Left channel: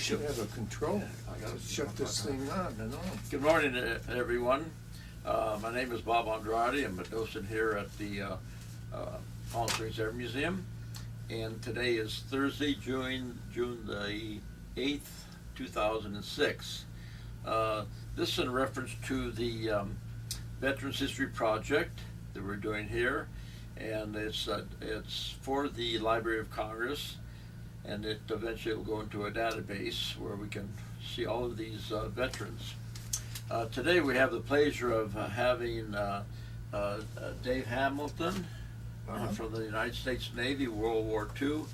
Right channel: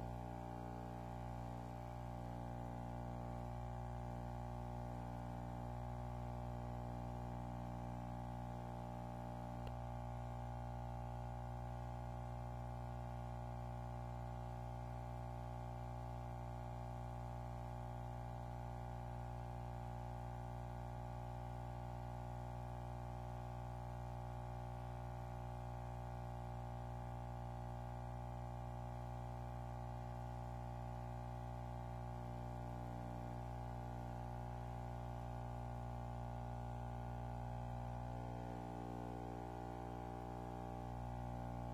should have a control. I gotta shut this thing on and on. Good morning, everyone. My name is Bob Andrade. I'm a docent here at the Palm Springs Air Museum, and today is Thursday, June the 8th, 2006. This is in reference to the Veterans History Project that we're doing here, and it's for the Library of Congress, and it eventually will go into a database where we can see all of these veterans. Today we have the pleasure of having Dave Hamilton from the United States Navy, World War II.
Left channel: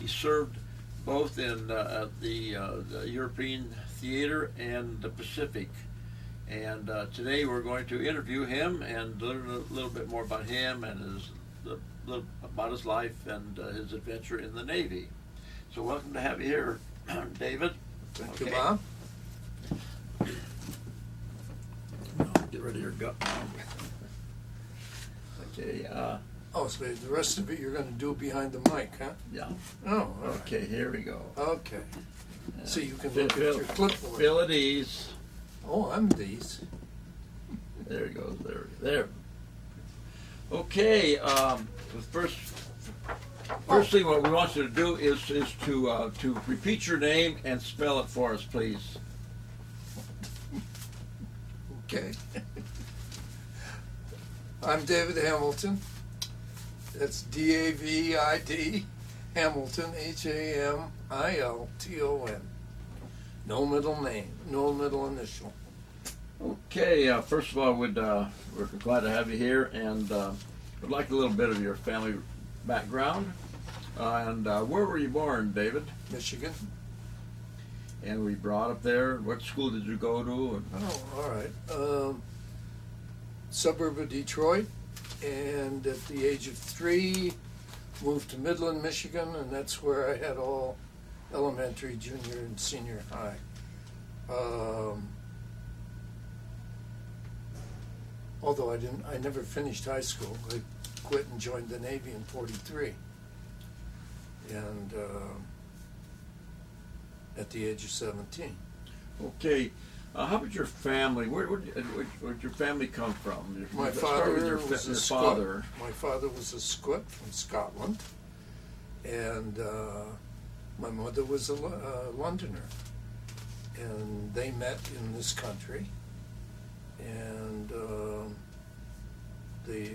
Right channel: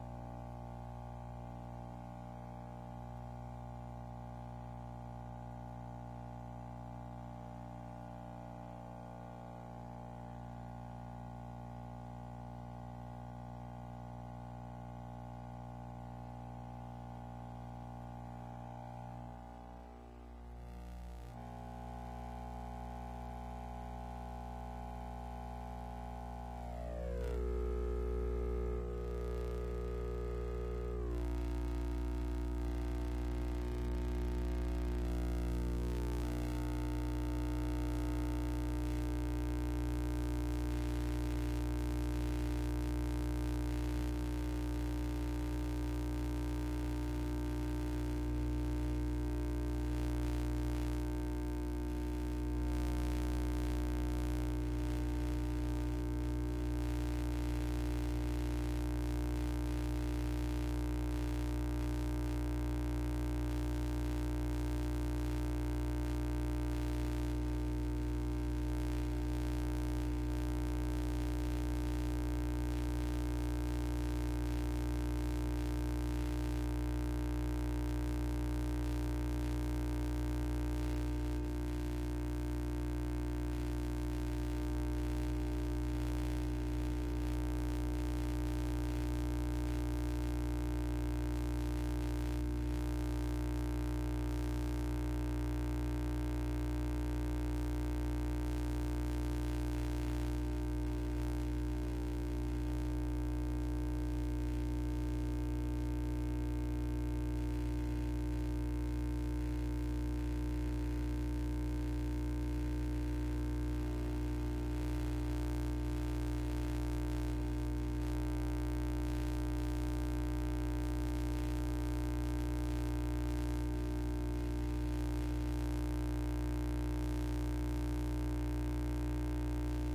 He served both in the European theater and the Pacific. And today we're going to interview him and learn a little bit more about him and about his life and his adventure in the Navy. So welcome to have you here, David. Thank you, Bob. Get rid of your gut. Okay. Oh, so the rest of it you're gonna do behind the mic, huh? Yeah. Oh, all right. Okay. Here we go. Okay. So you can look at your clipboard. Feel at ease. Oh, I'm these. There you go. There. Okay. Firstly, what we want you to do is to repeat your name and spell it for us, please. Okay. I'm David Hamilton. That's D-A-V-I-D, Hamilton, Hamilton. No middle name, no middle initial. Okay. First of all, we're glad to have you here, and we'd like a little bit of your family background. And where were you born, David? Michigan. And we brought up there. What school did you go to? Oh, all right. Suburb of Detroit, and at the age of 3, moved to Midland, Michigan, and that's where I had all elementary, junior, and senior high. Although I never finished high school. I quit and joined the Navy in 43. And at the age of 17. Okay. How about your family? Where'd your family come from? My father was a Scot. My father was a Scot from Scotland, and my mother was a Londoner, and they met in this country, and they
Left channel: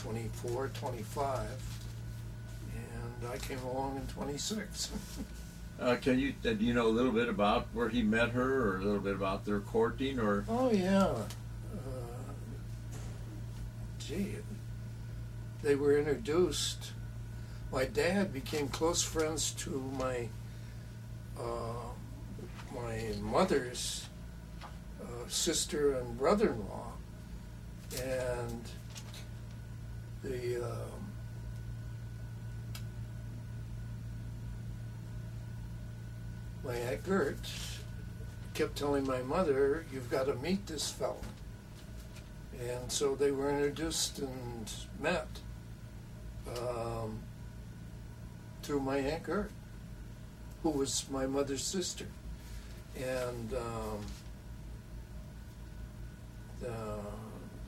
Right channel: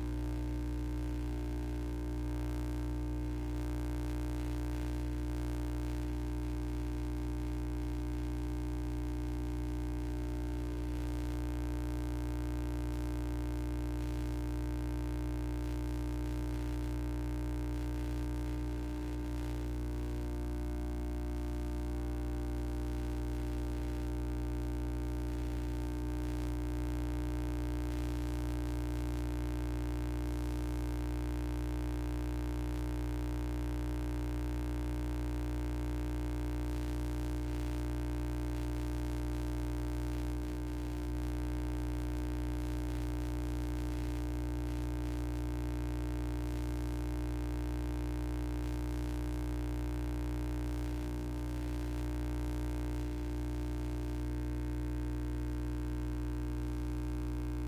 24, 25, and I came along in 26. Do you know a little bit about where he met her, or a little bit about their courting, or? Oh yeah. They were introduced. My dad became close friends to my mother's sister and brother-in-law, and my Aunt Gert kept telling my mother, "You've got to meet this fellow." And so they were introduced and met through my Aunt Gert, who was my mother's sister. And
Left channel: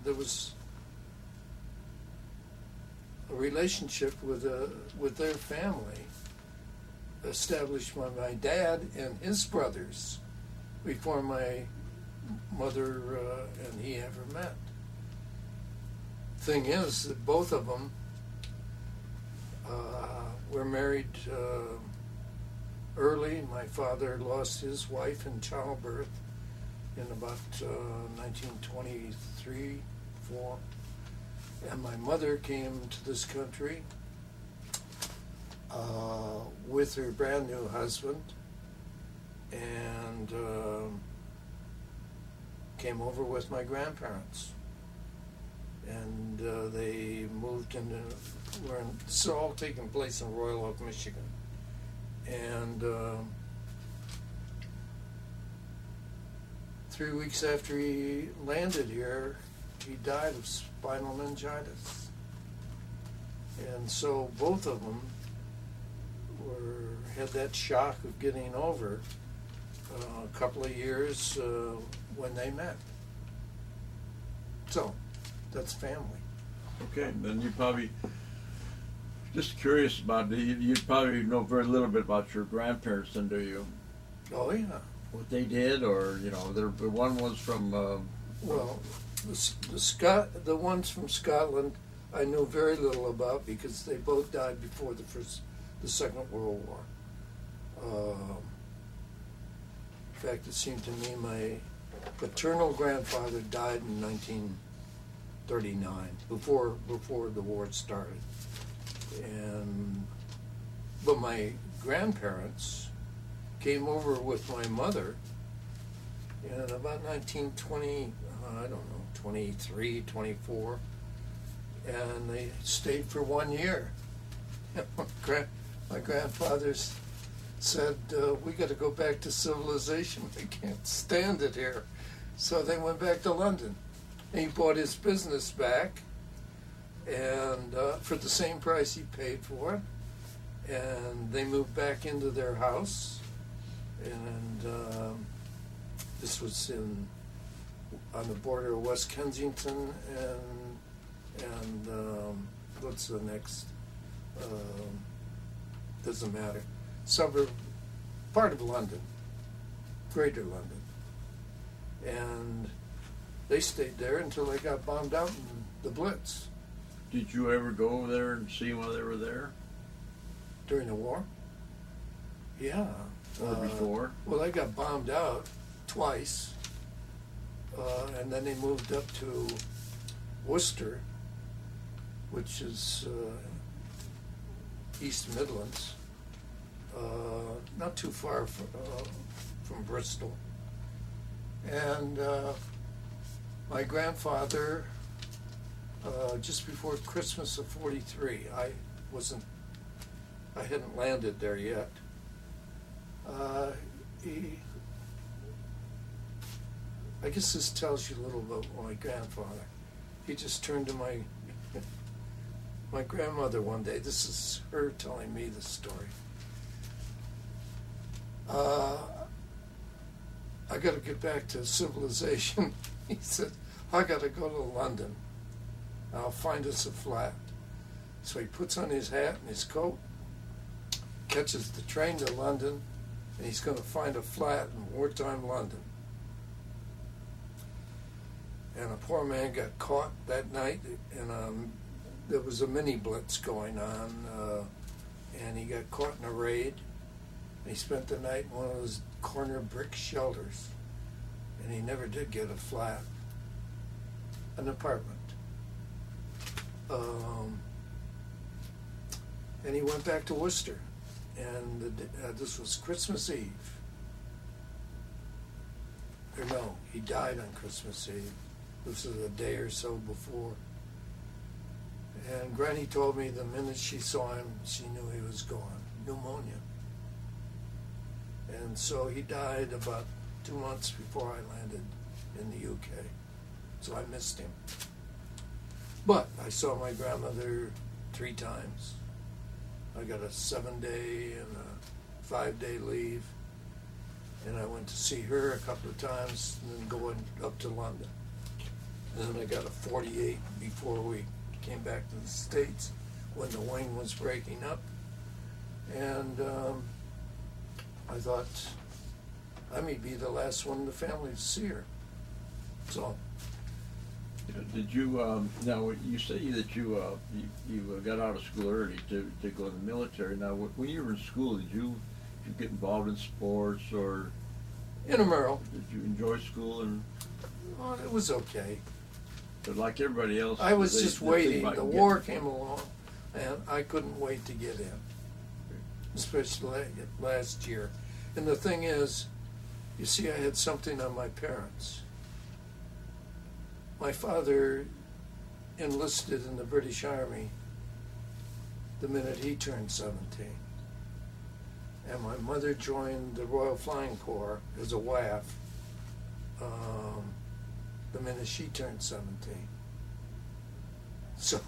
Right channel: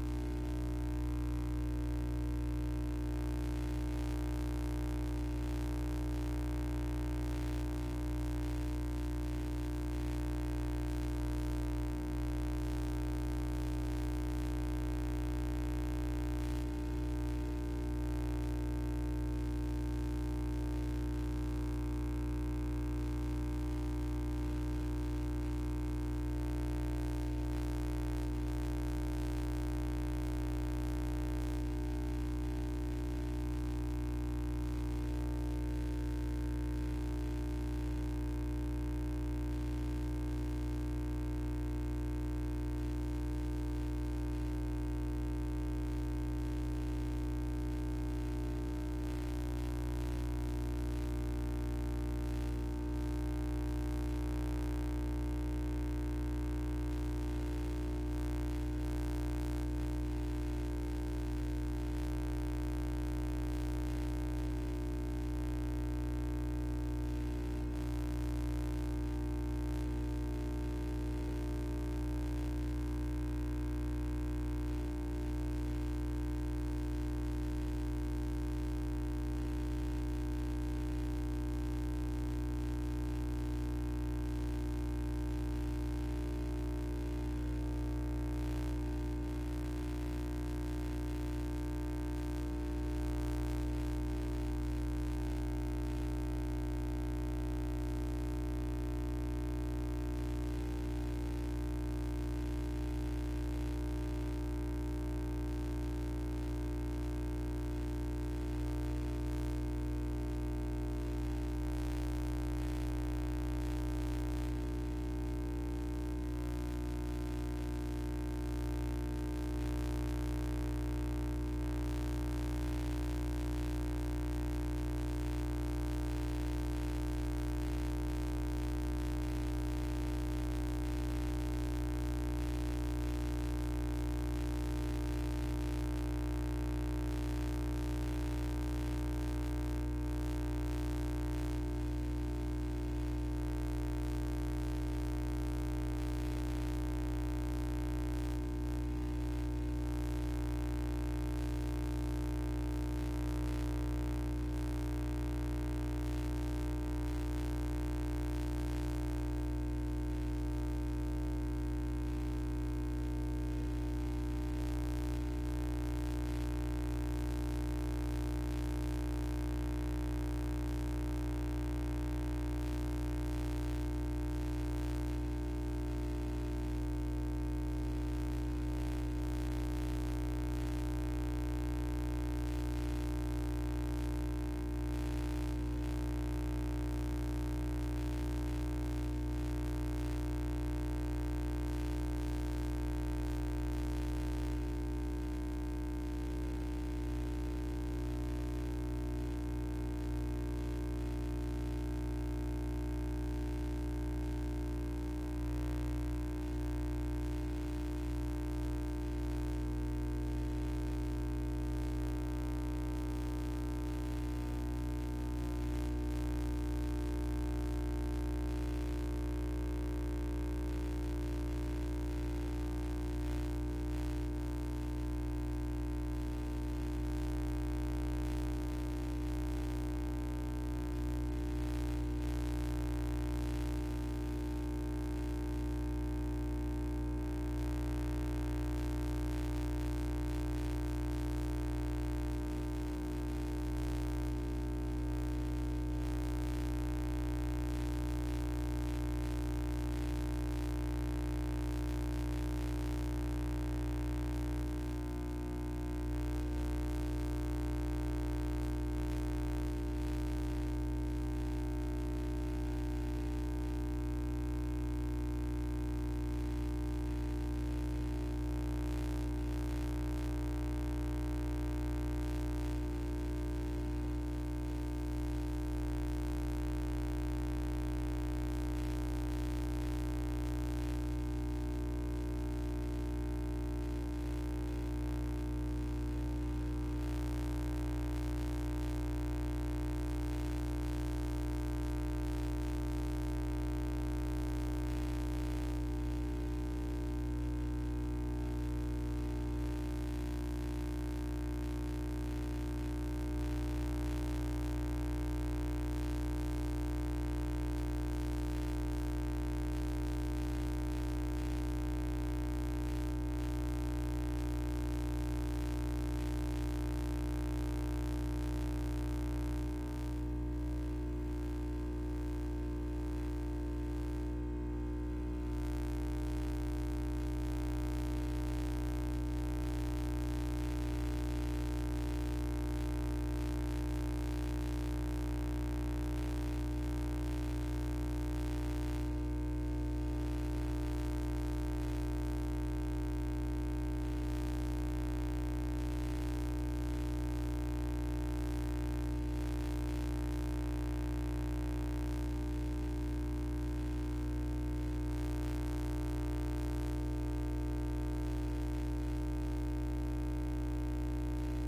there was a relationship with their family established by my dad and his brothers before my mother and he ever met. Thing is that both of them were married early. My father lost his wife in childbirth in about 1923, 4, and my mother came to this country with her brand new husband, and came over with my grandparents, and they moved into, it's all taking place in Royal Oak, Michigan, and 3 weeks after he landed here, he died of spinal meningitis. And so both of them had that shock of getting over couple of years when they met. So, that's family. Okay, then you probably, just curious about, you probably know very little bit about your grandparents then, do you? Oh, yeah. What they did, or, you know, the one was from, Well, the ones from Scotland I knew very little about because they both died before the Second World War. In fact, it seemed to me my paternal grandfather died in 1939, before the war started. But my grandparents came over with my mother in about 1920, I don't know, 23, 24, and they stayed for 1 year. And my grandfathers said, we gotta go back to civilization, we can't stand it here. So they went back to London. He bought his business back, and for the same price he paid for it, and they moved back into their house, and this was on the border of West Kensington and what's the next, doesn't matter, suburb, part of London, Greater London. And they stayed there until they got bombed out in the Blitz. did you ever go over there and see while they were there? During the war? Yeah. Or before? Well, they got bombed out twice, and then they moved up to Worcester, which is East Midlands, not too far from Bristol. And my grandfather, just before Christmas of '43, I hadn't landed there yet. I guess this tells you a little about my grandfather. He just turned to my grandmother one day. This is her telling me the story. I gotta get back to civilization. He said, I gotta go to London. I'll find us a flat. So he puts on his hat and his coat, catches the train to London, and he's gonna find a flat in wartime London. And a poor man got caught that night, and there was a mini blitz going on, and he got caught in a raid. He spent the night in one of those corner brick shelters, and he never did get a flat, an apartment. And he went back to Worcester, and this was Christmas Eve. Or no, he died on Christmas Eve. This was a day or so before. And Granny told me the minute she saw him, she knew he was gone, pneumonia. And so he died about 2 months before I landed in the UK. So I missed him. But I saw my grandmother 3 times. I got a 7-day and a 5-day leave. And I went to see her a couple of times, and then going up to London. And then I got a 48 before we came back to the States when the wing was breaking up. And I thought I may be the last one in the family to see her. So. Did you, now, you say that you got out of school early to go to the military. Now, when you were in school, did you get involved in sports, or? Intramural. Did you enjoy school? And Oh, it was okay. But like everybody else, I was just waiting. The war came along, and I couldn't wait to get in, especially last year. And the thing is, you see, I had something on my parents. My father enlisted in the British Army the minute he turned 17. And my mother joined the Royal Flying Corps as a WAF the minute she turned 17. So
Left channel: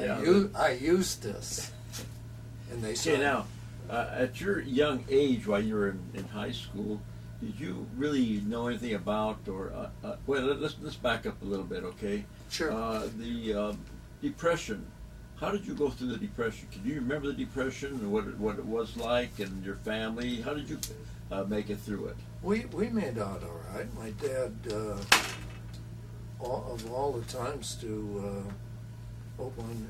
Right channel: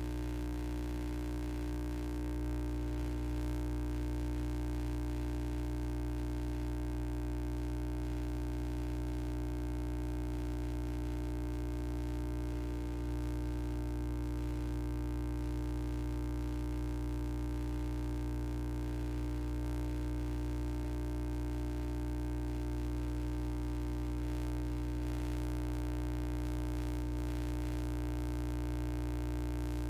Yeah. I used this. And they said, now, At your young age, while you were in high school, did you really know anything about, or well, let's back up a little bit, okay? Sure. The Depression. How did you go through the Depression? Can you remember the Depression and what it was like, and your family? How did you make it through it? We made out all right. My dad, of all the times to open,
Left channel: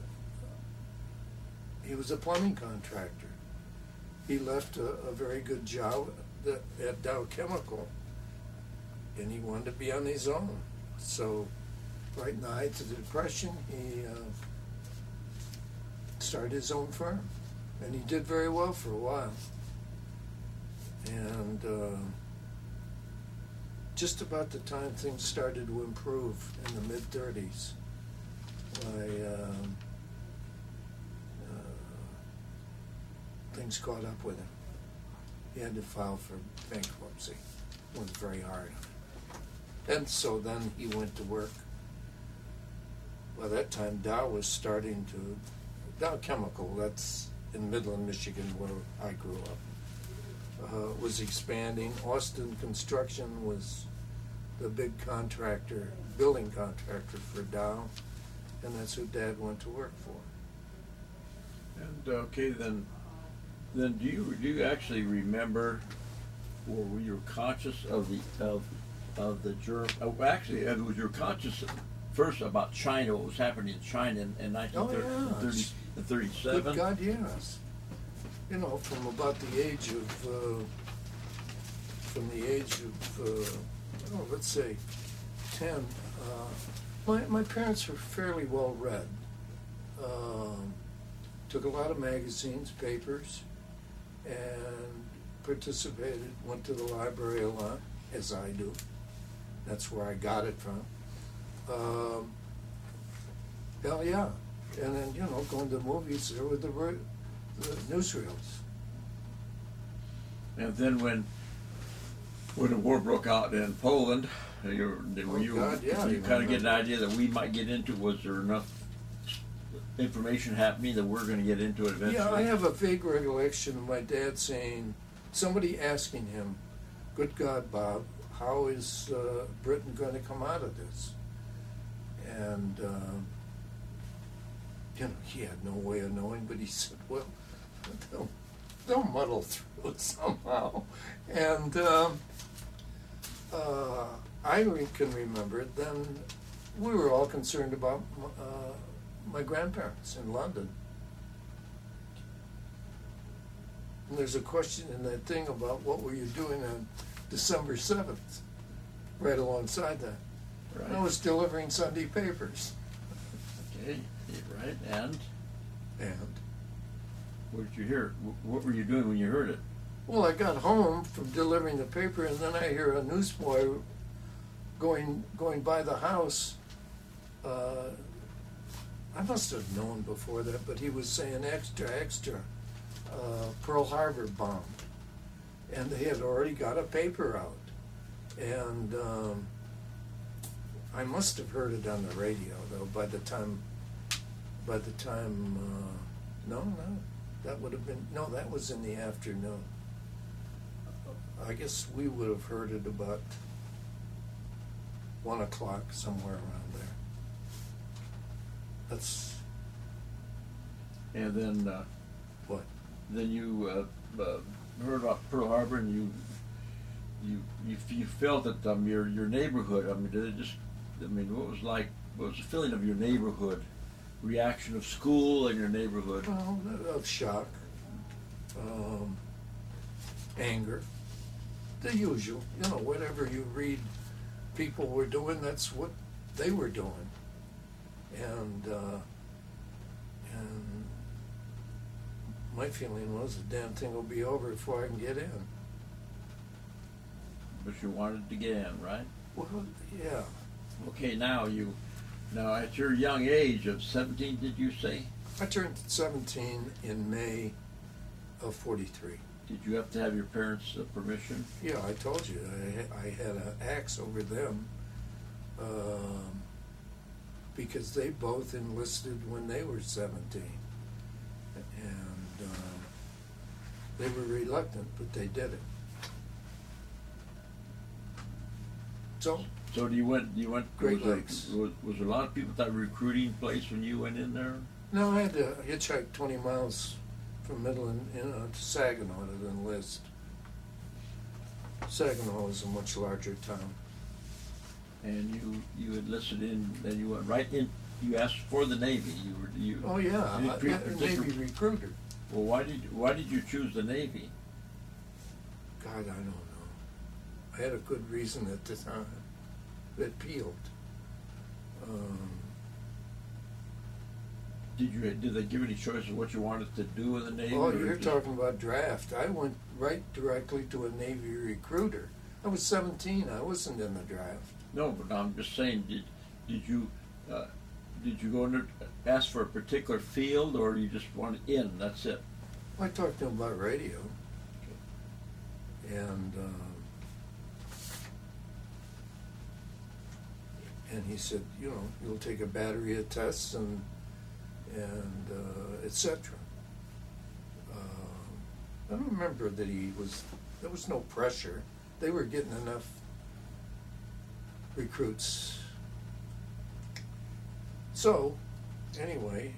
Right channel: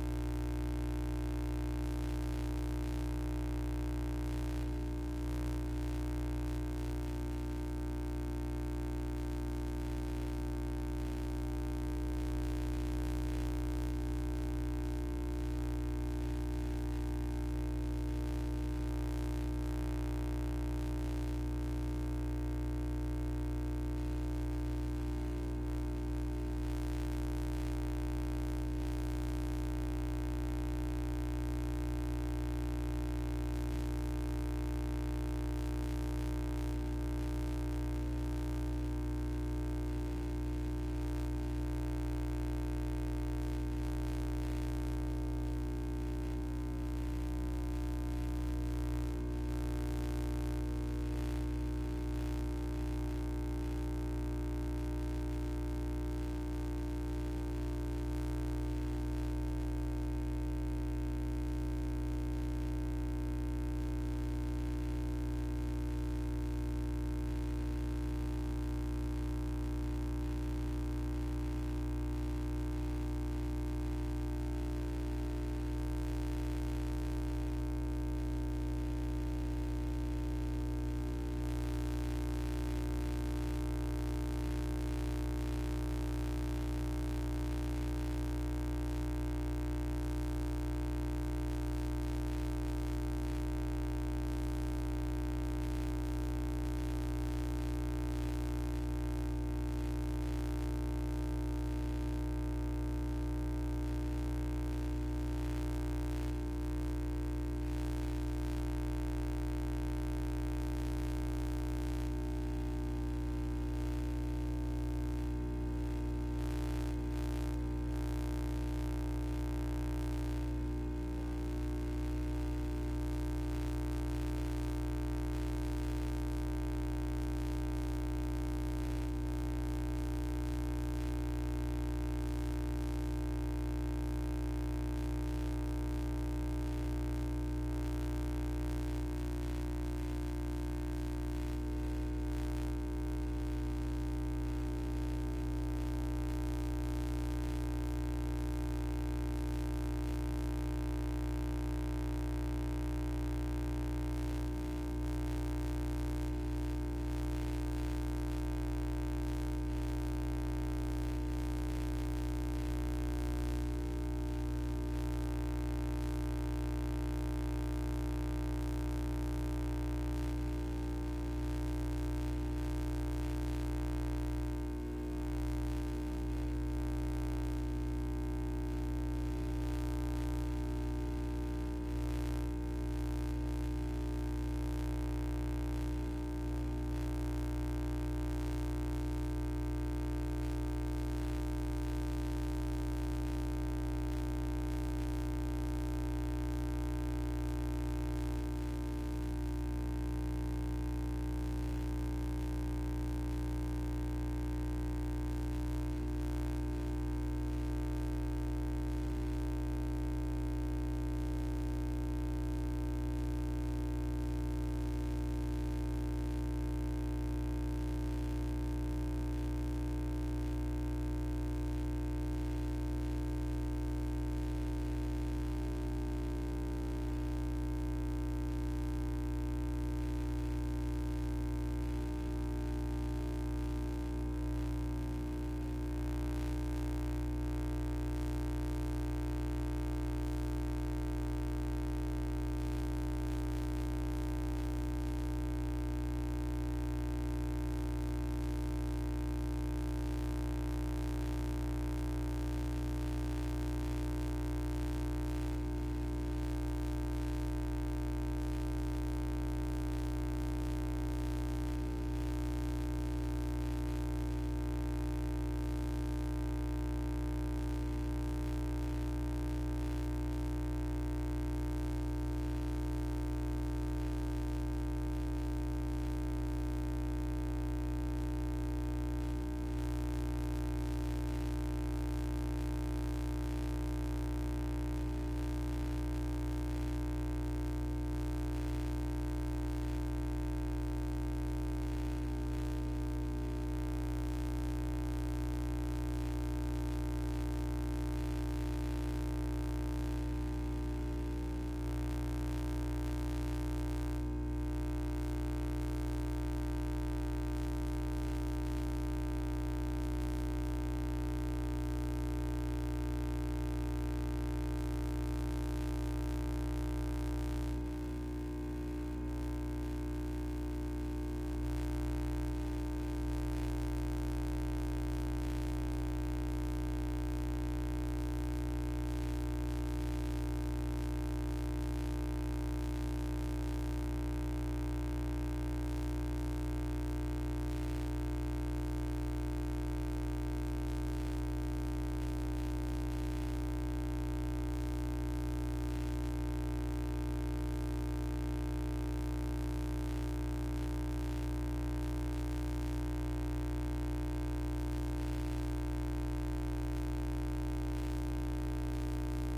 he was a plumbing contractor. He left a very good job at Dow Chemical, and he wanted to be on his own. So, right in the height of the Depression, he started his own firm, and he did very well for a while. And just about the time things started to improve in the mid-30s, things caught up with him. He had to file for bankruptcy. Went very hard. And so then he went to work. By that time, Dow was starting to, Dow Chemical, that's in Midland, Michigan, where I grew up, was expanding. Austin Construction was the big contractor, building contractor for Dow, and that's who Dad went to work for. And okay, then do you actually remember, or were you conscious of the germ? Actually, was you conscious first about China, what was happening in China in 1937? Good God, yes. You know, from about the age of, let's say, 10. My parents were fairly well read. Took a lot of magazines, papers, and participated, went to the library a lot, as I do. That's where I got it from. Hell yeah. And then, you know, going to the movies, there were the newsreels. And then when the war broke out in Poland, you kind of get an idea that we might get into, was there enough information happening that we're going to get into it eventually? Yeah, I have a vague recollection of my dad saying, somebody asking him, good God, Bob, how is Britain going to come out of this? And, you know, he had no way of knowing, but he said, well, they'll muddle through it somehow. And I can remember then we were all concerned about my grandparents in London. And there's a question in that thing about what were you doing on December 7th, right alongside that. Right. I was delivering Sunday papers. Okay, right, and? What did you hear? What were you doing when you heard it? Well, I got home from delivering the paper, and then I hear a newsboy going by the house. I must have known before that, but he was saying extra, extra, Pearl Harbor bombed. And they had already got a paper out. And I must have heard it on the radio, though, by the time, that would have been, no, that was in the afternoon. I guess we would have heard it about 1 o'clock, somewhere around there. That's. And then, what? Then you heard about Pearl Harbor, and you felt that your neighborhood. I mean, did it just? I mean, what was the feeling of your neighborhood? Reaction of school and your neighborhood? Well, of shock, anger, the usual. You know, whatever you read people were doing, that's what they were doing. And my feeling was the damn thing will be over before I can get in. But you wanted to get in, right? Well, yeah. Okay, now at your young age of 17, did you say? I turned 17 in May of 43. Did you have to have your parents' permission? Yeah, I told you, I had an axe over them, because they both enlisted when they were 17. And They were reluctant, but they did it. So, So you went, Great was there, Lakes. was there a lot of people at that recruiting place when you went in there? no, I had to hitchhike 20 miles from Midland, to Saginaw to enlist. Saginaw is a much larger town. And you enlisted in, and you went right in, you asked for the Navy, Oh, yeah, you I pre- got a just Navy re- recruiter. Well, why did you choose the Navy? God, I don't know. I had a good reason at the time that peeled. Did they give you any choice of what you wanted to do in the Navy? Oh, or you're just- talking about draft. I went right directly to a Navy recruiter. I was 17. I wasn't in the draft. No, but I'm just saying, did you go in there, ask for a particular field, or you just want in, that's it? I talked to him about radio. And he said, you'll take a battery of tests and et cetera. I don't remember that there was no pressure. They were getting enough recruits. So, anyway.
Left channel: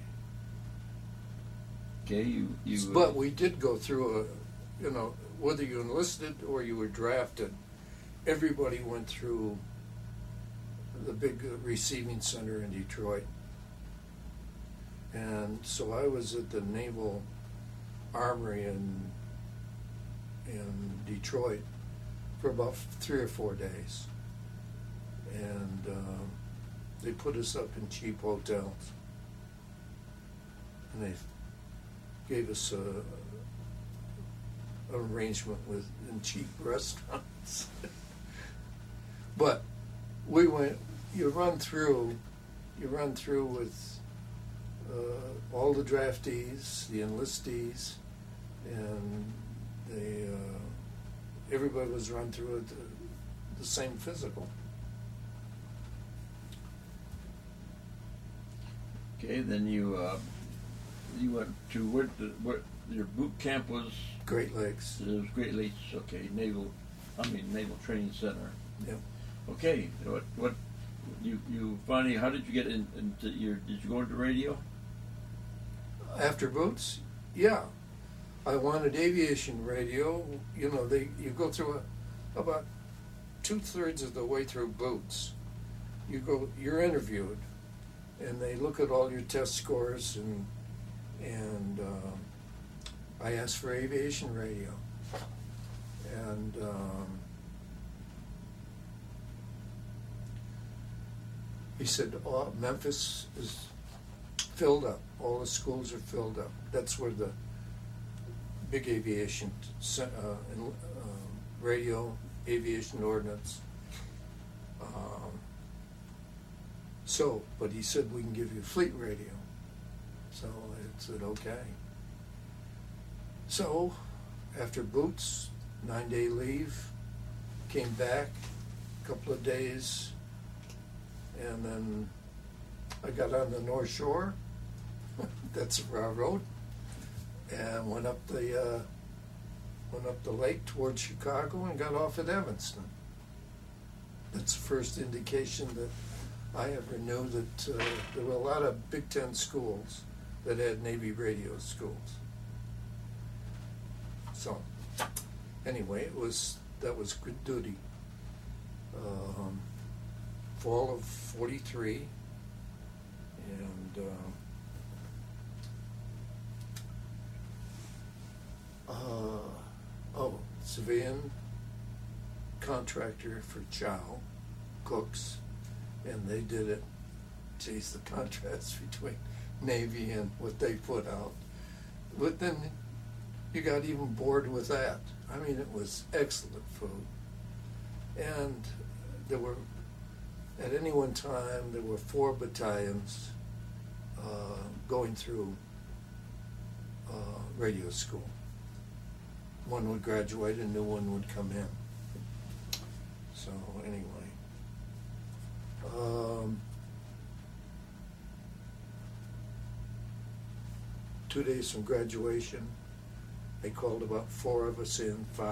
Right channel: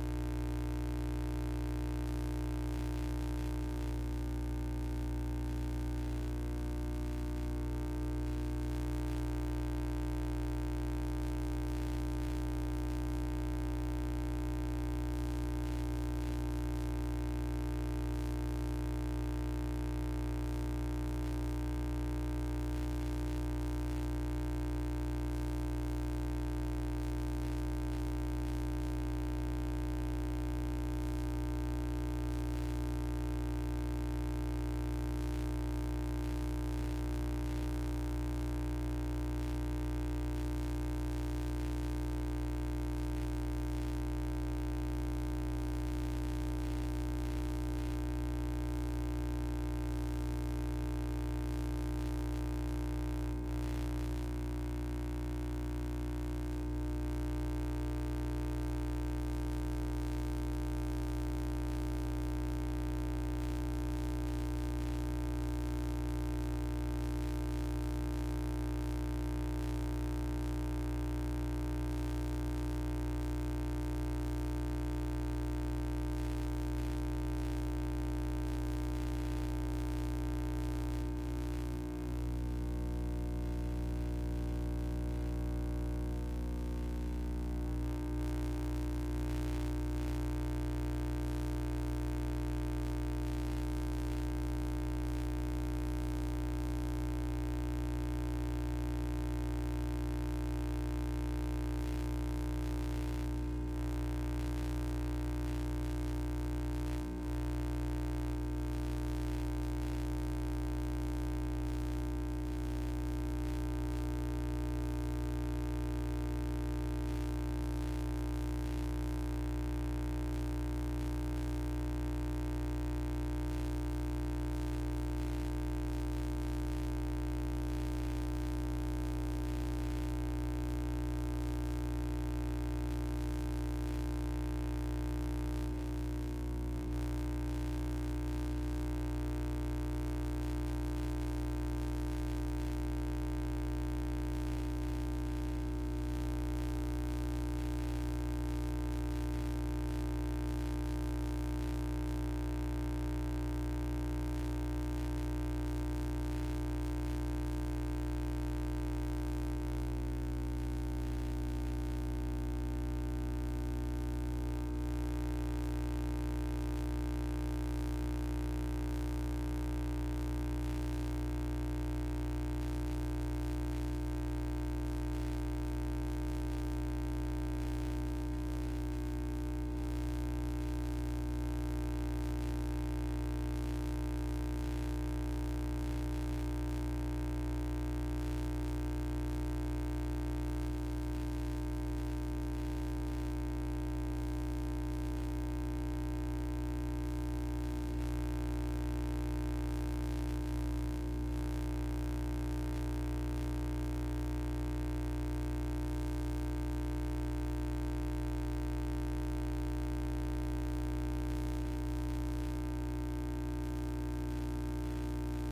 Okay, you. But we did go through whether you enlisted or you were drafted, everybody went through the big receiving center in Detroit. And so I was at the Naval Armory in Detroit for about 3 or 4 days. And they put us up in cheap hotels. And they gave us an arrangement in cheap restaurants. But we went, you run through with all the draftees, the enlistees, and everybody was run through the same physical. Okay, then you went to where your boot camp was? Great Lakes. It was Great Lakes, okay, Naval Training Center. Yep. Okay, what, you finally, how did you get did you go into radio? After boots? Yeah. I wanted aviation radio. You go through about 2/3 of the way through boots. You're interviewed, and they look at all your test scores, and I asked for aviation radio. And he said, Memphis is filled up. All the schools are filled up. That's where the big aviation radio, aviation ordnance. But he said we can give you fleet radio. So I said okay. So after boots, 9-day leave, came back a couple of days, and then I got on the North Shore. That's a railroad, and went up the lake towards Chicago and got off at Evanston. That's the first indication that I ever knew that there were a lot of Big Ten schools that had Navy radio schools. So anyway, that was good duty. Fall of '43. Civilian contractor for Chow Cooks, and they did it. Geez, the contrast between Navy and what they put out. But then you got even bored with that. I mean, it was excellent food. And there were, at any one time, there were 4 battalions going through radio school. One would graduate, a new one would come in. So anyway, 2 days from graduation, they called about 4 of us in, 5,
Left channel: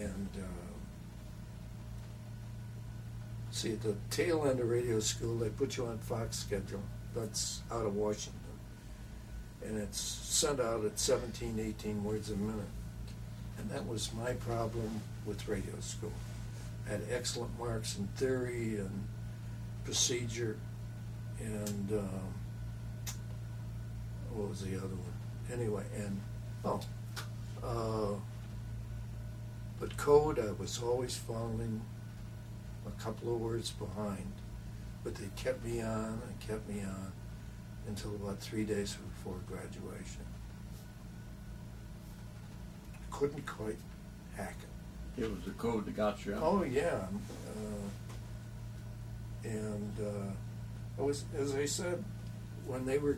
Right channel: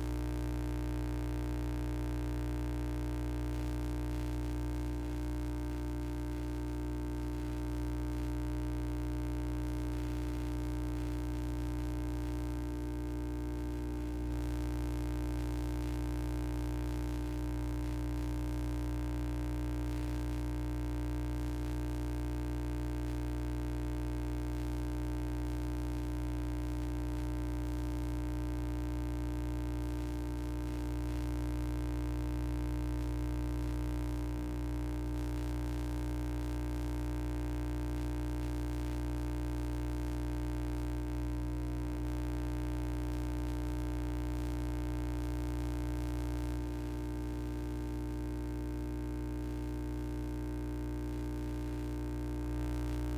and see, at the tail end of radio school, they put you on Fox schedule. That's out of Washington, and it's sent out at 17, 18 words a minute. And that was my problem with radio school. I had excellent marks in theory and procedure, and what was the other one? Anyway, and but code, I was always falling a couple of words behind, but they kept me on and kept me on until about 3 days before graduation. Couldn't quite hack it. It was the code that got you. Oh, yeah. I was, as I said, when they were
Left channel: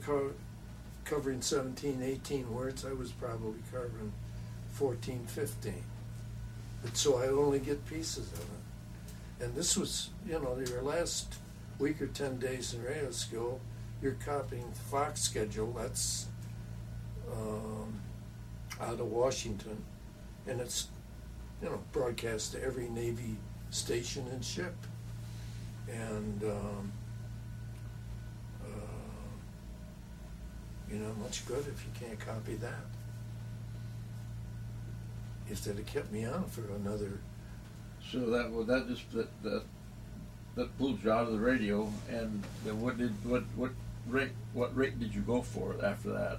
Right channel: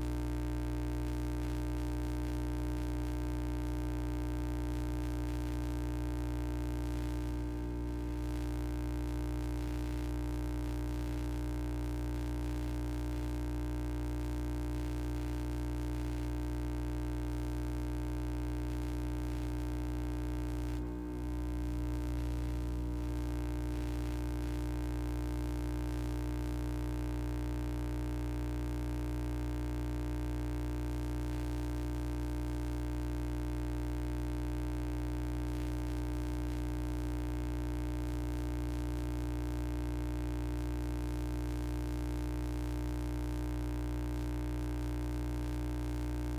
covering 17, 18 words, I was probably covering 14, 15. And so I only get pieces of it. And this was, your last week or 10 days in radio school, you're copying the Fox schedule. That's out of Washington. And it's, broadcast to every Navy station and ship. And, you're not much good if you can't copy that. If they'd have kept me on for another. So that pulled you out of the radio, and then what rate did you go for after that?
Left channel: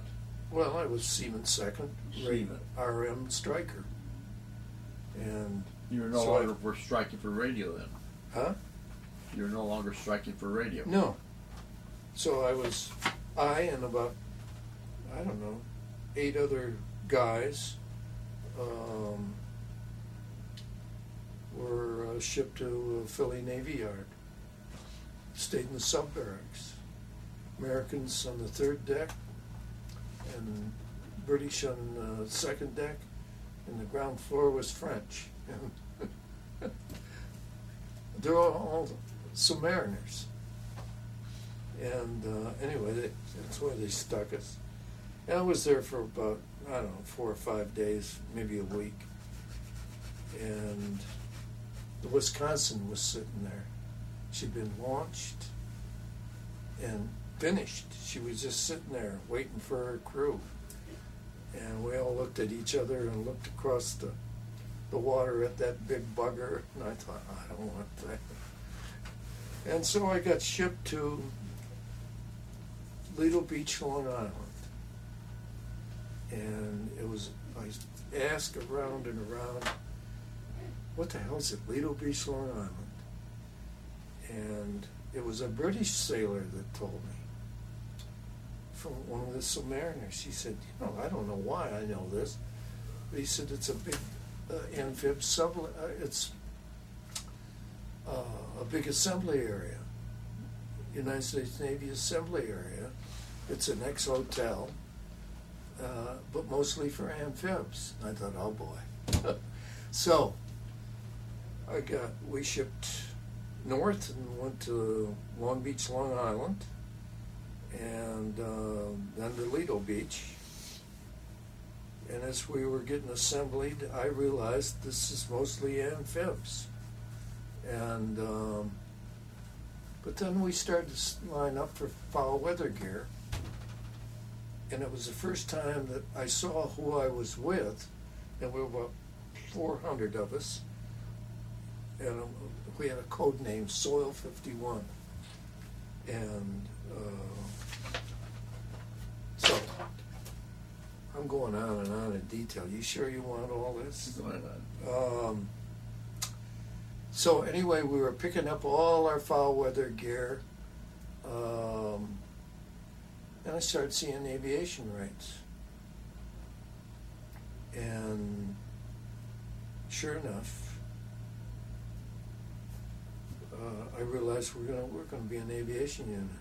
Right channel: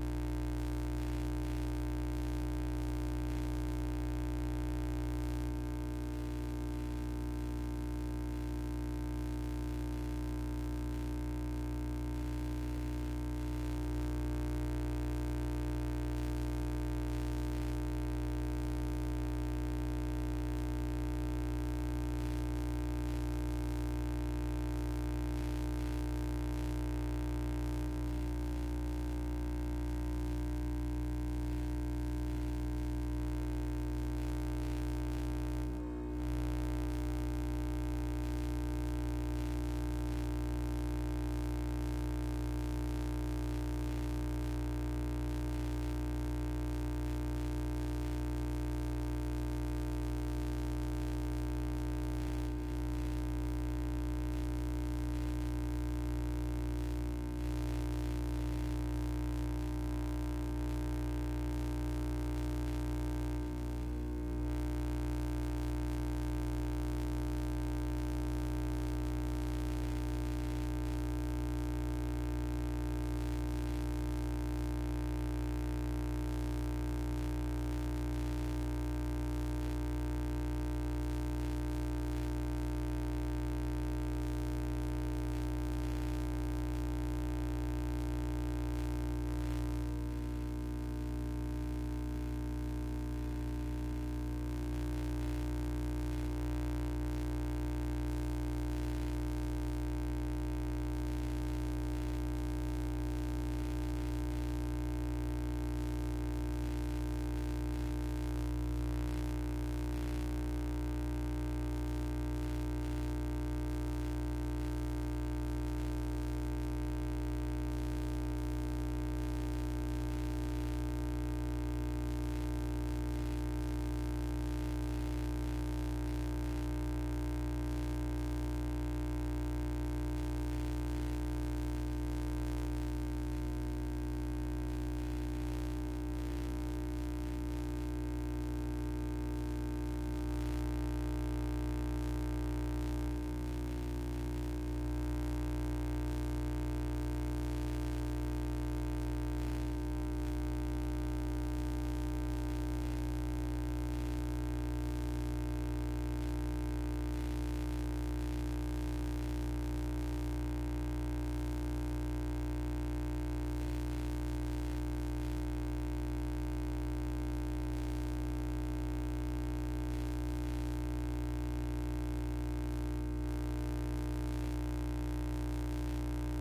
Well, I was Seaman second, Seaman. RM striker. And You're no so longer for striking for radio then? Huh? You're no longer striking for radio? No. So I and about, 8 other guys, were shipped to Philly Navy Yard. Stayed in the sub barracks. Americans on the 3rd deck, and British on the 2nd deck, and the ground floor was French. And they're all submariners. And anyway, that's where they stuck us. And I was there for about, 4 or 5 days, maybe a week. And the Wisconsin was sitting there. She'd been launched and finished. She was just sitting there waiting for her crew. And we all looked at each other and looked across the water at that big bugger. And I thought, I don't want that. And so I got shipped to Lido Beach, Long Island. And I asked around and around, what the hell is it, Lido Beach, Long Island? And it was a British sailor that told me, from one of the submariners. He said, I don't know why I know this, but he said it's a big amphib it's a big assembly area, United States Navy assembly area. It's an ex-hotel, but mostly for amphibs. I thought, oh boy. So we shipped north and went to Long Beach, Long Island, and then to Lido Beach. And as we were getting assembled, I realized this is mostly amphibs. And but then we started to line up for foul weather gear. And it was the first time that I saw who I was with. There were about 400 of us. And we had a code name, Soil 51. And so I'm going on and on in detail. You sure you want all this? So anyway, we were picking up all our foul weather gear. And I started seeing aviation rates. And sure enough, I realized we're gonna be an aviation unit.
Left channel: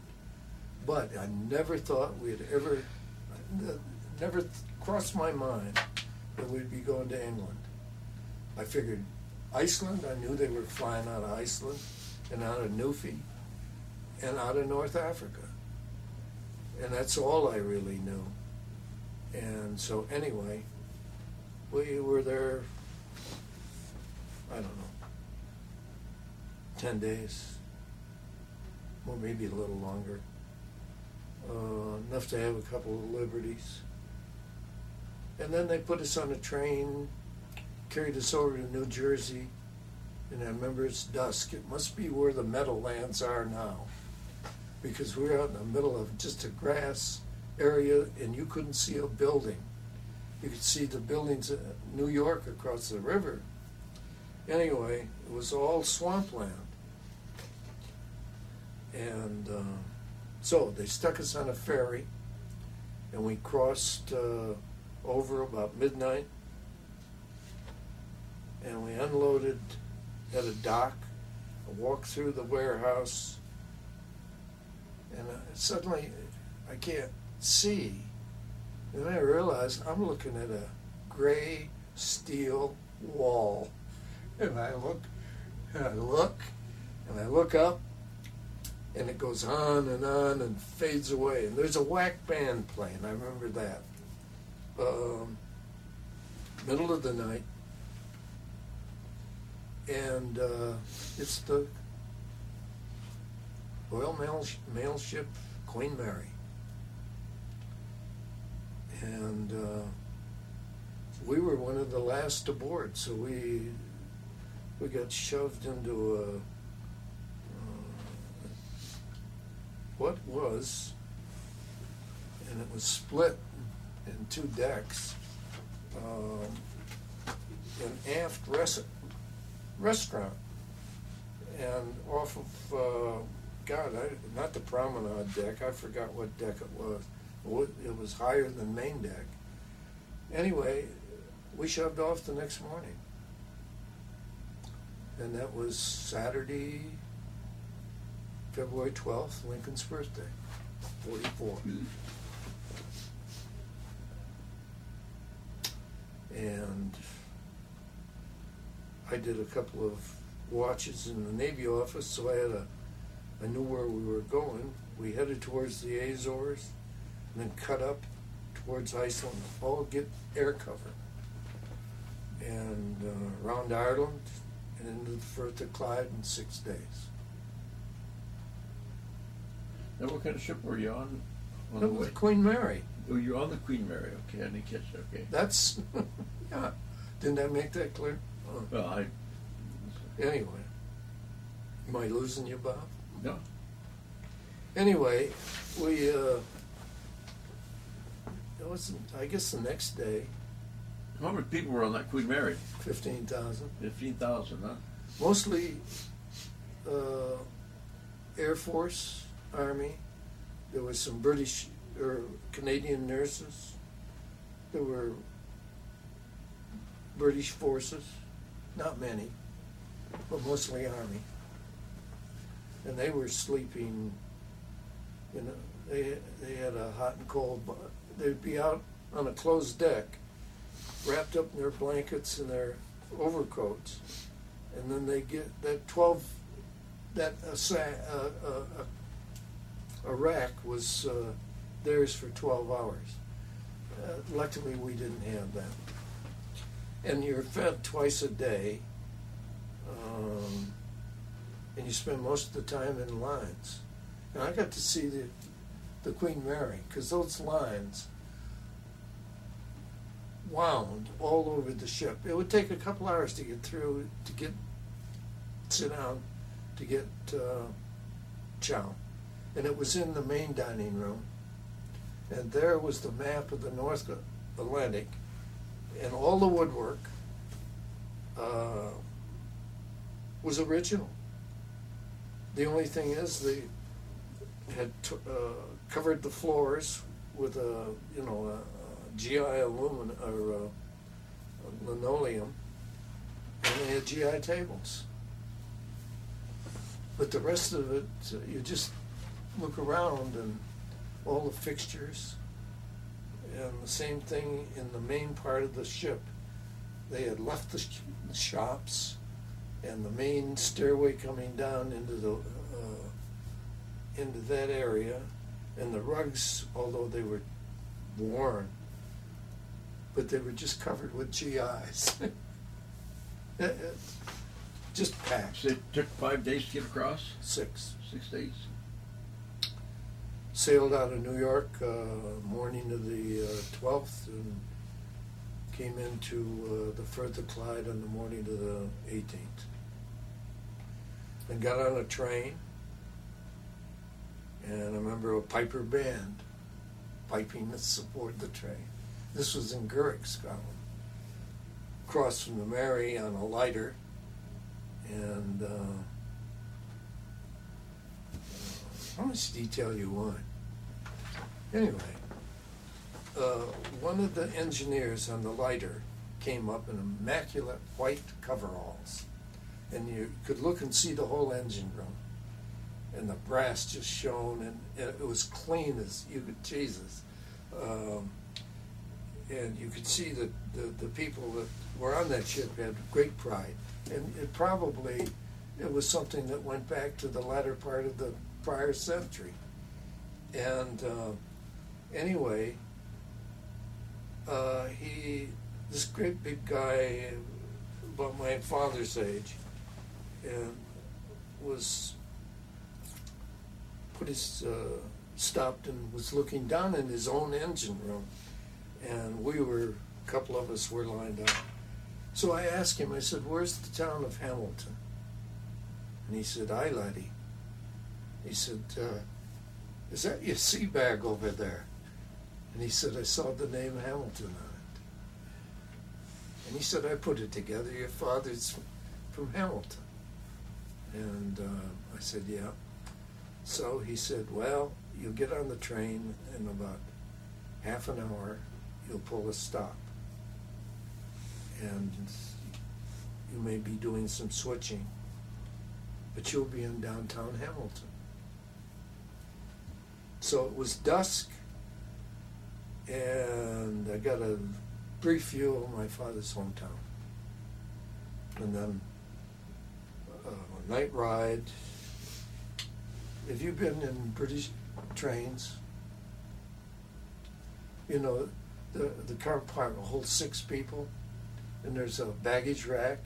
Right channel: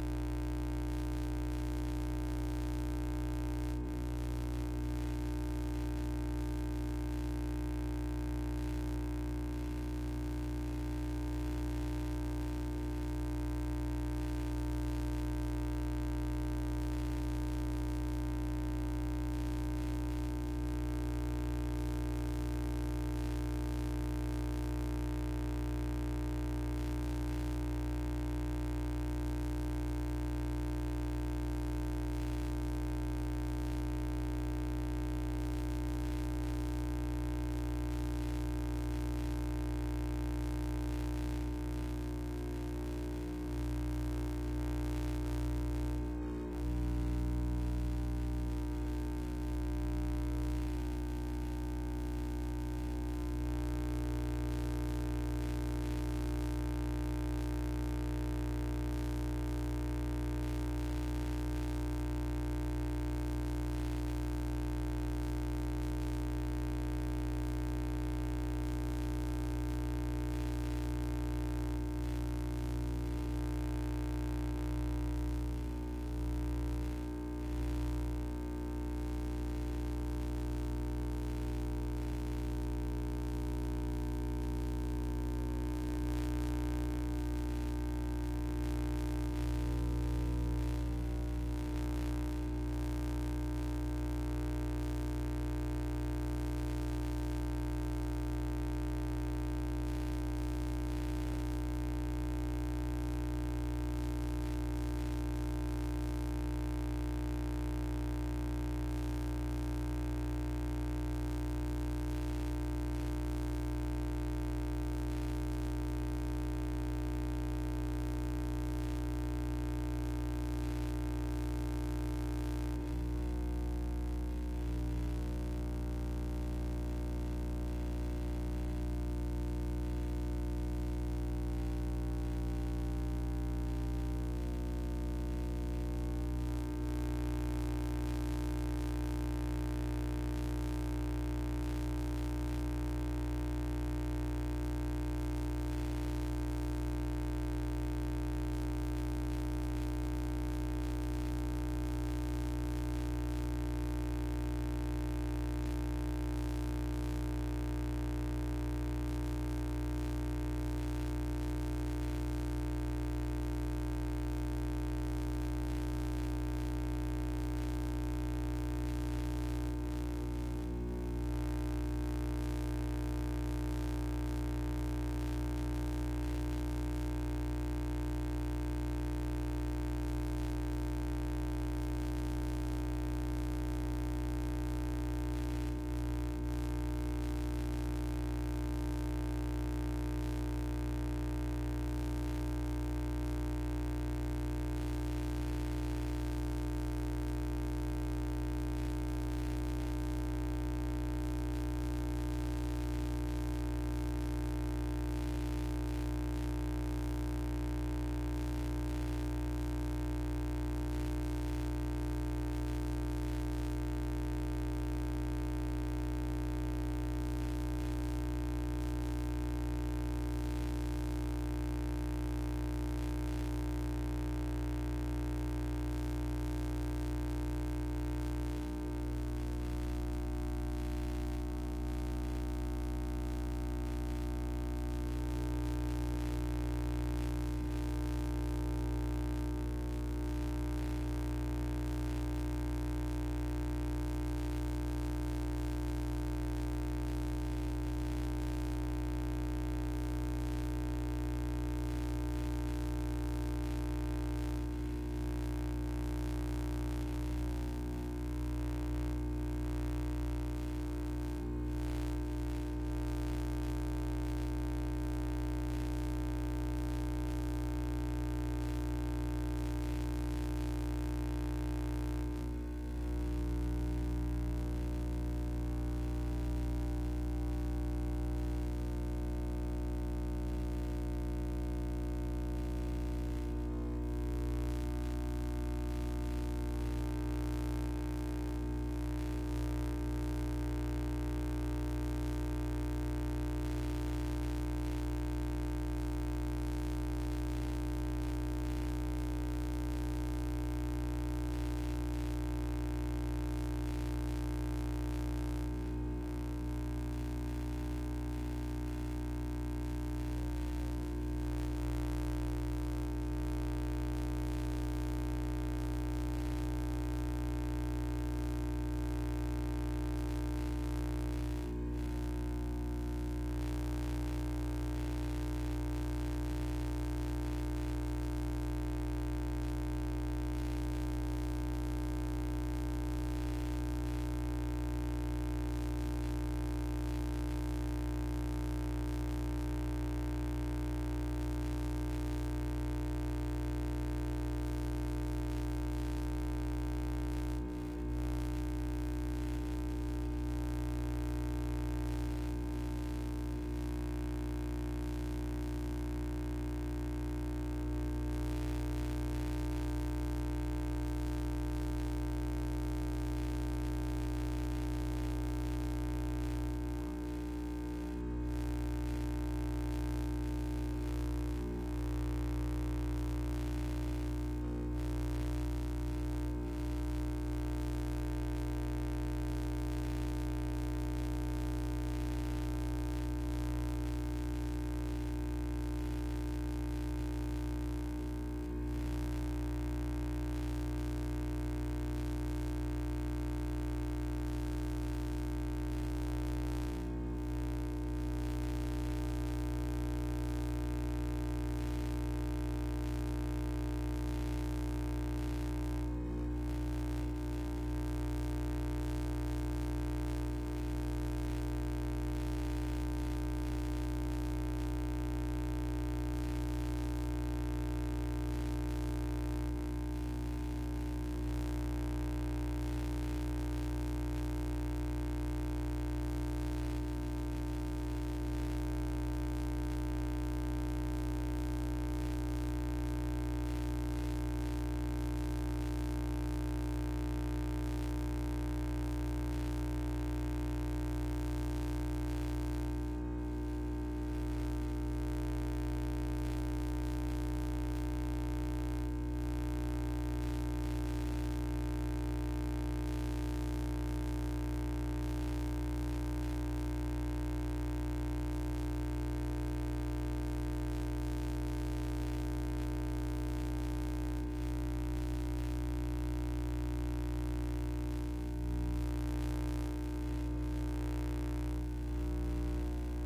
But I never thought never crossed my mind that we'd be going to England. I figured Iceland, I knew they were flying out of Iceland and out of Newfie and out of North Africa. And that's all I really knew. And And so anyway, we were there, I don't know, 10 days, or maybe a little longer. Enough to have a couple of liberties. And then they put us on a train, carried us over to New Jersey, and I remember it's dusk. It must be where the Meadowlands are now, because we were out in the middle of just a grass area, and you couldn't see a building. You could see the buildings in New York across the river. Anyway, it was all swampland. And so they stuck us on a ferry, and we crossed over about midnight, and we unloaded at a dock, walked through the warehouse, and suddenly I can't see. And I realized I'm looking at a gray steel wall. And I look, and I look, and I look up, and it goes on and fades away. And there's a whack band playing, I remember that. Middle of the night. And it's the Royal Mail Ship Queen Mary. And we were one of the last aboard, so we got shoved into what was, and it was split in 2 decks, an aft restaurant, and off of not the promenade deck, I forgot what deck it was. It was higher than main deck. Anyway, we shoved off the next morning, and that was Saturday, February 12th, Lincoln's birthday, 44. And I did a couple of watches in the Navy office, so I knew where we were going. We headed towards the Azores, and then cut up towards Iceland, all get air cover, and around Ireland, and then the Firth of Clyde in 6 days. Now, what kind of ship were you on? That was Queen Mary. Oh, you're on the Queen Mary. Okay, I didn't catch that. Okay. That's, didn't I make that clear? Well, Anyway, am I losing you, Bob? No. Anyway, we, it was, I guess the next day, How many people were on that Queen Mary? 15,000. 15,000, huh? Mostly Air Force, Army. There was some British or Canadian nurses. There were British forces, not many, but mostly Army. And they were sleeping, they had a hot and cold, they'd be out on a closed deck, wrapped up in their blankets and their overcoats, and then they get a rack was theirs for 12 hours. Luckily, we didn't have that. And you're fed twice a day, and you spend most of the time in lines. And I got to see the Queen Mary, because those lines wound all over the ship. It would take a couple hours to get through, sit down, to get chow. And it was in the main dining room. And there was the map of the North Atlantic, and all the woodwork was original. The only thing is they had covered the floors with a GI aluminum or linoleum, and they had GI tables. But the rest of it, you just look around and all the fixtures, and the same thing in the main part of the ship. They had left the shops and the main stairway coming down into that area, and the rugs, although they were worn, but they were just covered with GIs. Just packed. So it took 5 days to get across? 6. 6 days. Sailed out of New York, morning of the 12th, and came into the Firth of Clyde on the morning of the 18th. And got on a train, and I remember a piper band piping the support of the train. This was in Gurrick, Scotland. Across from the Mary on a lighter, and how much detail you want? Anyway, one of the engineers on the lighter came up in immaculate white coveralls, and you could look and see the whole engine room, and the brass just shone, and it was clean as you could Jesus. And you could see that the people that were on that ship had great pride, and it was something that went back to the latter part of the prior century. And anyway, this great big guy, about my father's age, and was stopped and was looking down in his own engine room, and a couple of us were lined up. So I asked him, I said, "Where's the town of Hamilton?" And he said, "Aye, laddie." He said, "Is that your sea bag over there?" And he said, "I saw the name Hamilton on it." And he said, "I put it together, your father's from Hamilton." And I said, "Yeah." So he said, "Well, you'll get on the train in about half an hour, you'll pull a stop. And you may be doing some switching, but you'll be in downtown Hamilton." So it was dusk, and I got a brief view of my father's hometown. And then night ride. Have you been in British trains? You know, the car compartment holds 6 people, and there's a baggage rack.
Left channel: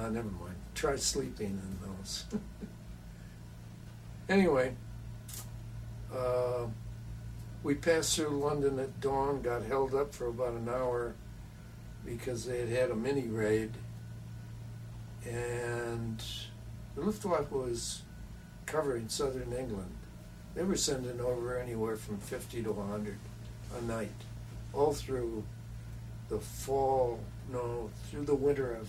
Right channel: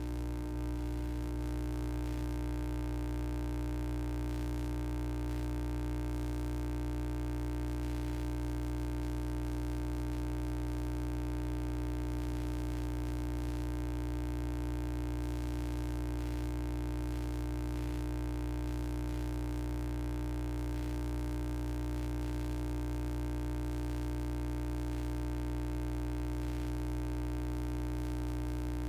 Never mind. Try sleeping in those. Anyway, we passed through London at dawn, got held up for about an hour because they had a mini raid, and the Luftwaffe was covering southern England. They were sending over anywhere from 50 to 100 a night, all through the through the winter of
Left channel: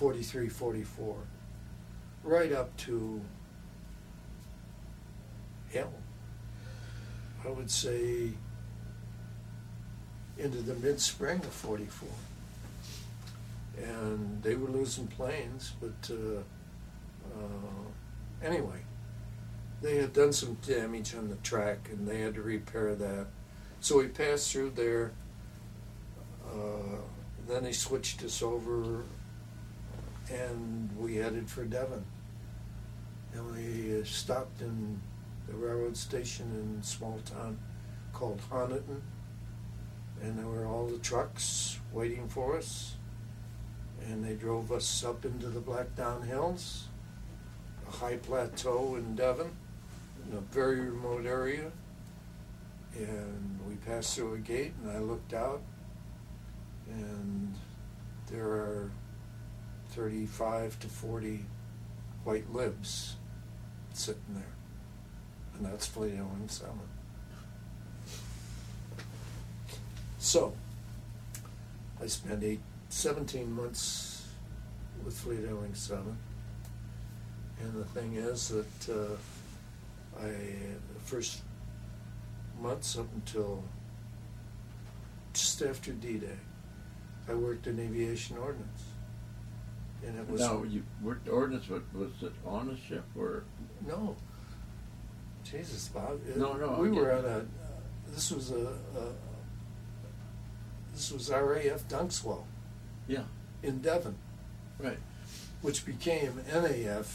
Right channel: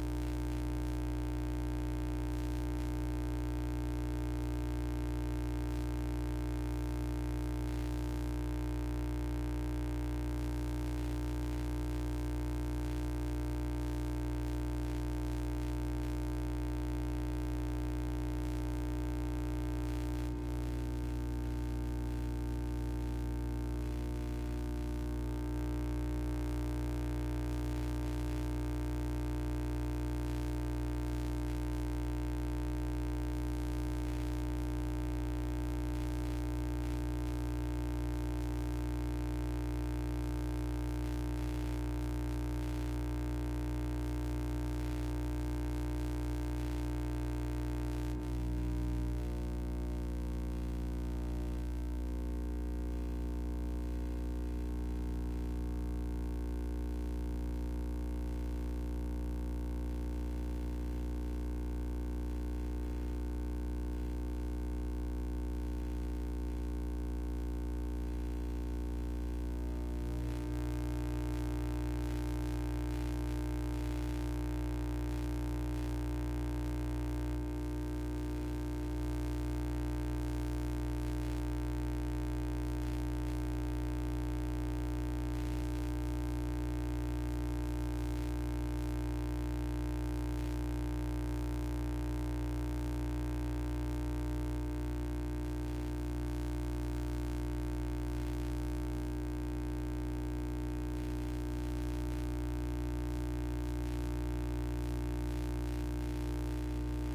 43, 44, right up to, I would say into the mid-spring of 44. And they were losing planes, but anyway, they had done some damage on the track, and they had to repair that. So we passed through there. Then they switched us over, and we headed for Devon. And we stopped in the railroad station in a small town called Honiton, and there were all the trucks waiting for us, and they drove us up into the Blackdown Hills, a high plateau in Devon, in a very remote area. And we passed through a gate, and I looked out, and there are 35 to 40 white lips sitting there, and that's Fleet Island 7. So, I spent 17 months with Fleet Island 7, and the thing is that the first months up until just after D-Day, I worked in aviation ordnance. And it was... Now, you worked ordnance, was it on a ship, or? No. Jesus, Bob. No. We were at this was RAF Dunkswell. Yeah. In Devon. Right. Which became NAF,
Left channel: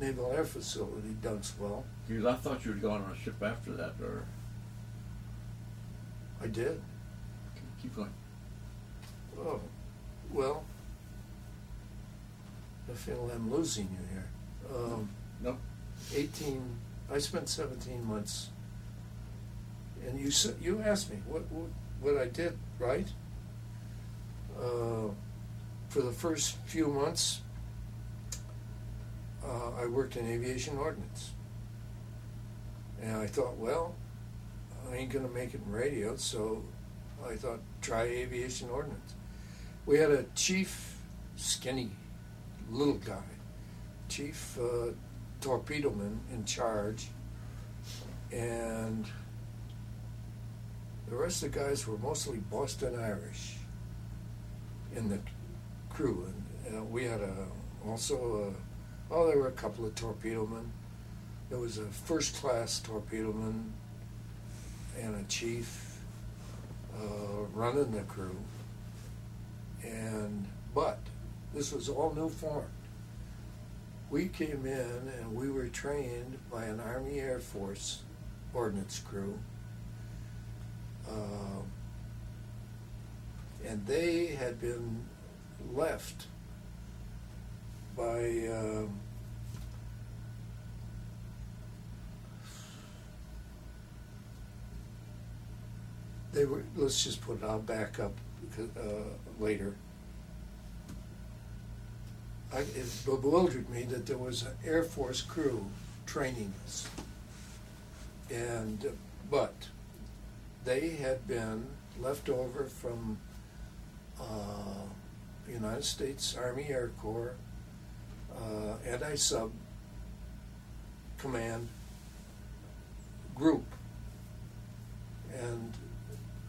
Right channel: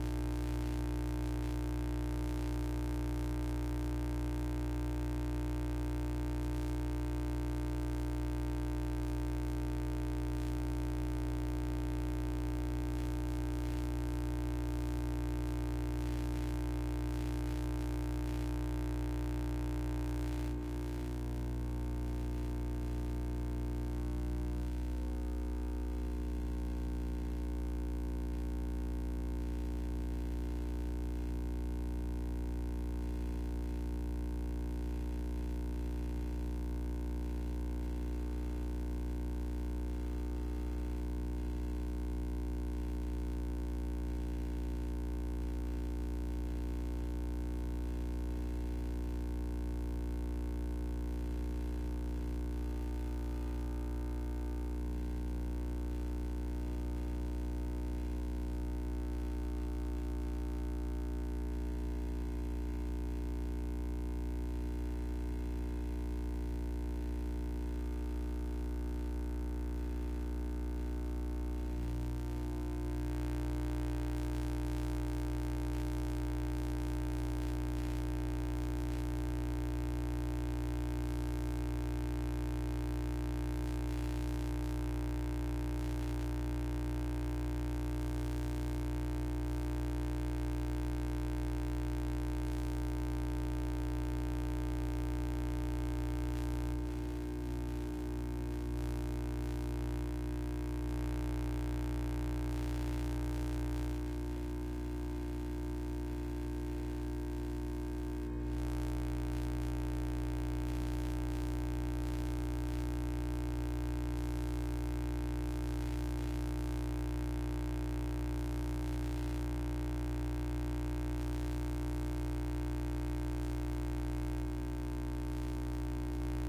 Naval Air Facility, Dunkswell. I thought you had gone on a ship after that, or? I did. Keep going. Oh, well, I feel I'm losing you here. No? 18, I spent 17 months, and you asked me what I did, right? For the first few months, I worked in aviation ordnance. And I thought, well, I ain't gonna make it in radio, so I thought, try aviation ordnance. We had a chief, skinny, little guy, chief torpedo man in charge, and the rest of the guys were mostly Boston Irish in the crew. And we had there were a couple of torpedo men. There was a first class torpedo man and a chief running the crew. But this was all new form. We came in and we were trained by an Army Air Force ordnance crew. And they had been left by let's just put it, I'll back up later. It bewildered me that there was an Air Force crew training us. But they had been left over from United States Army Air Corps, anti-sub command group, and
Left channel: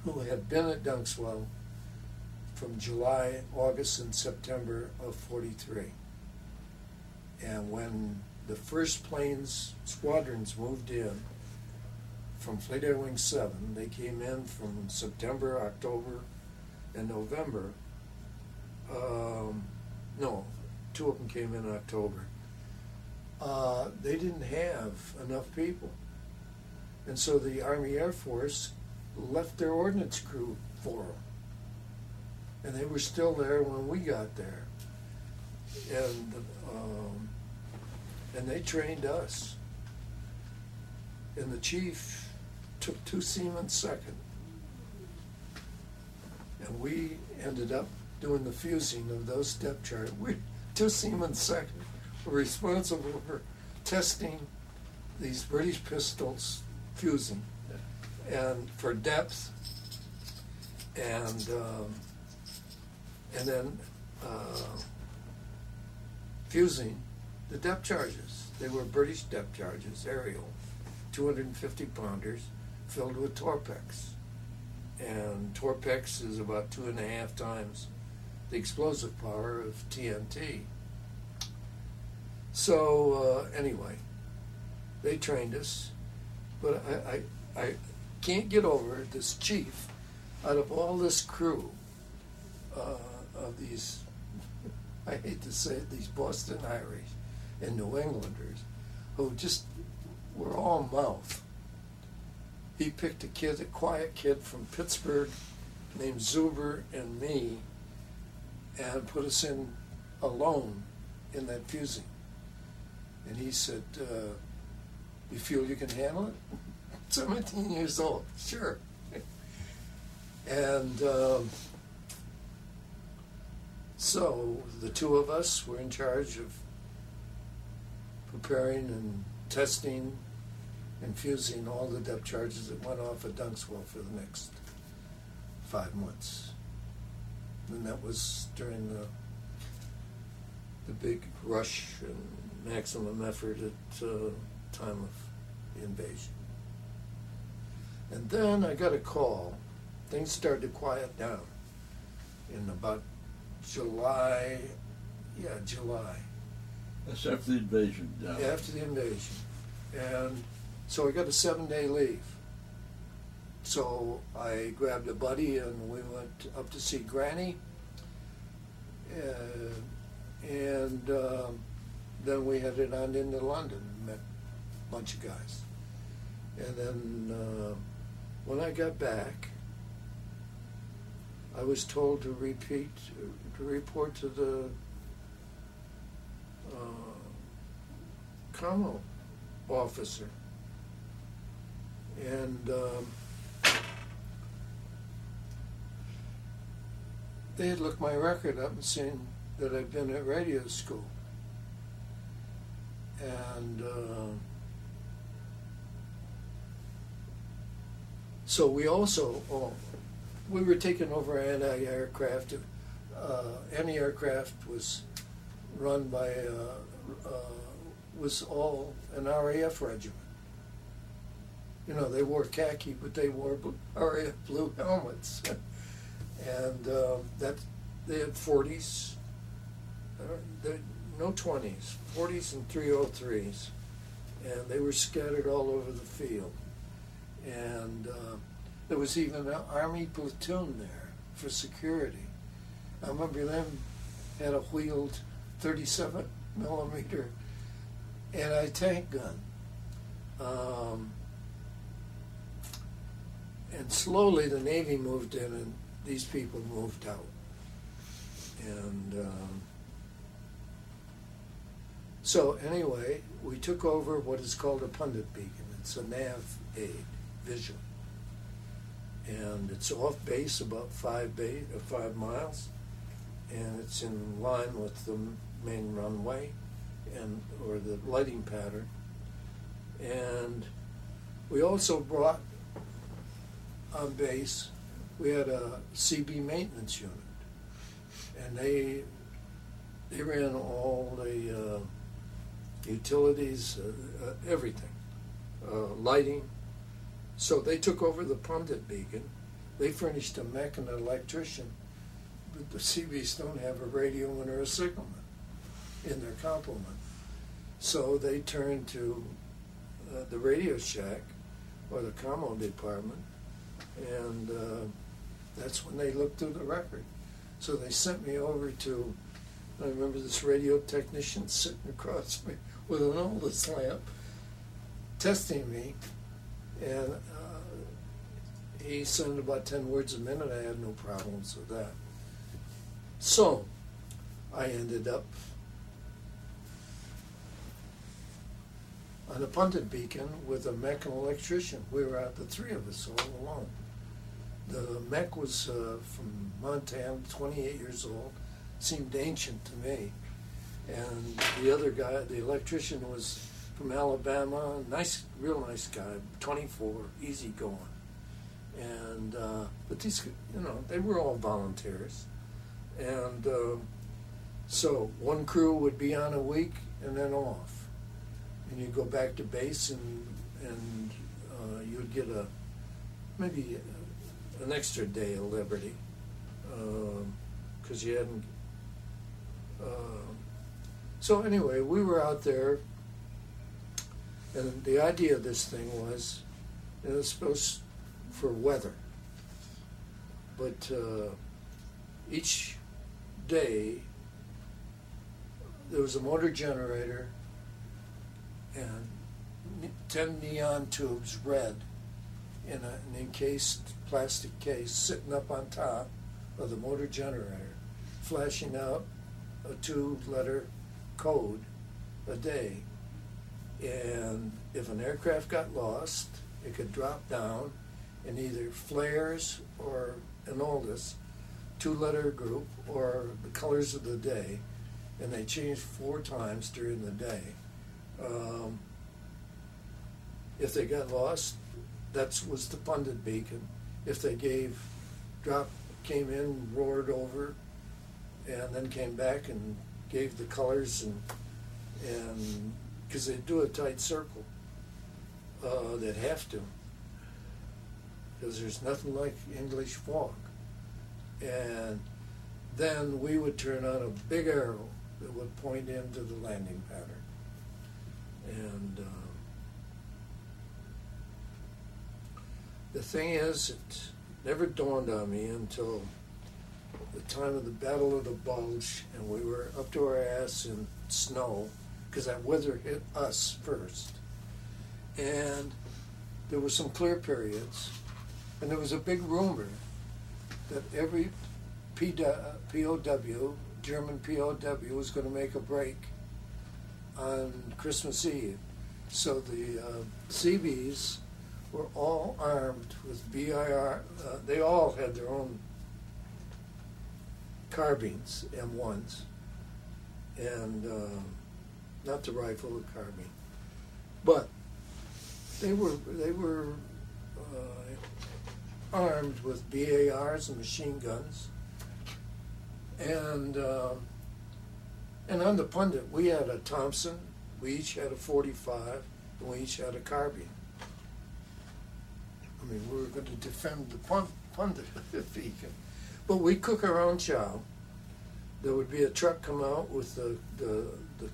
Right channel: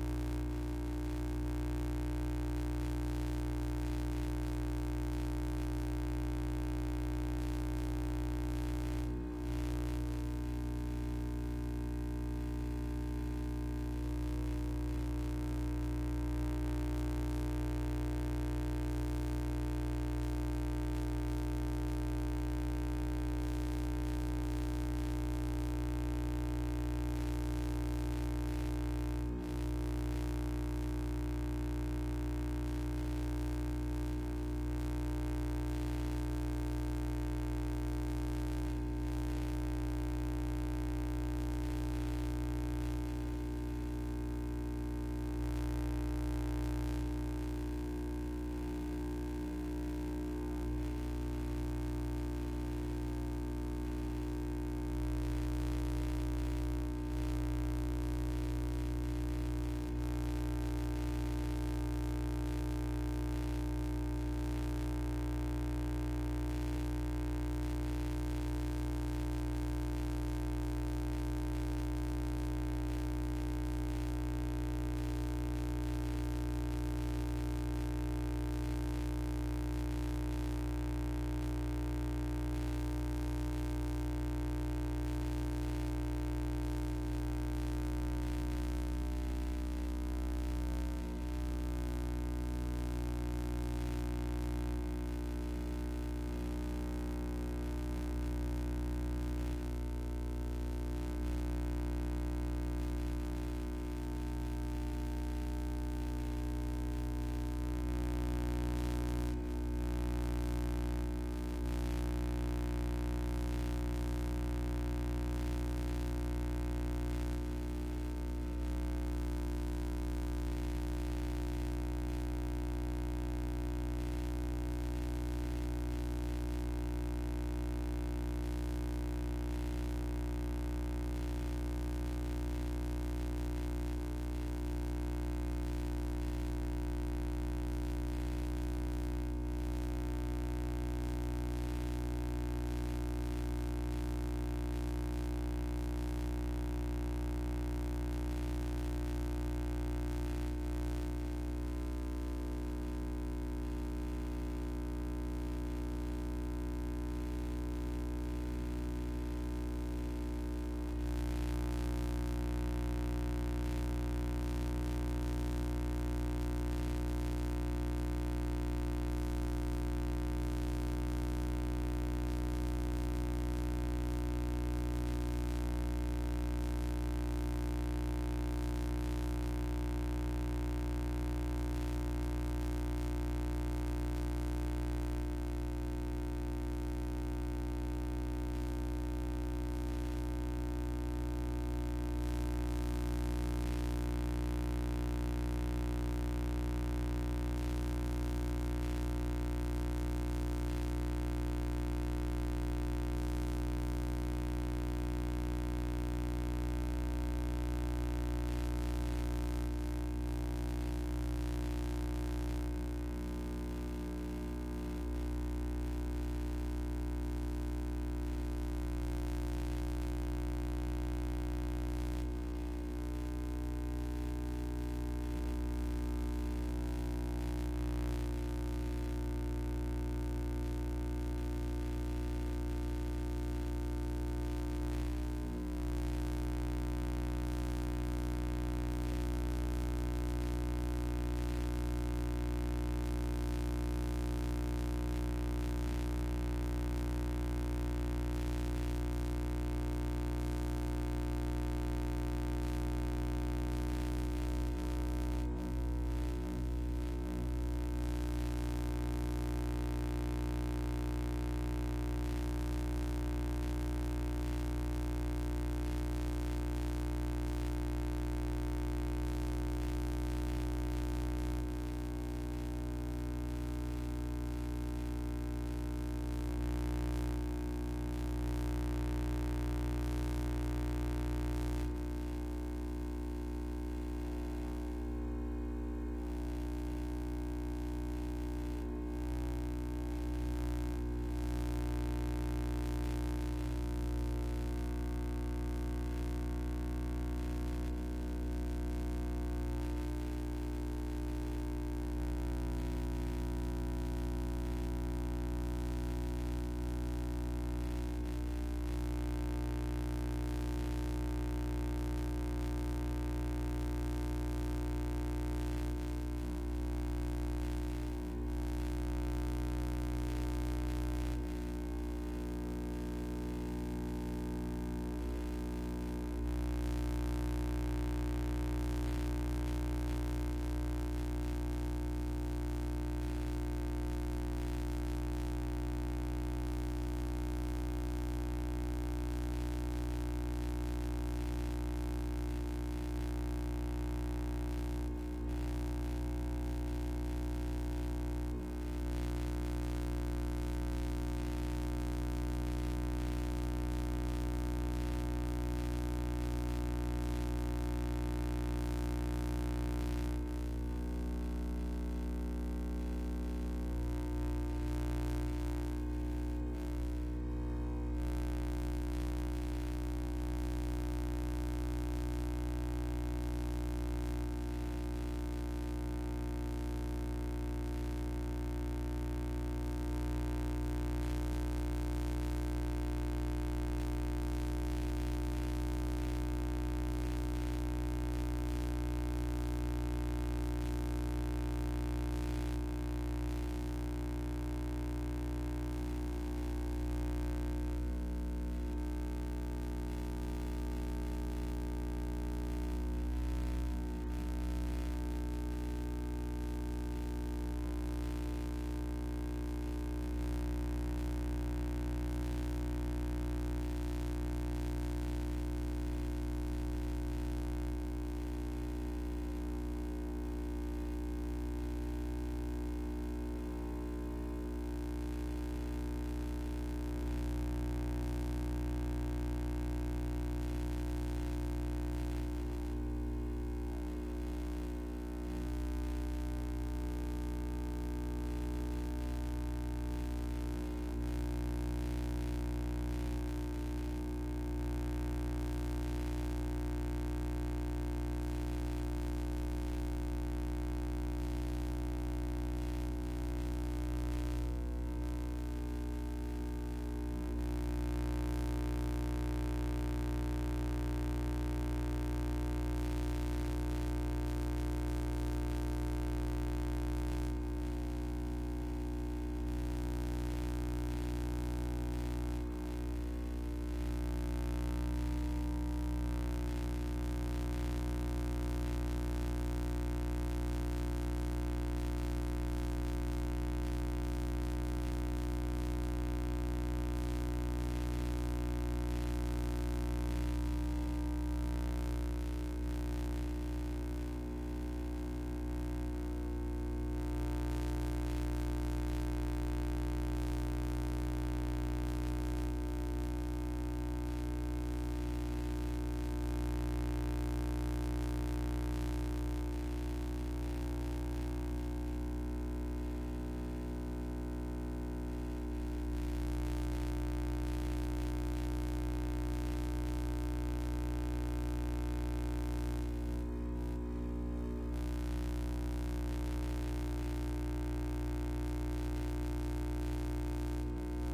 who had been at Dunswell from July, August, and September of 43. And when the first planes squadrons moved in from Fleet Air Wing 7, they came in from September, October, and November. No, 2 of them came in October. They didn't have enough people. And so the Army Air Force left their ordnance crew for them. And they were still there when we got there. And they trained us. And the chief took 2 seamen second. And we ended up doing the fusing of those depth charts. 2 seamen second were responsible for testing these British pistols fusing and for depth and then fusing the depth charges. They were British depth charges, aerial, 250 pounders filled with Torpex. And Torpex is about 2.5 times the explosive power of TNT. So anyway, they trained us, but I can't get over this chief out of all this crew of these, I hate to say it, these Boston Irish and New Englanders who just were all mouth. He picked a quiet kid from Pittsburgh named Zuber and me, and put us in alone in that fusing. And he said, you feel you can handle it? 17 years old, sure. And so the 2 of us were in charge of preparing and testing and fusing all the depth charges that went off at Dunswell for the next 5 months. And that was during the big rush and maximum effort at time of invasion. And then I got a call. Things started to quiet down in about July. That's after the invasion. Yeah, after the invasion. And so I got a 7-day leave. So I grabbed a buddy and we went up to see Granny. And then we headed on into London, met a bunch of guys. And then when I got back, I was told to report to the commo officer. And they had looked my record up and seen that I'd been at radio school. And so we also, we were taking over anti-aircraft. Anti-aircraft was run by, was all an RAF regiment. You know, they wore khaki, but they wore RAF blue helmets. And that they had 40s, no 20s, 40s and 303s, and they were scattered all over the field. And there was even an Army platoon there for security. I remember them had a wheeled 37 millimeter anti-tank gun. And slowly the Navy moved in and these people moved out. And so anyway, we took over what is called a pundit beacon. It's a nav vision. And it's off base about 5 miles. And it's in line with the main runway or the lighting pattern. And we also brought on base, we had a CB maintenance unit, and they ran all the utilities, everything, lighting. So they took over the pundit beacon. They furnished a mech and an electrician. The CBs don't have a radio or a signal in their complement. So they turned to the Radio Shack or the commo department, and that's when they looked through the record. So they sent me over to, I remember this radio technician sitting across me with an Oldest lamp, testing me, and he sent about 10 words a minute. I had no problems with that. So I ended up on a pundit beacon with a mech and electrician. We were out, the three of us, all alone. The mech was from Montana, 28 years old, seemed ancient to me. And the other guy, the electrician, was from Alabama, nice, real nice guy, 24, easy going. And, but these, you know, they were all volunteers. And so one crew would be on a week and then off. And you'd go back to base and you'd get maybe an extra day of liberty, because you hadn't. So anyway, we were out there, and the idea of this thing was, it was supposed for weather, but each day there was a motor generator and 10 neon tubes, red, in an encased plastic case, sitting up on top of the motor generator, flashing out a 2-letter code a day. And if an aircraft got lost, it could drop down in either flares or an Oldest 2-letter group or the colors of the day, and they changed 4 times during the day. If they got lost, that was the pundit beacon. If they came in, roared over, and then came back and gave the colors, and because they do a tight circle, they'd have to, because there's nothing like English fog. And then we would turn on a big arrow that would point into the landing pattern. And the thing is, it never dawned on me until the time of the Battle of the Bulge, and we were up to our ass in snow, because that weather hit us first. And there were some clear periods, and there was a big rumor that every POW, German POW, was going to make a break on Christmas Eve. So the Seabees were all armed with BIR. They all had their own carbines, M1s, and not the rifle, the carbine. But they were armed with BARs and machine guns. And on the Pundit, we had a Thompson, we each had a .45, and we each had a carbine. I mean, we were going to defend the Pundit if he could. But we cook our own chow. There would be a truck come out with the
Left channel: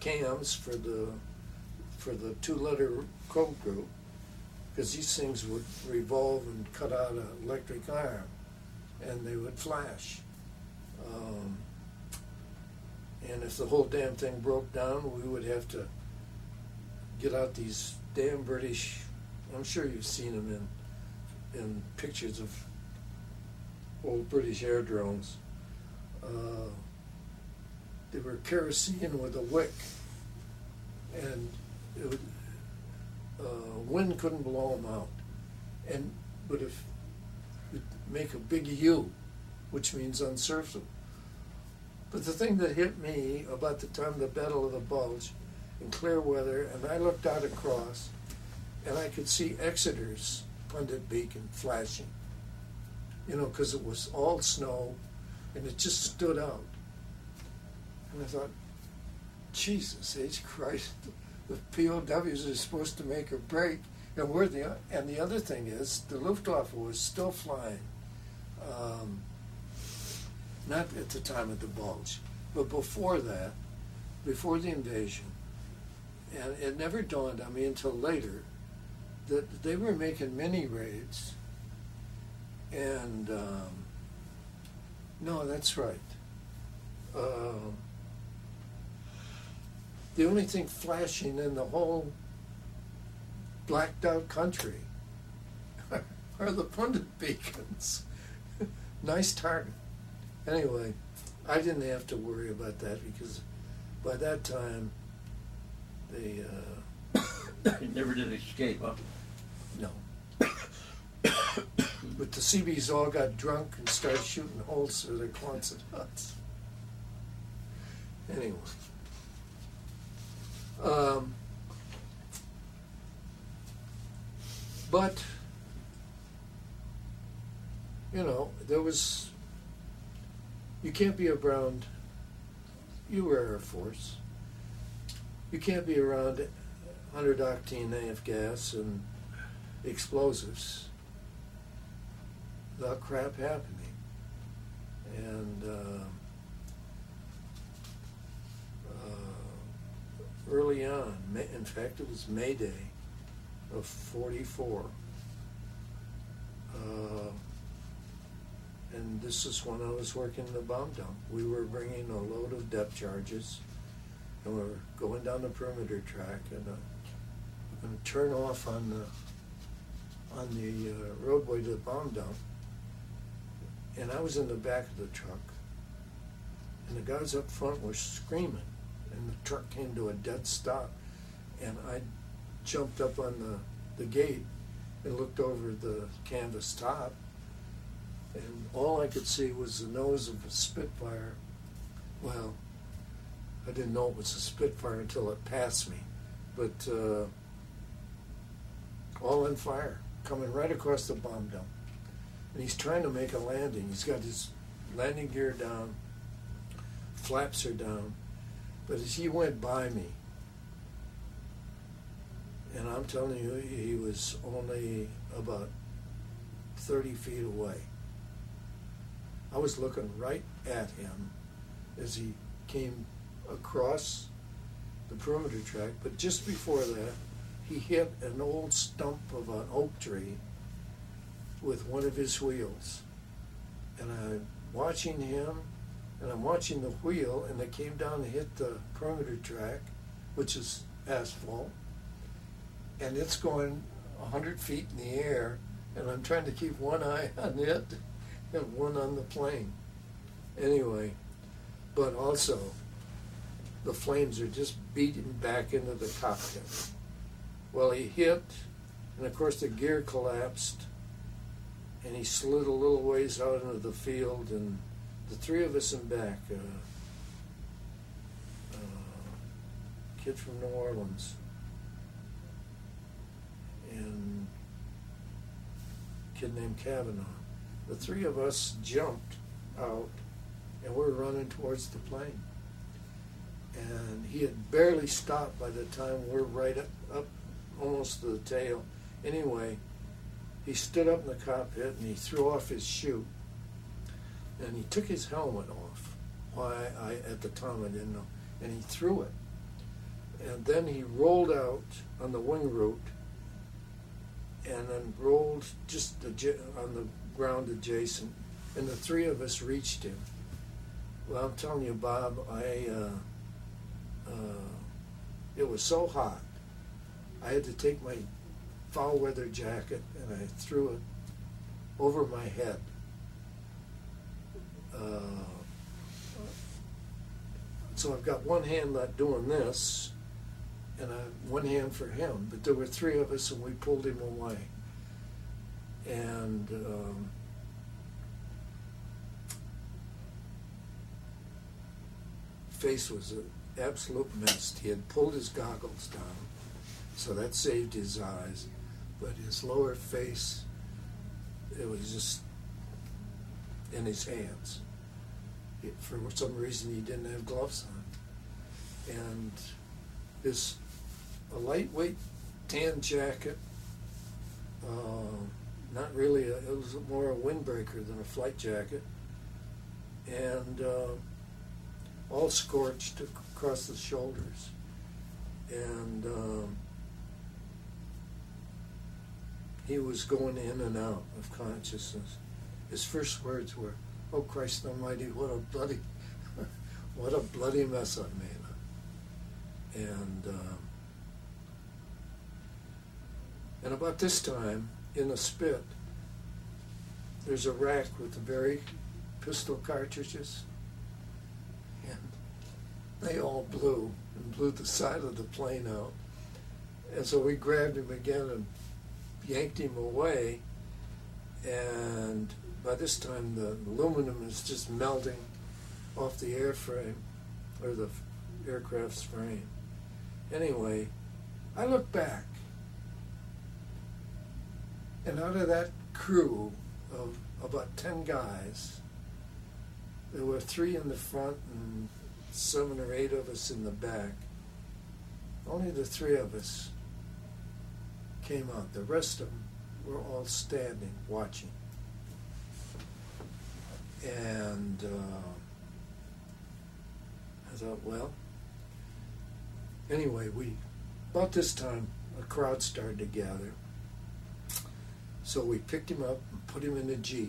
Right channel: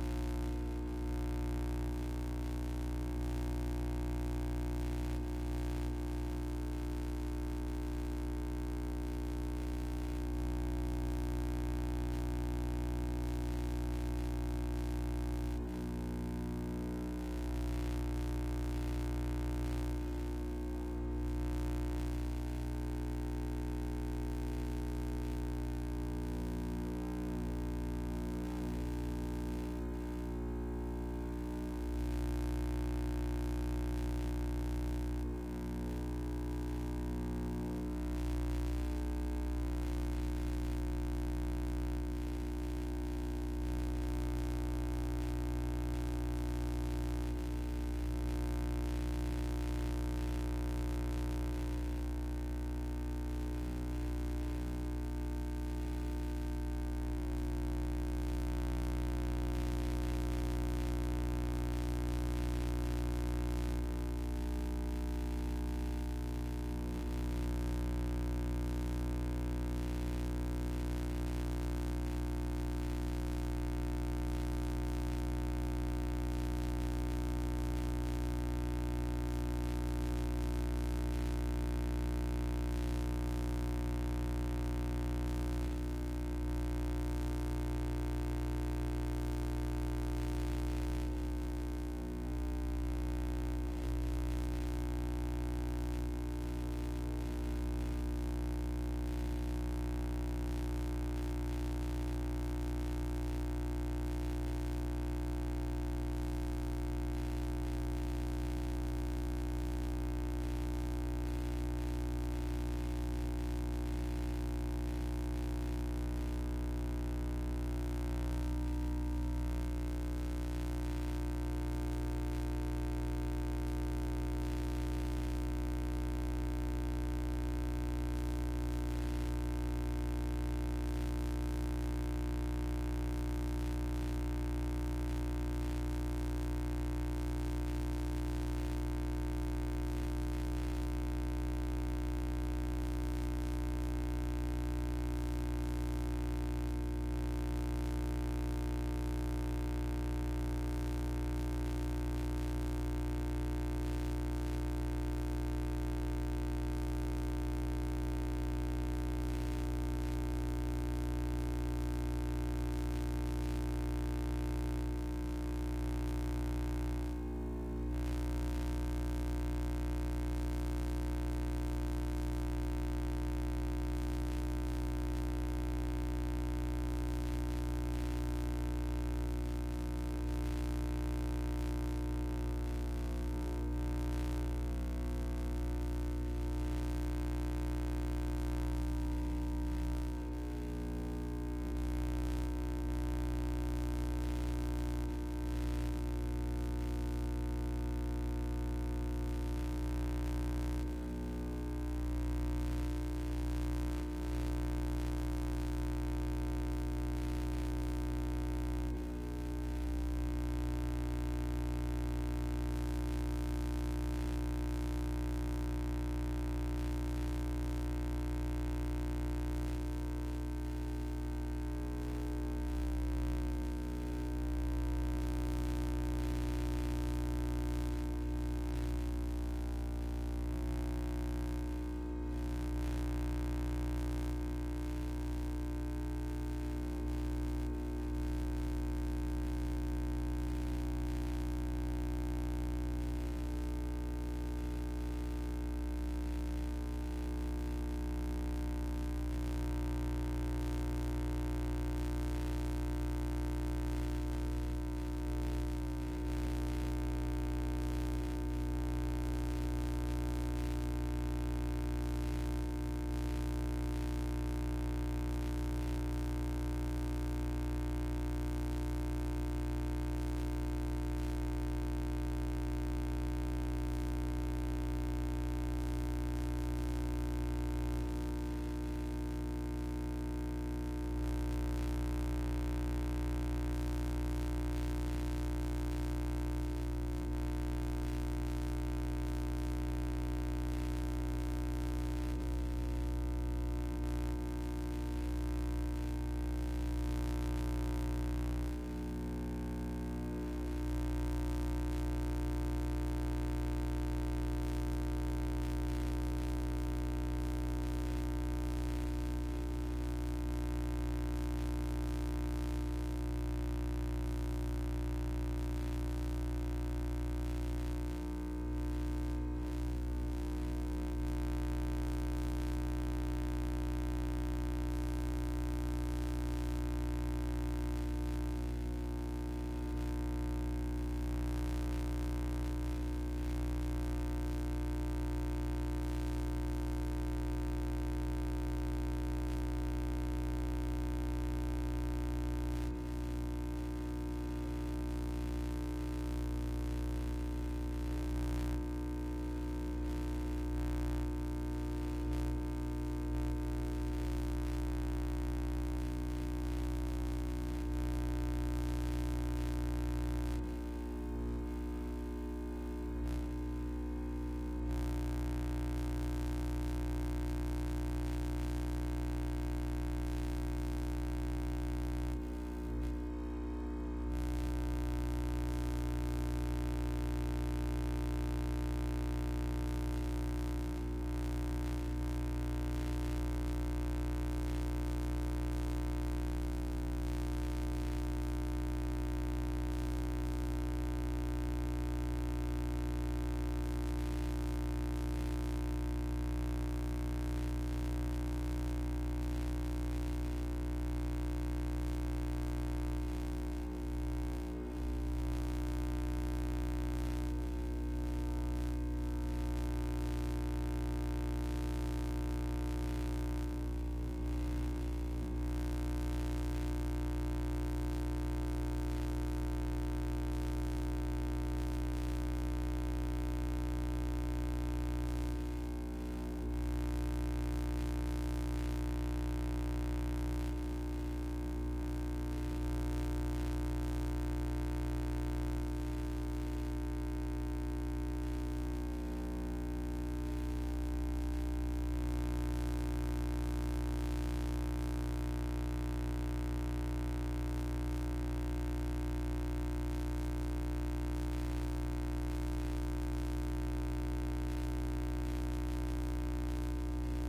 cams for the 2-liter cold brew, because these things would revolve and cut out an electric arm, and they would flash. And if the whole damn thing broke down, we would have to get out these damn British, I'm sure you've seen them in pictures of old British air drones. They were kerosene with a wick, and it would, wind couldn't blow them out, and would make a big U, which means unsurfable. But the thing that hit me about the time of the Battle of the Bulge in clear weather, and I looked out across, and I could see Exeter's Pundit beacon flashing, because it was all snow, and it just stood out. And I thought, Jesus H. Christ, the POWs are supposed to make a break, and the other thing is, the Luftwaffe was still flying. Not at the time of the Bulge, but before that, before the invasion, and it never dawned on me until later that they were making mini raids. And no, that's right. The only thing flashing in the whole blacked out country are the Pundit beacons. Nice target. Anyway, I didn't have to worry about that, because by that time They never did escape, huh? no. But the Seabees all got drunk and started shooting holes through their Quonset huts. Anyway. But, there was, you can't be around, you were Air Force, you can't be around 100 octane NAF gas and explosives without crap happening. And early on, in fact it was May Day of 44. And this is when I was working the bomb dump. We were bringing a load of depth charges, and we're going down the perimeter track, and I'm going to turn off on the roadway to the bomb dump. And I was in the back of the truck, and the guys up front were screaming, and the truck came to a dead stop, and I jumped up on the gate and looked over the canvas top, and all I could see was the nose of a Spitfire. Well, I didn't know it was a Spitfire until it passed me, but all on fire, coming right across the bomb dump. And he's trying to make a landing. He's got his landing gear down, flaps are down, but as he went by me, and I'm telling you, he was only about 30 feet away. I was looking right at him as he came across the perimeter track, but just before that, he hit an old stump of an oak tree with one of his wheels. And I'm watching him, and I'm watching the wheel, and it came down and hit the perimeter track, which is asphalt, and it's going 100 feet in the air, and I'm trying to keep one eye on it and one on the plane. Anyway, but also the flames are just beating back into the cockpit. Well, he hit, and of course the gear collapsed, and he slid a little ways out into the field, and the three of us in back, kid from New Orleans, and a kid named Kavanaugh. The three of us jumped out, and we're running towards the plane. And he had barely stopped by the time we're right up almost to the tail. Anyway, he stood up in the cockpit and he threw off his shoe. And he took his helmet off. Why, at the time I didn't know. And he threw it. And then he rolled out on the wing root and then rolled just on the ground adjacent. And the three of us reached him. Well, I'm telling you, Bob, it was so hot. I had to take my foul weather jacket and I threw it over my head. So I've got one hand not doing this, and one hand for him. But there were three of us, and we pulled him away. And face was an absolute mist. He had pulled his goggles down, so that saved his eyes. But his lower face, it was just in his hands. For some reason, he didn't have gloves on. And his a lightweight tan jacket, not really, it was more a windbreaker than a flight jacket. And all scorched across the shoulders. And he was going in and out of consciousness. His first words were, "Oh Christ Almighty, what a bloody mess I've made." And about this time, in the spit, there's a rack with buried pistol cartridges. They all blew the side of the plane out. And so we grabbed him again and yanked him away. And by this time, the aluminum is just melting off the airframe, or the aircraft's frame. Anyway, I look back, and out of that crew of about 10 guys, there were 3 in the front, 7 or 8 of us in the back. Only the 3 of us came out. The rest of them were all standing, watching. And I thought, well, anyway, about this time, a crowd started to gather. So we picked him up and put him in the Jeep.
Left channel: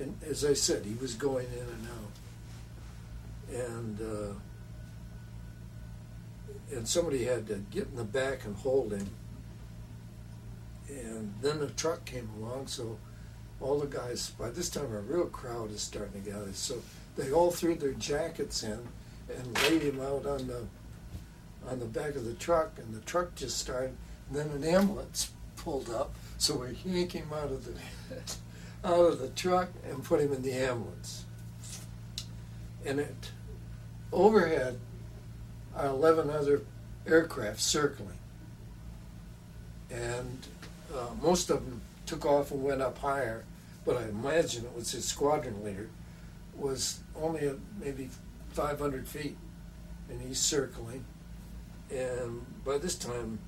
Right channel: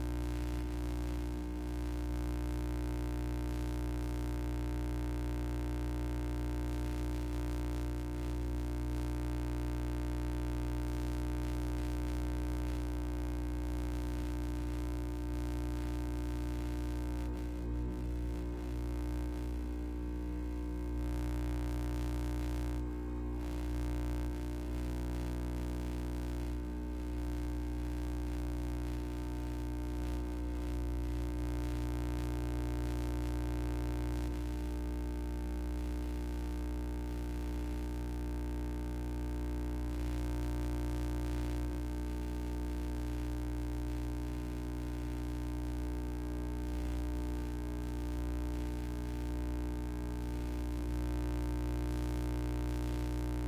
And as I said, he was going in and out. And somebody had to get in the back and hold him. And then the truck came along, so all the guys, by this time a real crowd is starting to gather. So they all threw their jackets in and laid him out on the back of the truck, and the truck just started, and then an ambulance pulled up, so we yanked him out of the truck and put him in the ambulance. And overhead are 11 other aircraft circling. And most of them took off and went up higher, but I imagine it was his squadron leader, was only at maybe 500 feet, and he's circling. And by this time,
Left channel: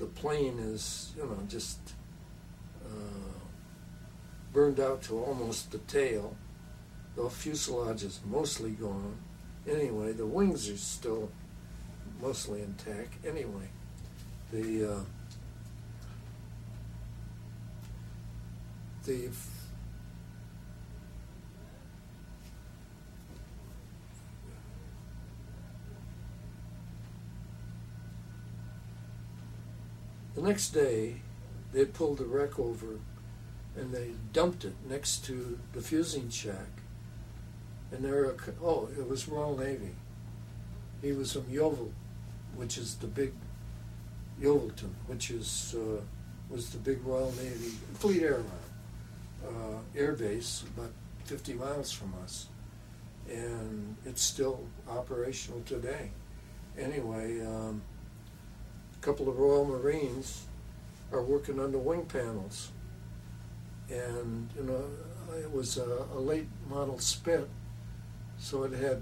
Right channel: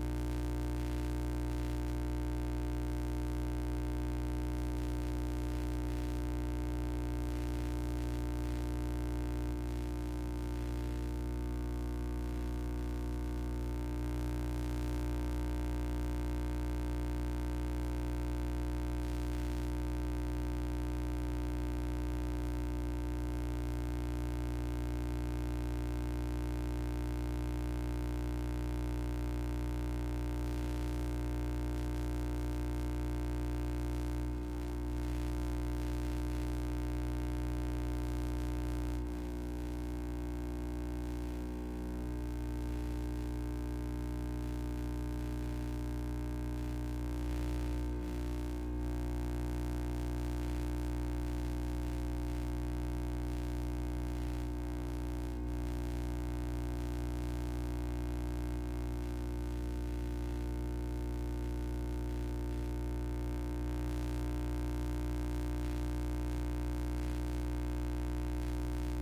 the plane is, just burned out to almost the tail. The fuselage is mostly gone. Anyway, the wings are still mostly intact. Anyway, the next day, they pulled the wreck over and they dumped it next to the fusing shack. and it was Royal Navy. He was from Yeovil, which is the big, Yeovilton, which is, was the big Royal Navy Fleet Air Base, about 50 miles from us. And it's still operational today. Anyway, a couple of Royal Marines are working on the wing panels. And, it was a late model Spit, so it had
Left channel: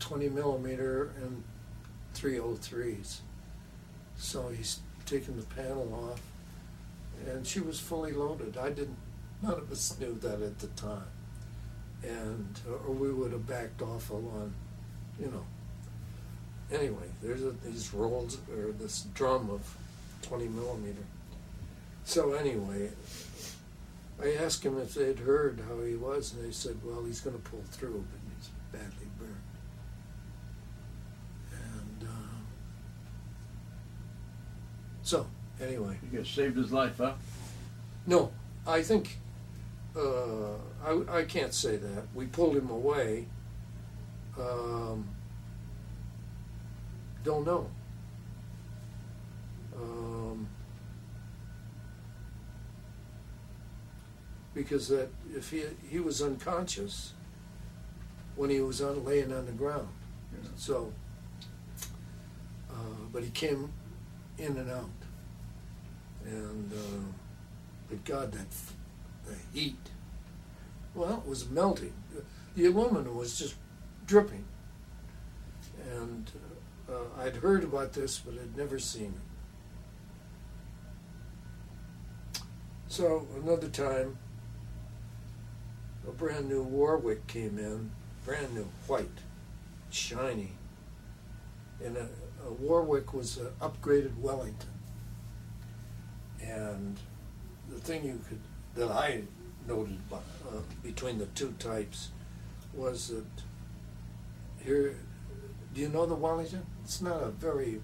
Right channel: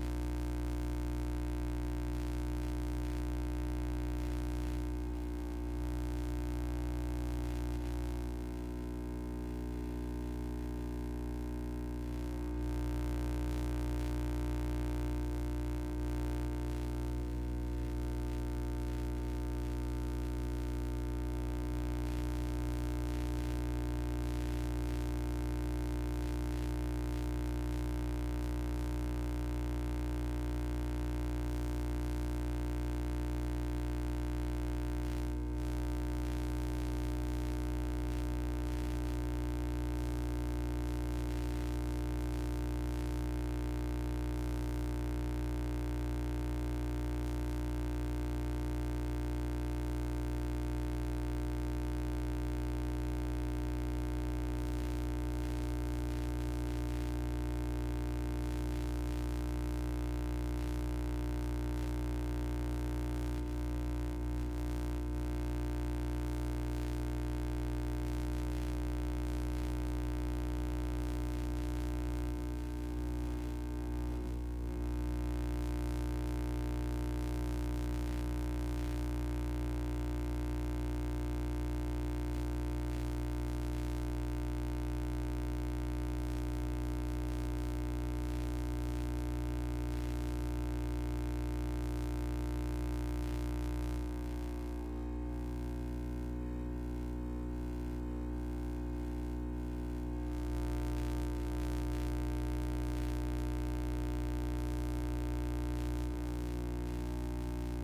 20 millimeter and 303s. So he's taken the panel off, and she was fully loaded. None of us knew that at the time. And, or we would have backed off a lot, Anyway, there's these rolls, or this drum of 20 millimeter. So anyway, I asked him if they'd heard how he was, and they said, well, he's gonna pull through. He's badly burned. And, so, anyway. You saved his life, huh? No, I think, I can't say that. We pulled him away. Don't know. Because if he was unconscious when he was laying on the ground. So, but he came in and out. And, but God, that heat. Well, it was melting. The aluminum was just dripping. And I'd heard about this, but I'd never seen it. So another time, a brand new Warwick came in, brand new, white, shiny. And a Warwick was an upgraded Wellington. And the thing that I noted between the two types was that here, do you know the Wellington? It's not a very...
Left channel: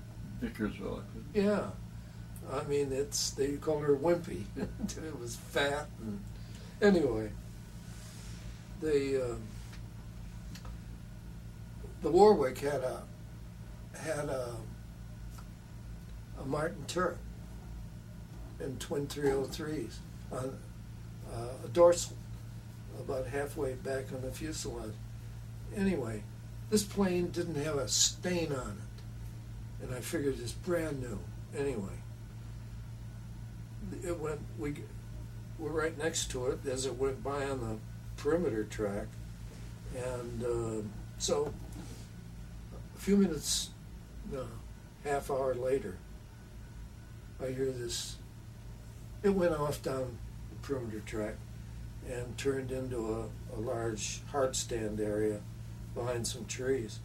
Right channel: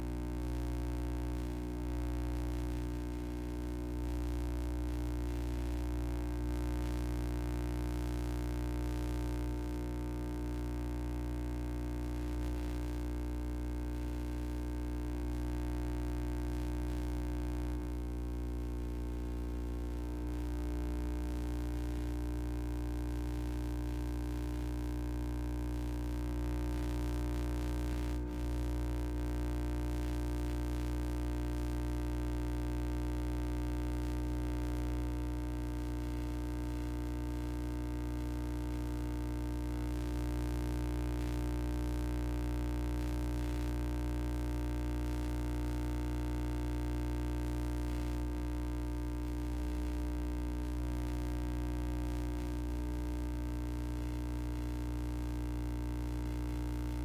Vickersville. Yeah. I mean, they call her Wimpy. It was fat. And anyway, the Warwick had a Martin turret and twin 303s on a dorsal about halfway back on the fuselage. Anyway, this plane didn't have a stain on it, and I figured it's brand new. Anyway, we're right next to it as it went by on the perimeter track, and so a few minutes, half hour later, I hear this. It went off down the perimeter track and turned into a large hard stand area behind some trees.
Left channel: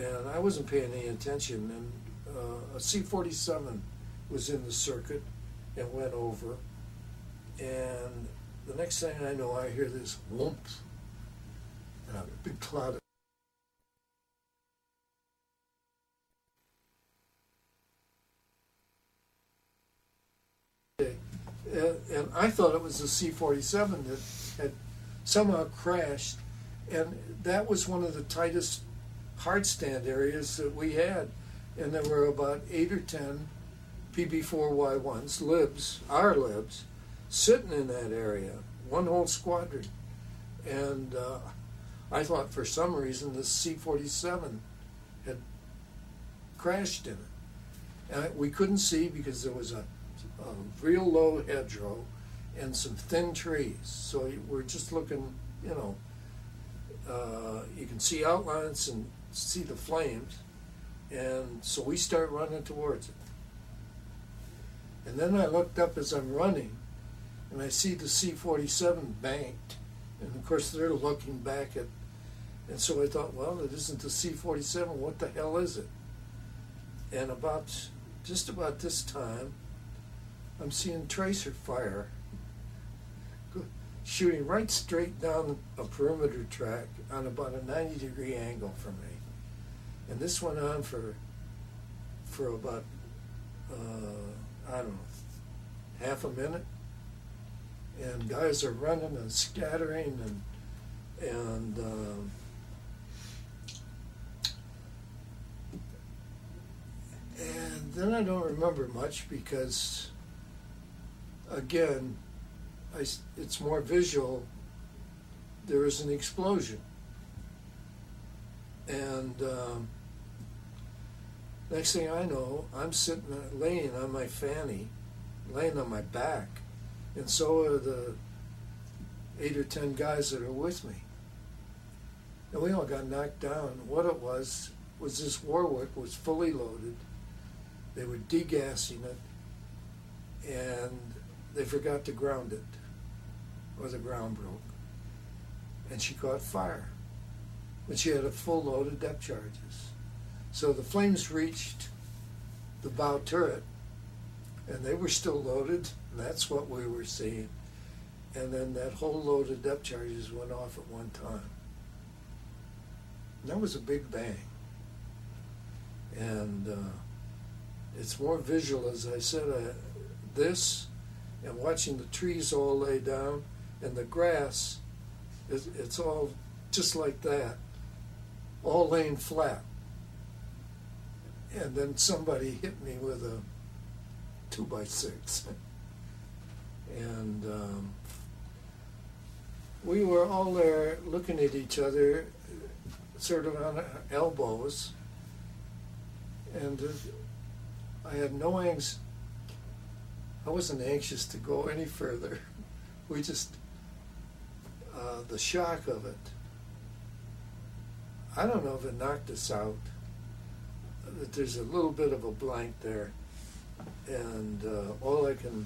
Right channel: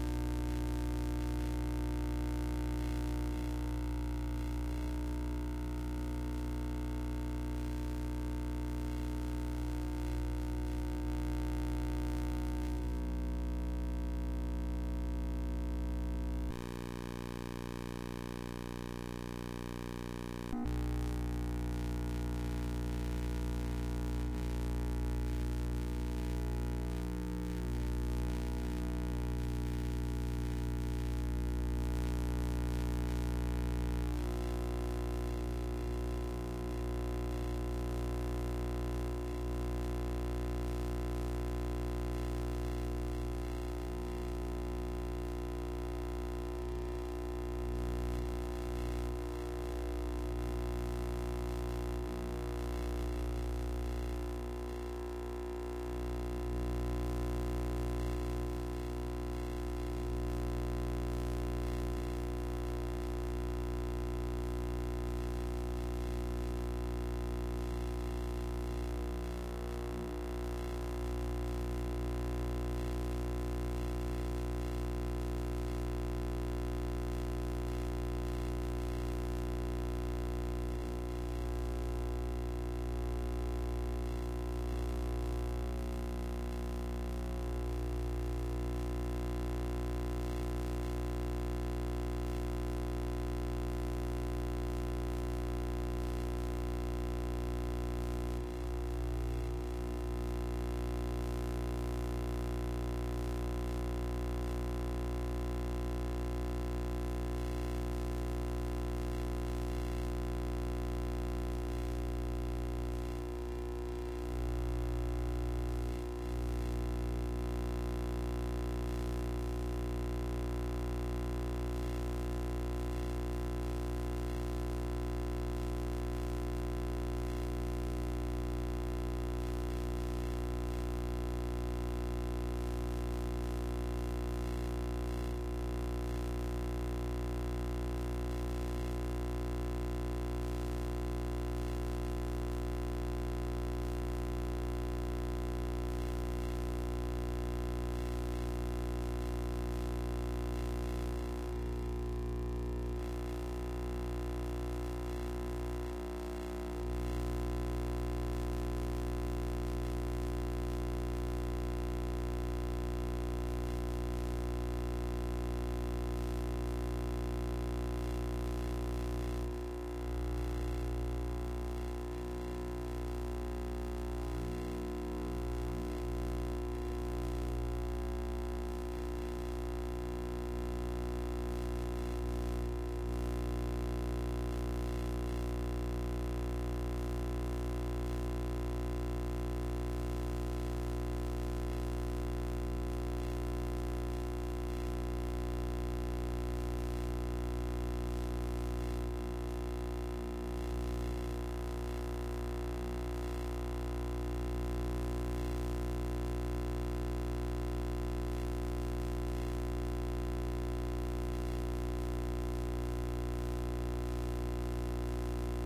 And I wasn't paying any attention. And a C-47 was in the circuit and went over. And the next thing I know, I hear this whoomp, and a big cloud of and I thought it was a C-47 that had somehow crashed, and that was one of the tightest hard stand areas that we had, and there were about 8 or 10 PB-4Y1s, libs, our libs, sitting in that area, one whole squadron, and I thought for some reason this C-47 had crashed in it, and we couldn't see because there was a real low hedgerow and some thin trees, so we're just looking, you can see outlines and see the flames, and so we start running towards it. And then I looked up as I'm running, and I see the C-47 banked, and of course they're looking back at, and so I thought, well, it isn't the C-47, what the hell is it? And just about this time, I'm seeing tracer fire shooting right straight down a perimeter track on about a 90-degree angle from me. And this went on for about, I don't know, half a minute. And guys are running and scattering, and I don't remember much because, again, it's more visual. There was an explosion. And next thing I know, I'm sitting, laying on my fanny, laying on my back, and so are the 8 or 10 guys that are with me. And we all got knocked down. What it was this Warwick was fully loaded. They were degassing it, and they forgot to ground it with a ground rope. And she caught fire. And she had a full load of depth charges. So the flames reached the bow turret, and they were still loaded. That's what we were seeing. And then that whole load of depth charges went off at one time. That was a big bang. And it's more visual, as I said, this and watching the trees all lay down and the grass, it's all just like that, all laying flat. And then somebody hit me with a 2x6. And we were all there looking at each other, sort of on our elbows. And I had no anxiety. I wasn't anxious to go any further. We just, the shock of it. I don't know if it knocked us out. But there's a little bit of a blank there. And all I can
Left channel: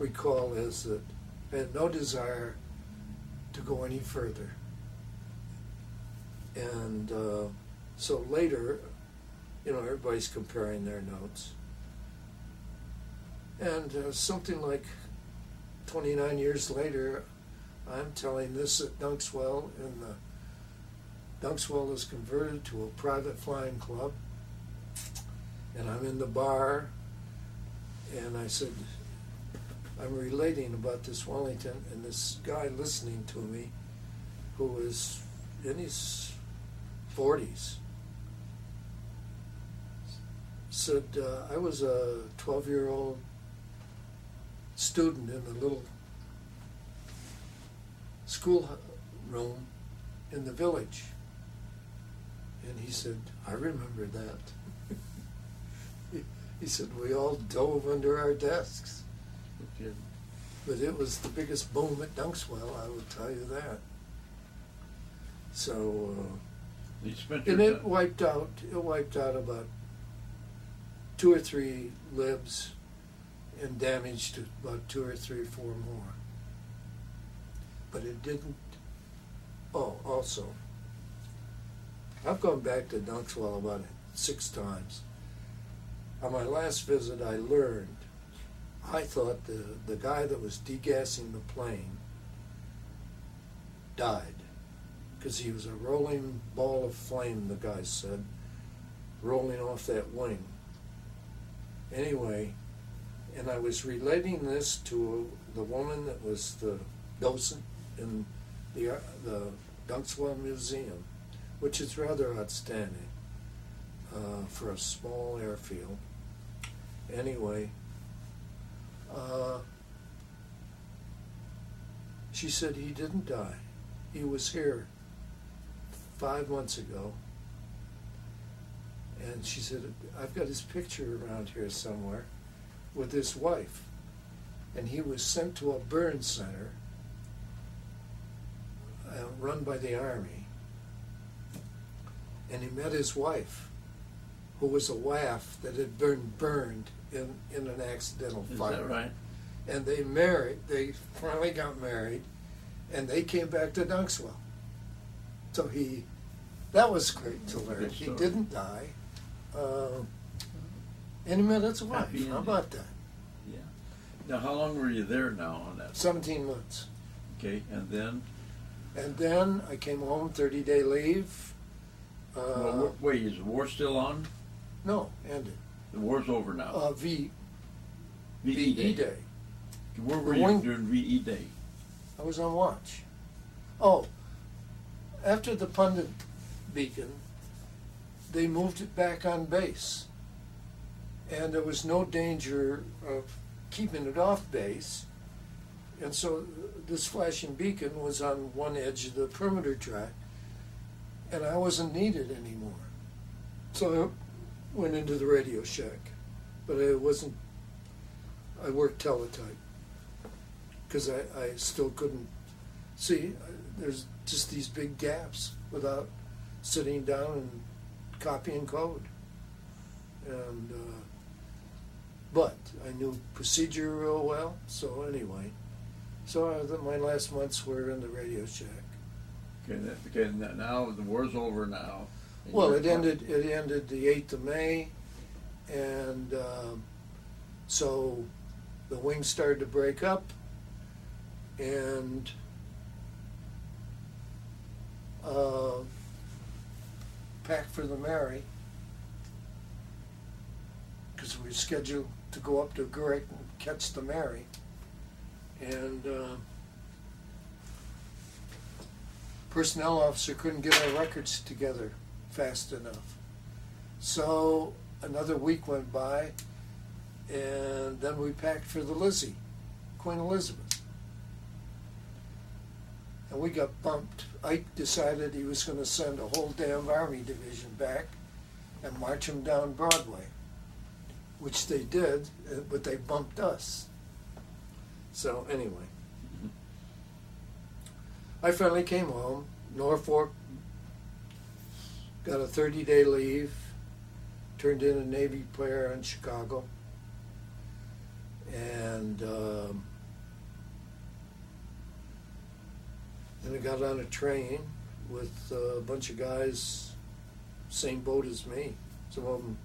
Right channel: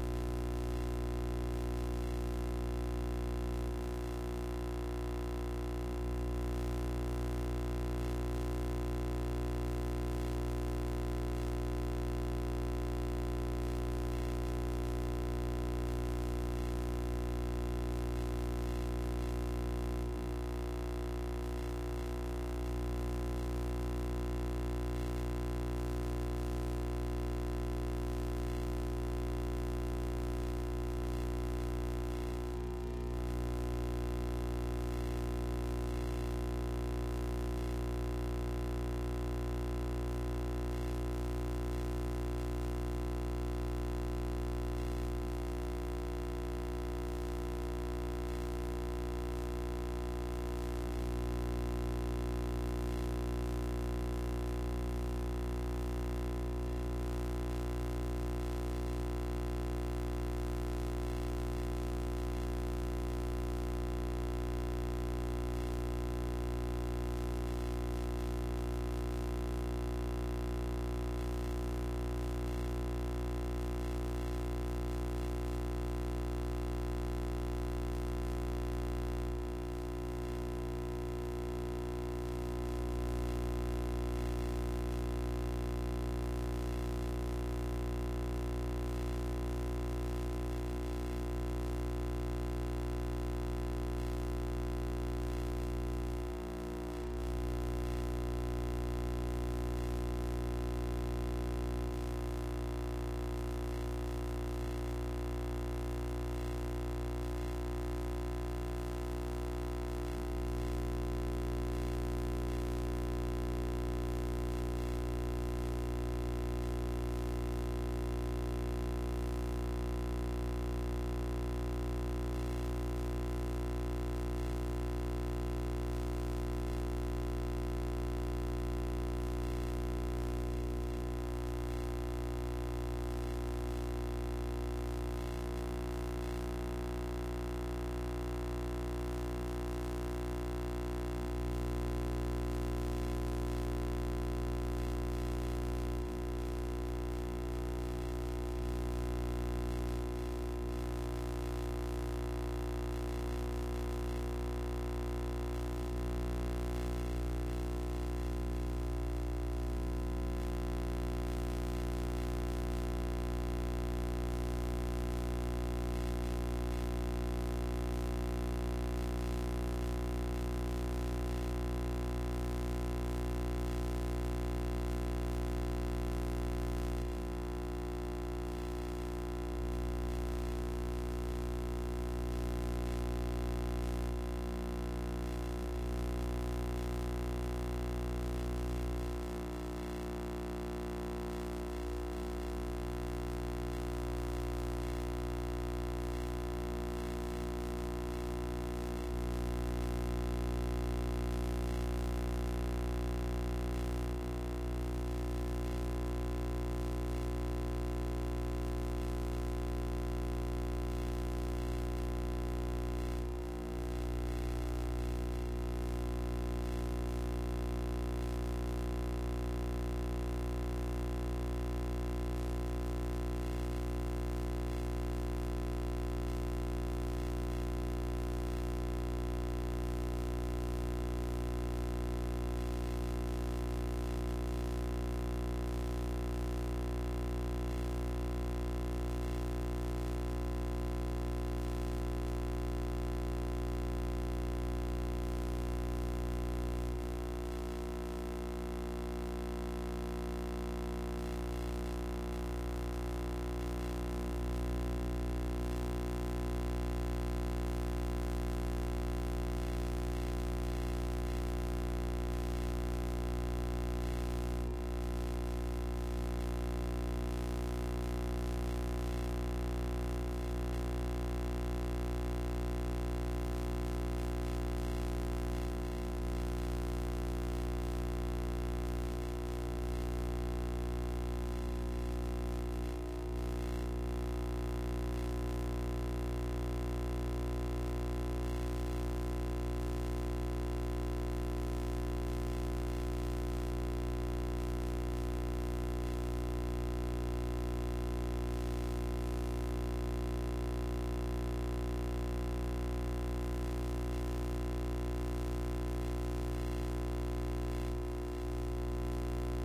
recall is that I had no desire to go any further. And so later, you know, everybody's comparing their notes. And something like 29 years later, I'm telling this at Dunkswell, and Dunkswell is converted to a private flying club. And I'm in the bar, and I said, I'm relating about this Wellington, and this guy listening to me, who was in his 40s, said, I was a 12-year-old student in a little school room in the village. And he said, I remember that. He said, we all dove under our desks. But it was the biggest boom at Dunkswell, I will tell you that. So, and it wiped out about 2 or 3 libs and damaged about 2 or 3 or 4 more. But it didn't. Oh, also, I've gone back to Dunkswell about 6 times. On my last visit, I thought the guy that was degassing the plane died, because he was a rolling ball of flame, the guy said, rolling off that wing. Anyway, and I was relating this to the woman that was the docent in the Dunkswell Museum, which is rather outstanding for a small airfield. Anyway, she said he didn't die. He was here 5 months ago. And she said, I've got his picture around here somewhere with his wife. And he was sent to a burn center run by the Army. And he met his wife, who was a WAF that had been burned in an accidental fire. Is that right? And they finally got married, and they came back to Dunkswell. So that was great to learn. He didn't die. And he met his wife. How about that? Now, how long were you there now on that? 17 months. Okay, And then I came home, 30-day leave. Well, wait, is the war still on? No, ended. The war's over now. VE Day. Where were you during VE Day? I was on watch. Oh, after the pundit beacon, they moved it back on base. and there was no danger of keeping it off base. And so this flashing beacon was on one edge of the perimeter track, and I wasn't needed anymore. So I went into the Radio Shack, but I worked teletype, because I still couldn't see. There's just these big gaps without sitting down and copying code. And, but I knew procedure real well, so anyway. So my last months were in the Radio Shack. Okay, now the war's over now. Well, it ended the 8th of May, and so the wings started to break up, and packed for the Mary, because we were scheduled to go up to Great and catch the Mary, and personnel officer couldn't get our records together fast enough. So another week went by, and then we packed for the Lizzie, Queen Elizabeth. And we got bumped. Ike decided he was going to send a whole damn Army division back and march them down Broadway, which they did, but they bumped us. So anyway, I finally came home. Norfolk, got a 30-day leave, turned in a Navy prayer in Chicago, and then I got on a train with a bunch of guys, same boat as me, some of them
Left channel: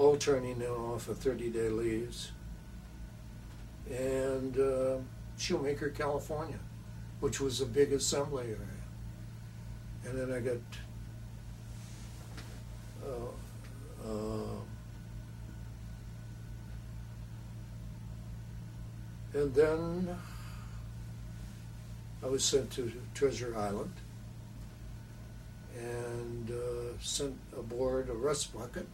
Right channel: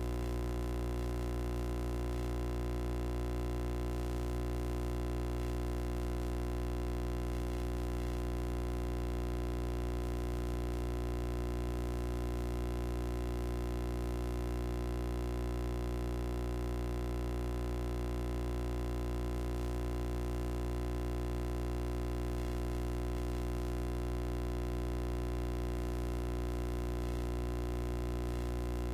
all turning in off of 30-day leaves, and Shoemaker, California, which was a big assembly area. And then I got and then I was sent to Treasure Island and sent aboard a rust bucket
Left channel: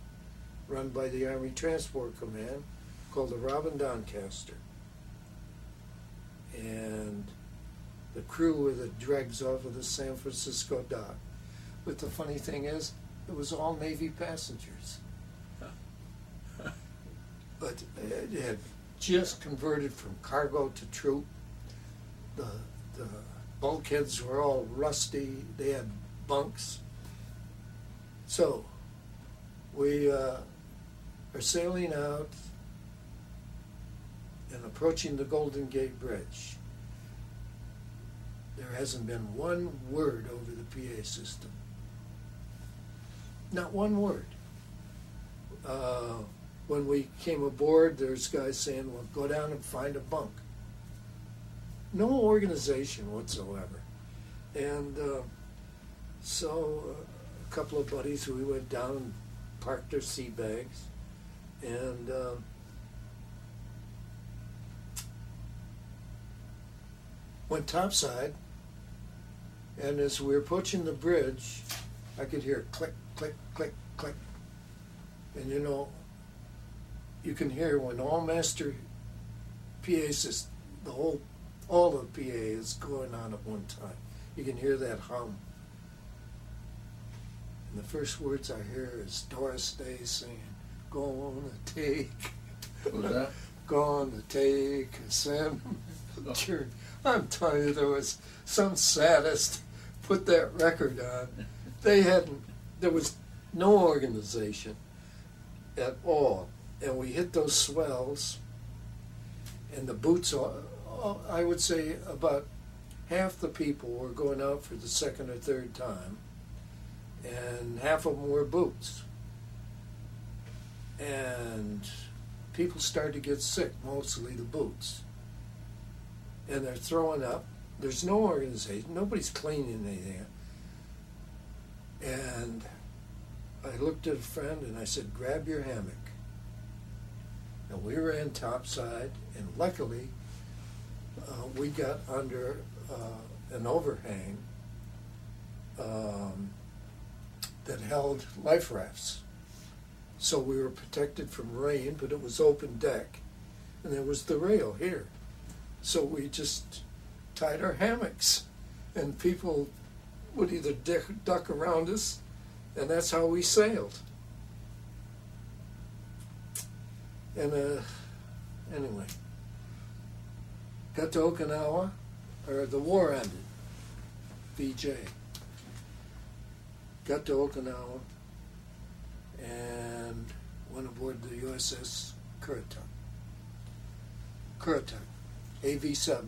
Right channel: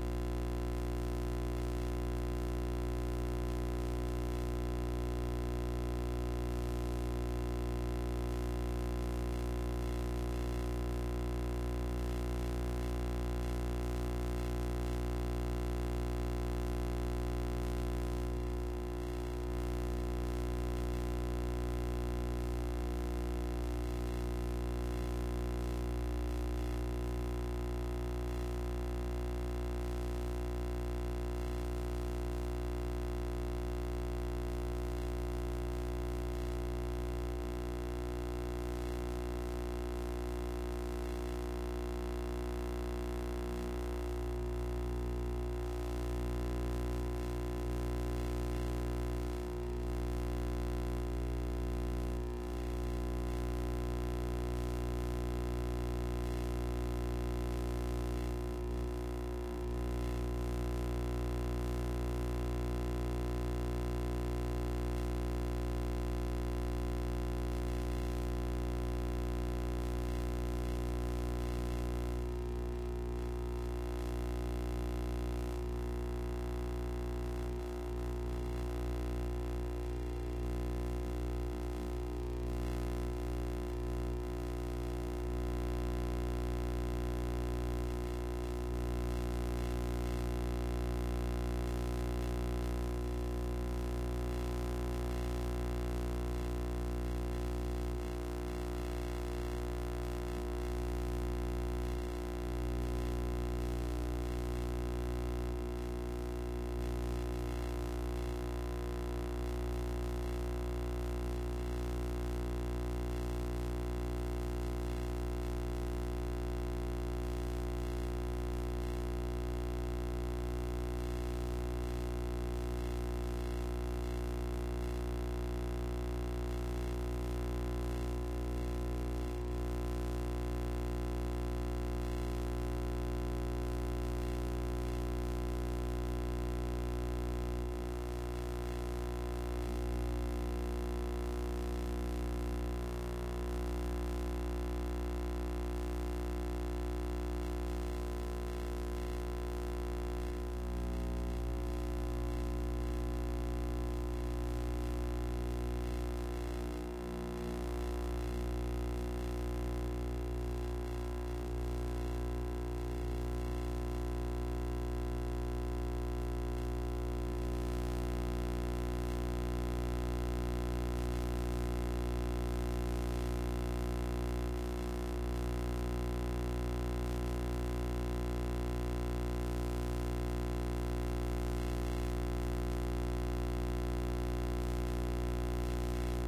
run by the Army Transport Command called the Robin Doncaster. And the crew were the dregs off of the San Francisco dock. But the funny thing is, it was all Navy passengers. But it had just converted from cargo to troop. The bulkheads were all rusty. They had bunks. So we were sailing out and approaching the Golden Gate Bridge. There hasn't been one word over the PA system. Not one word. When we came aboard, there's guys saying, well, go down and find a bunk. No organization whatsoever. And so a couple of buddies, we went down and parked our sea bags, and went topside. And as we were approaching the bridge, I could hear click, click, click, click. And you know, you can hear when all master PA system, all the PA is going on at one time. You can hear that hum. The first words I hear is Doris Day saying, "Gonna take, What was that? gonna take Sam." Sure, I'm telling you, there was some sadist put that record on. There was no organization at all. And we hit those swells, and the boots, I would say about half the people were going out for the second or third time, and half of them were boots. And people started to get sick, mostly the boots. And they're throwing up. There's no organization. Nobody's cleaning anything. And I looked at a friend and I said, grab your hammock. And we ran topside, and luckily we got under an overhang that held life rafts. so we were protected from rain, but it was open deck, and there was the rail here. So we just tied our hammocks, and people would either duck around us, and that's how we sailed. And anyway, got to Okinawa, or the war ended, VJ. Got to Okinawa, and went aboard the USS Kurita, AV-7.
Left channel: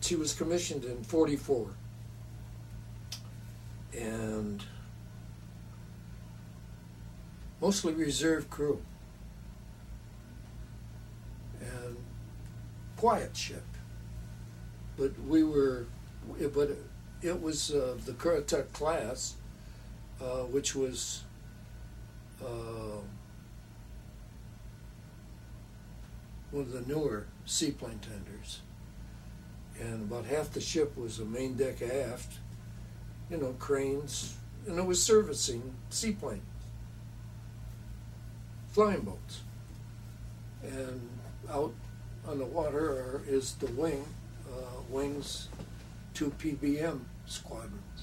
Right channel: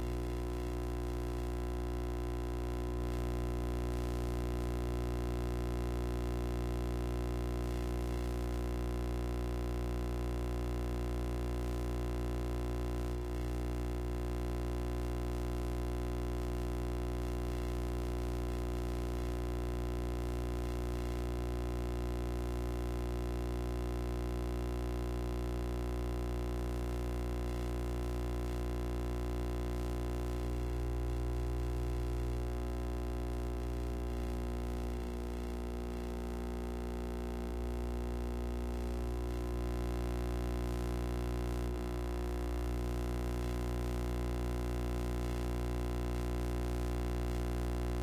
She was commissioned in 44. And mostly reserve crew. And quiet ship. But it was the Kurita class, which was one of the newer seaplane tenders. And about half the ship was a main deck aft, cranes, and it was servicing seaplane, flying boats. And out on the water is the wings, 2 PBM squadrons.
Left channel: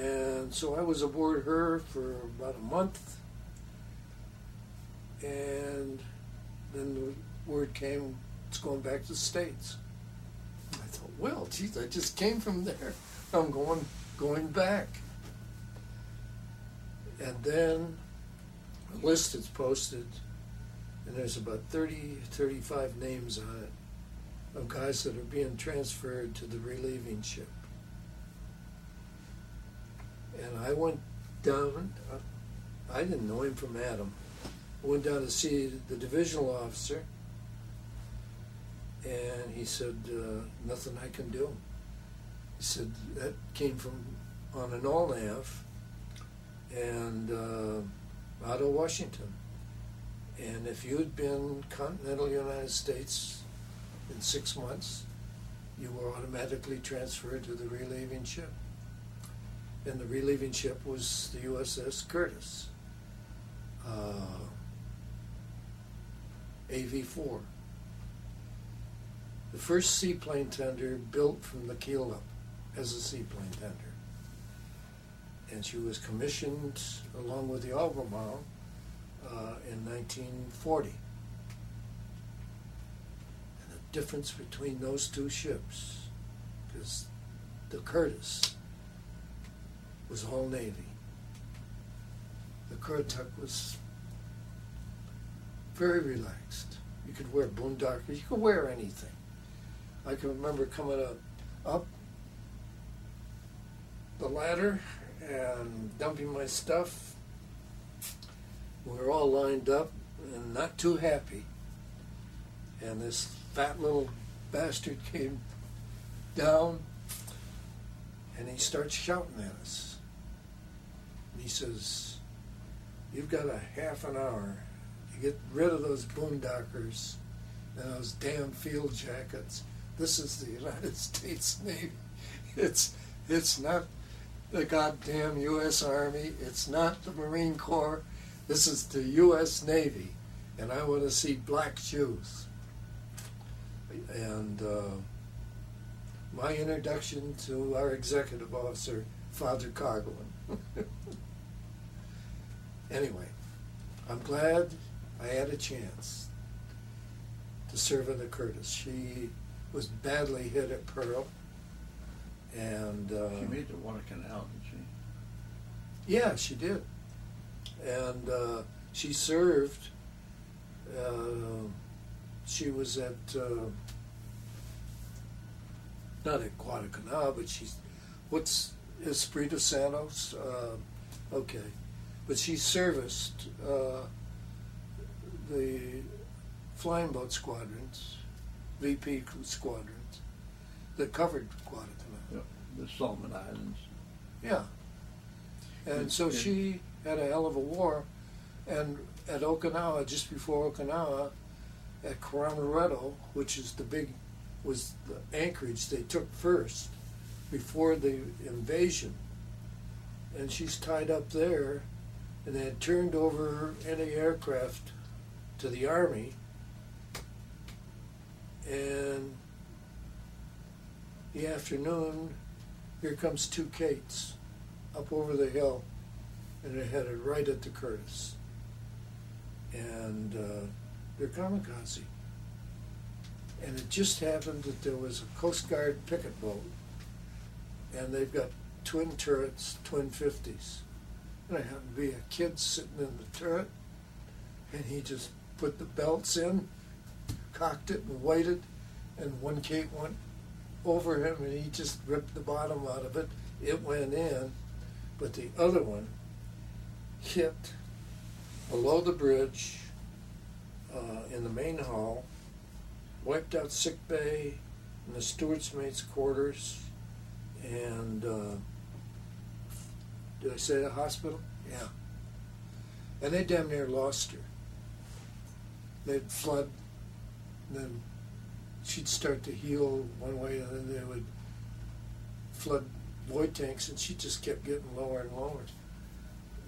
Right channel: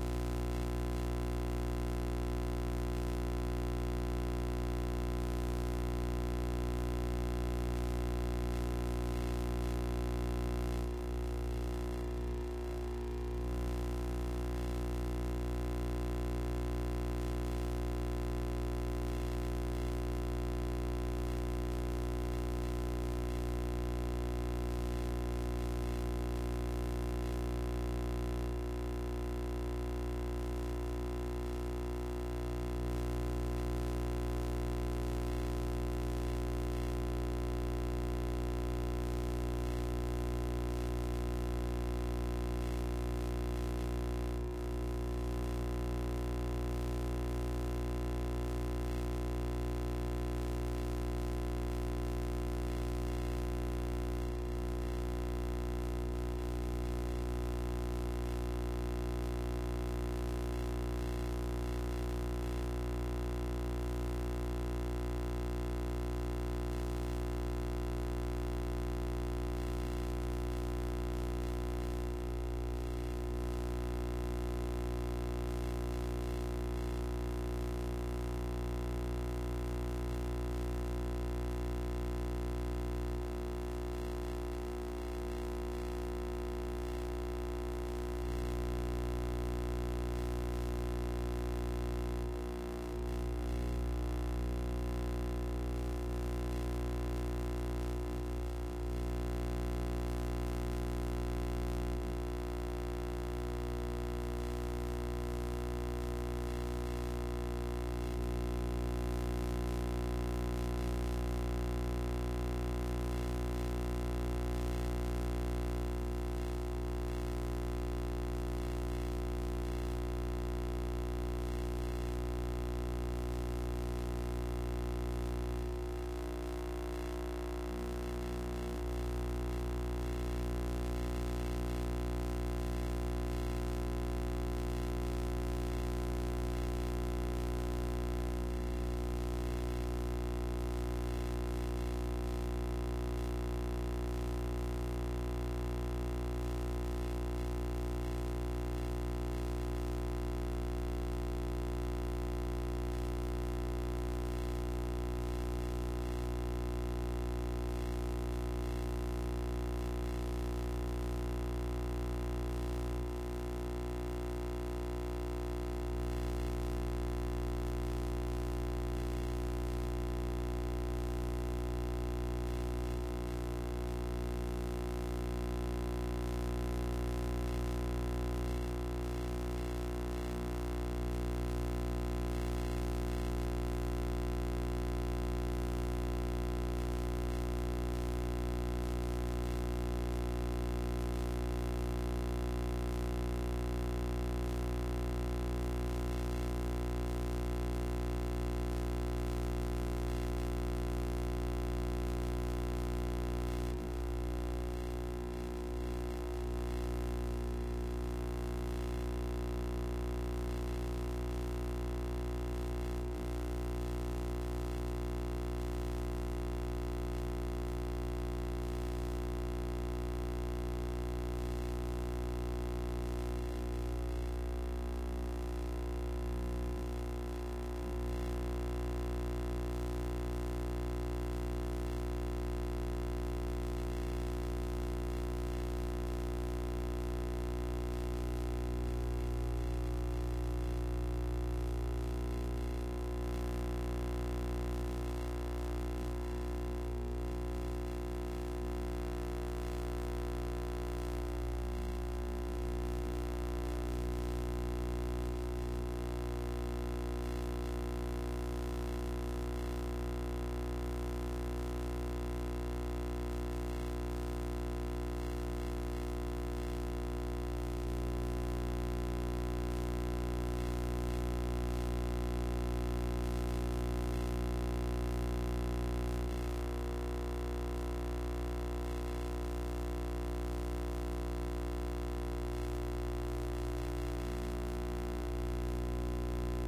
And so I was aboard her for about a month, and then the word came, it's going back to the States. I thought, well, geez, I just came from there. I'm going back. And then a list is posted, and there's about 35 names on it of guys that are being transferred to the relieving ship. And I went down, I didn't know him from Adam. I went down to see the divisional officer, and he said, nothing I can do. He said, that came from on an all-nav, and out of Washington. And if you'd been continental United States in 6 months, you were automatically transferred to the relieving ship. And the relieving ship was the USS Curtis, AV-4. The first seaplane tender built from the keel up as a seaplane tender. And she was commissioned along with the Albemarle in 1940. The difference between those two ships is the Curtis was all Navy. The Currituck was very relaxed. You could wear boondockers, you could wear anything. I can remember coming up the ladder and dumping my stuff. We were all lined up and not too happy. And this fat little bastard came down and he starts shouting at us. He says, you've got a half an hour to get rid of those boondockers and those damn field jackets. This is the United States Navy. It's not the goddamn U.S. Army. It's not the Marine Corps. This is the U.S. Navy, and I want to see black shoes. And my introduction to our executive officer, Father Cargill. Anyway, I'm glad I had a chance to serve in the Curtis. She was badly hit at Pearl, and She made the Water Canal, didn't yeah, she did. And she served, she was at, not at Guadalcanal, but what's Espiritu Santos? Okay. But she serviced the flying boat squadrons, VP squadrons, that covered Guadalcanal. she? The Solomon Islands. Yeah. And so she had a hell of a war, and at Okinawa, just before Okinawa, at Kuramaretto, which is was the anchorage they took first before the invasion, and she's tied up there, and they had turned over any aircraft to the Army, and the afternoon, here comes two Kates up over the hill, and they're headed right at the Curtis, and they're kamikaze. And it just happened that there was a Coast Guard picket boat, and they've got twin turrets, twin 50s. And there happened to be a kid sitting in the turret, and he just put the belts in, cocked it and waited, and one Kate went over him and he just ripped the bottom out of it. It went in, but the other one hit below the bridge in the main hall, wiped out sick bay, and the steward's mate's quarters, and did I say the hospital? Yeah. And they damn near lost her. They'd flood, and then she'd start to heal one way, and then they would flood void tanks, and she just kept getting lower and lower.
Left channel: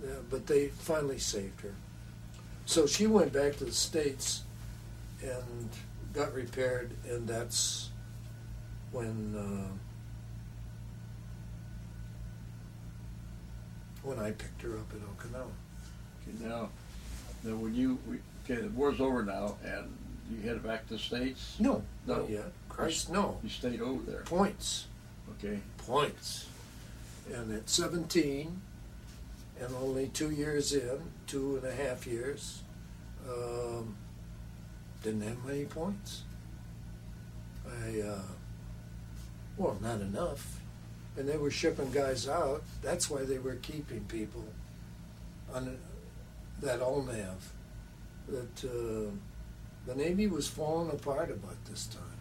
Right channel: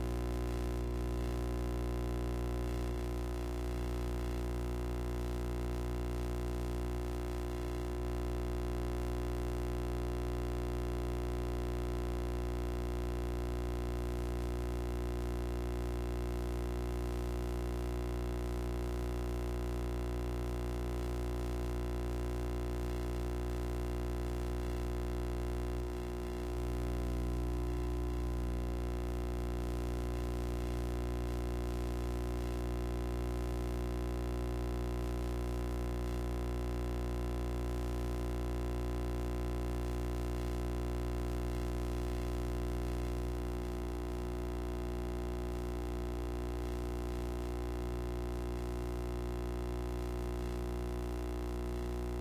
Yeah, but they finally saved her. So she went back to the States and got repaired, and that's when I picked her up in Okinawa. Now when you, okay, the war's over now, and you headed back to the States? No, not yet. Christ, no. You stayed over there? Points. Okay. Points. And at 17, and only 2 years in, 2.5 years, didn't have many points. Well, not enough. And they were shipping guys out. That's why they were keeping people on that ONAV. That the Navy was falling apart about this time.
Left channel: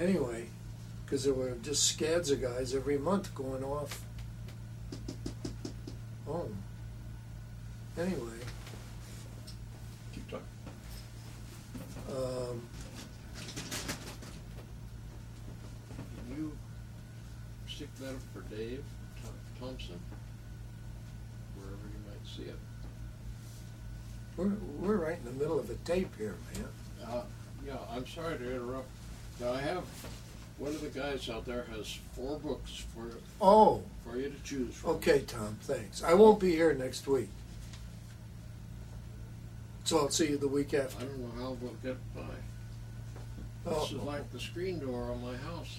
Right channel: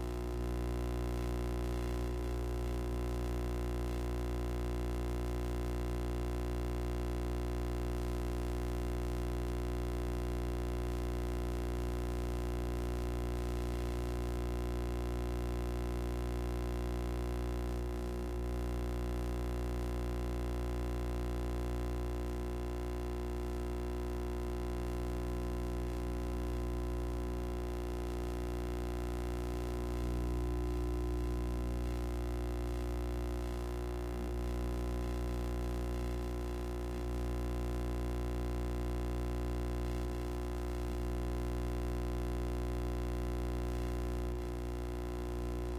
Anyway, because there were just scads of guys every month going off home. Anyway. Keep talking. You stick that for Dave Thompson? Let's see it. We're right in the middle of a tape here, man. Yeah, I'm sorry to interrupt. Now, I have, one of the guys out there has 4 books Oh, for you to choose from. okay, Tom, thanks. I won't be here next week. So I'll see you the week I after. don't know how we'll get by. Oh. This is like the screen door on my house,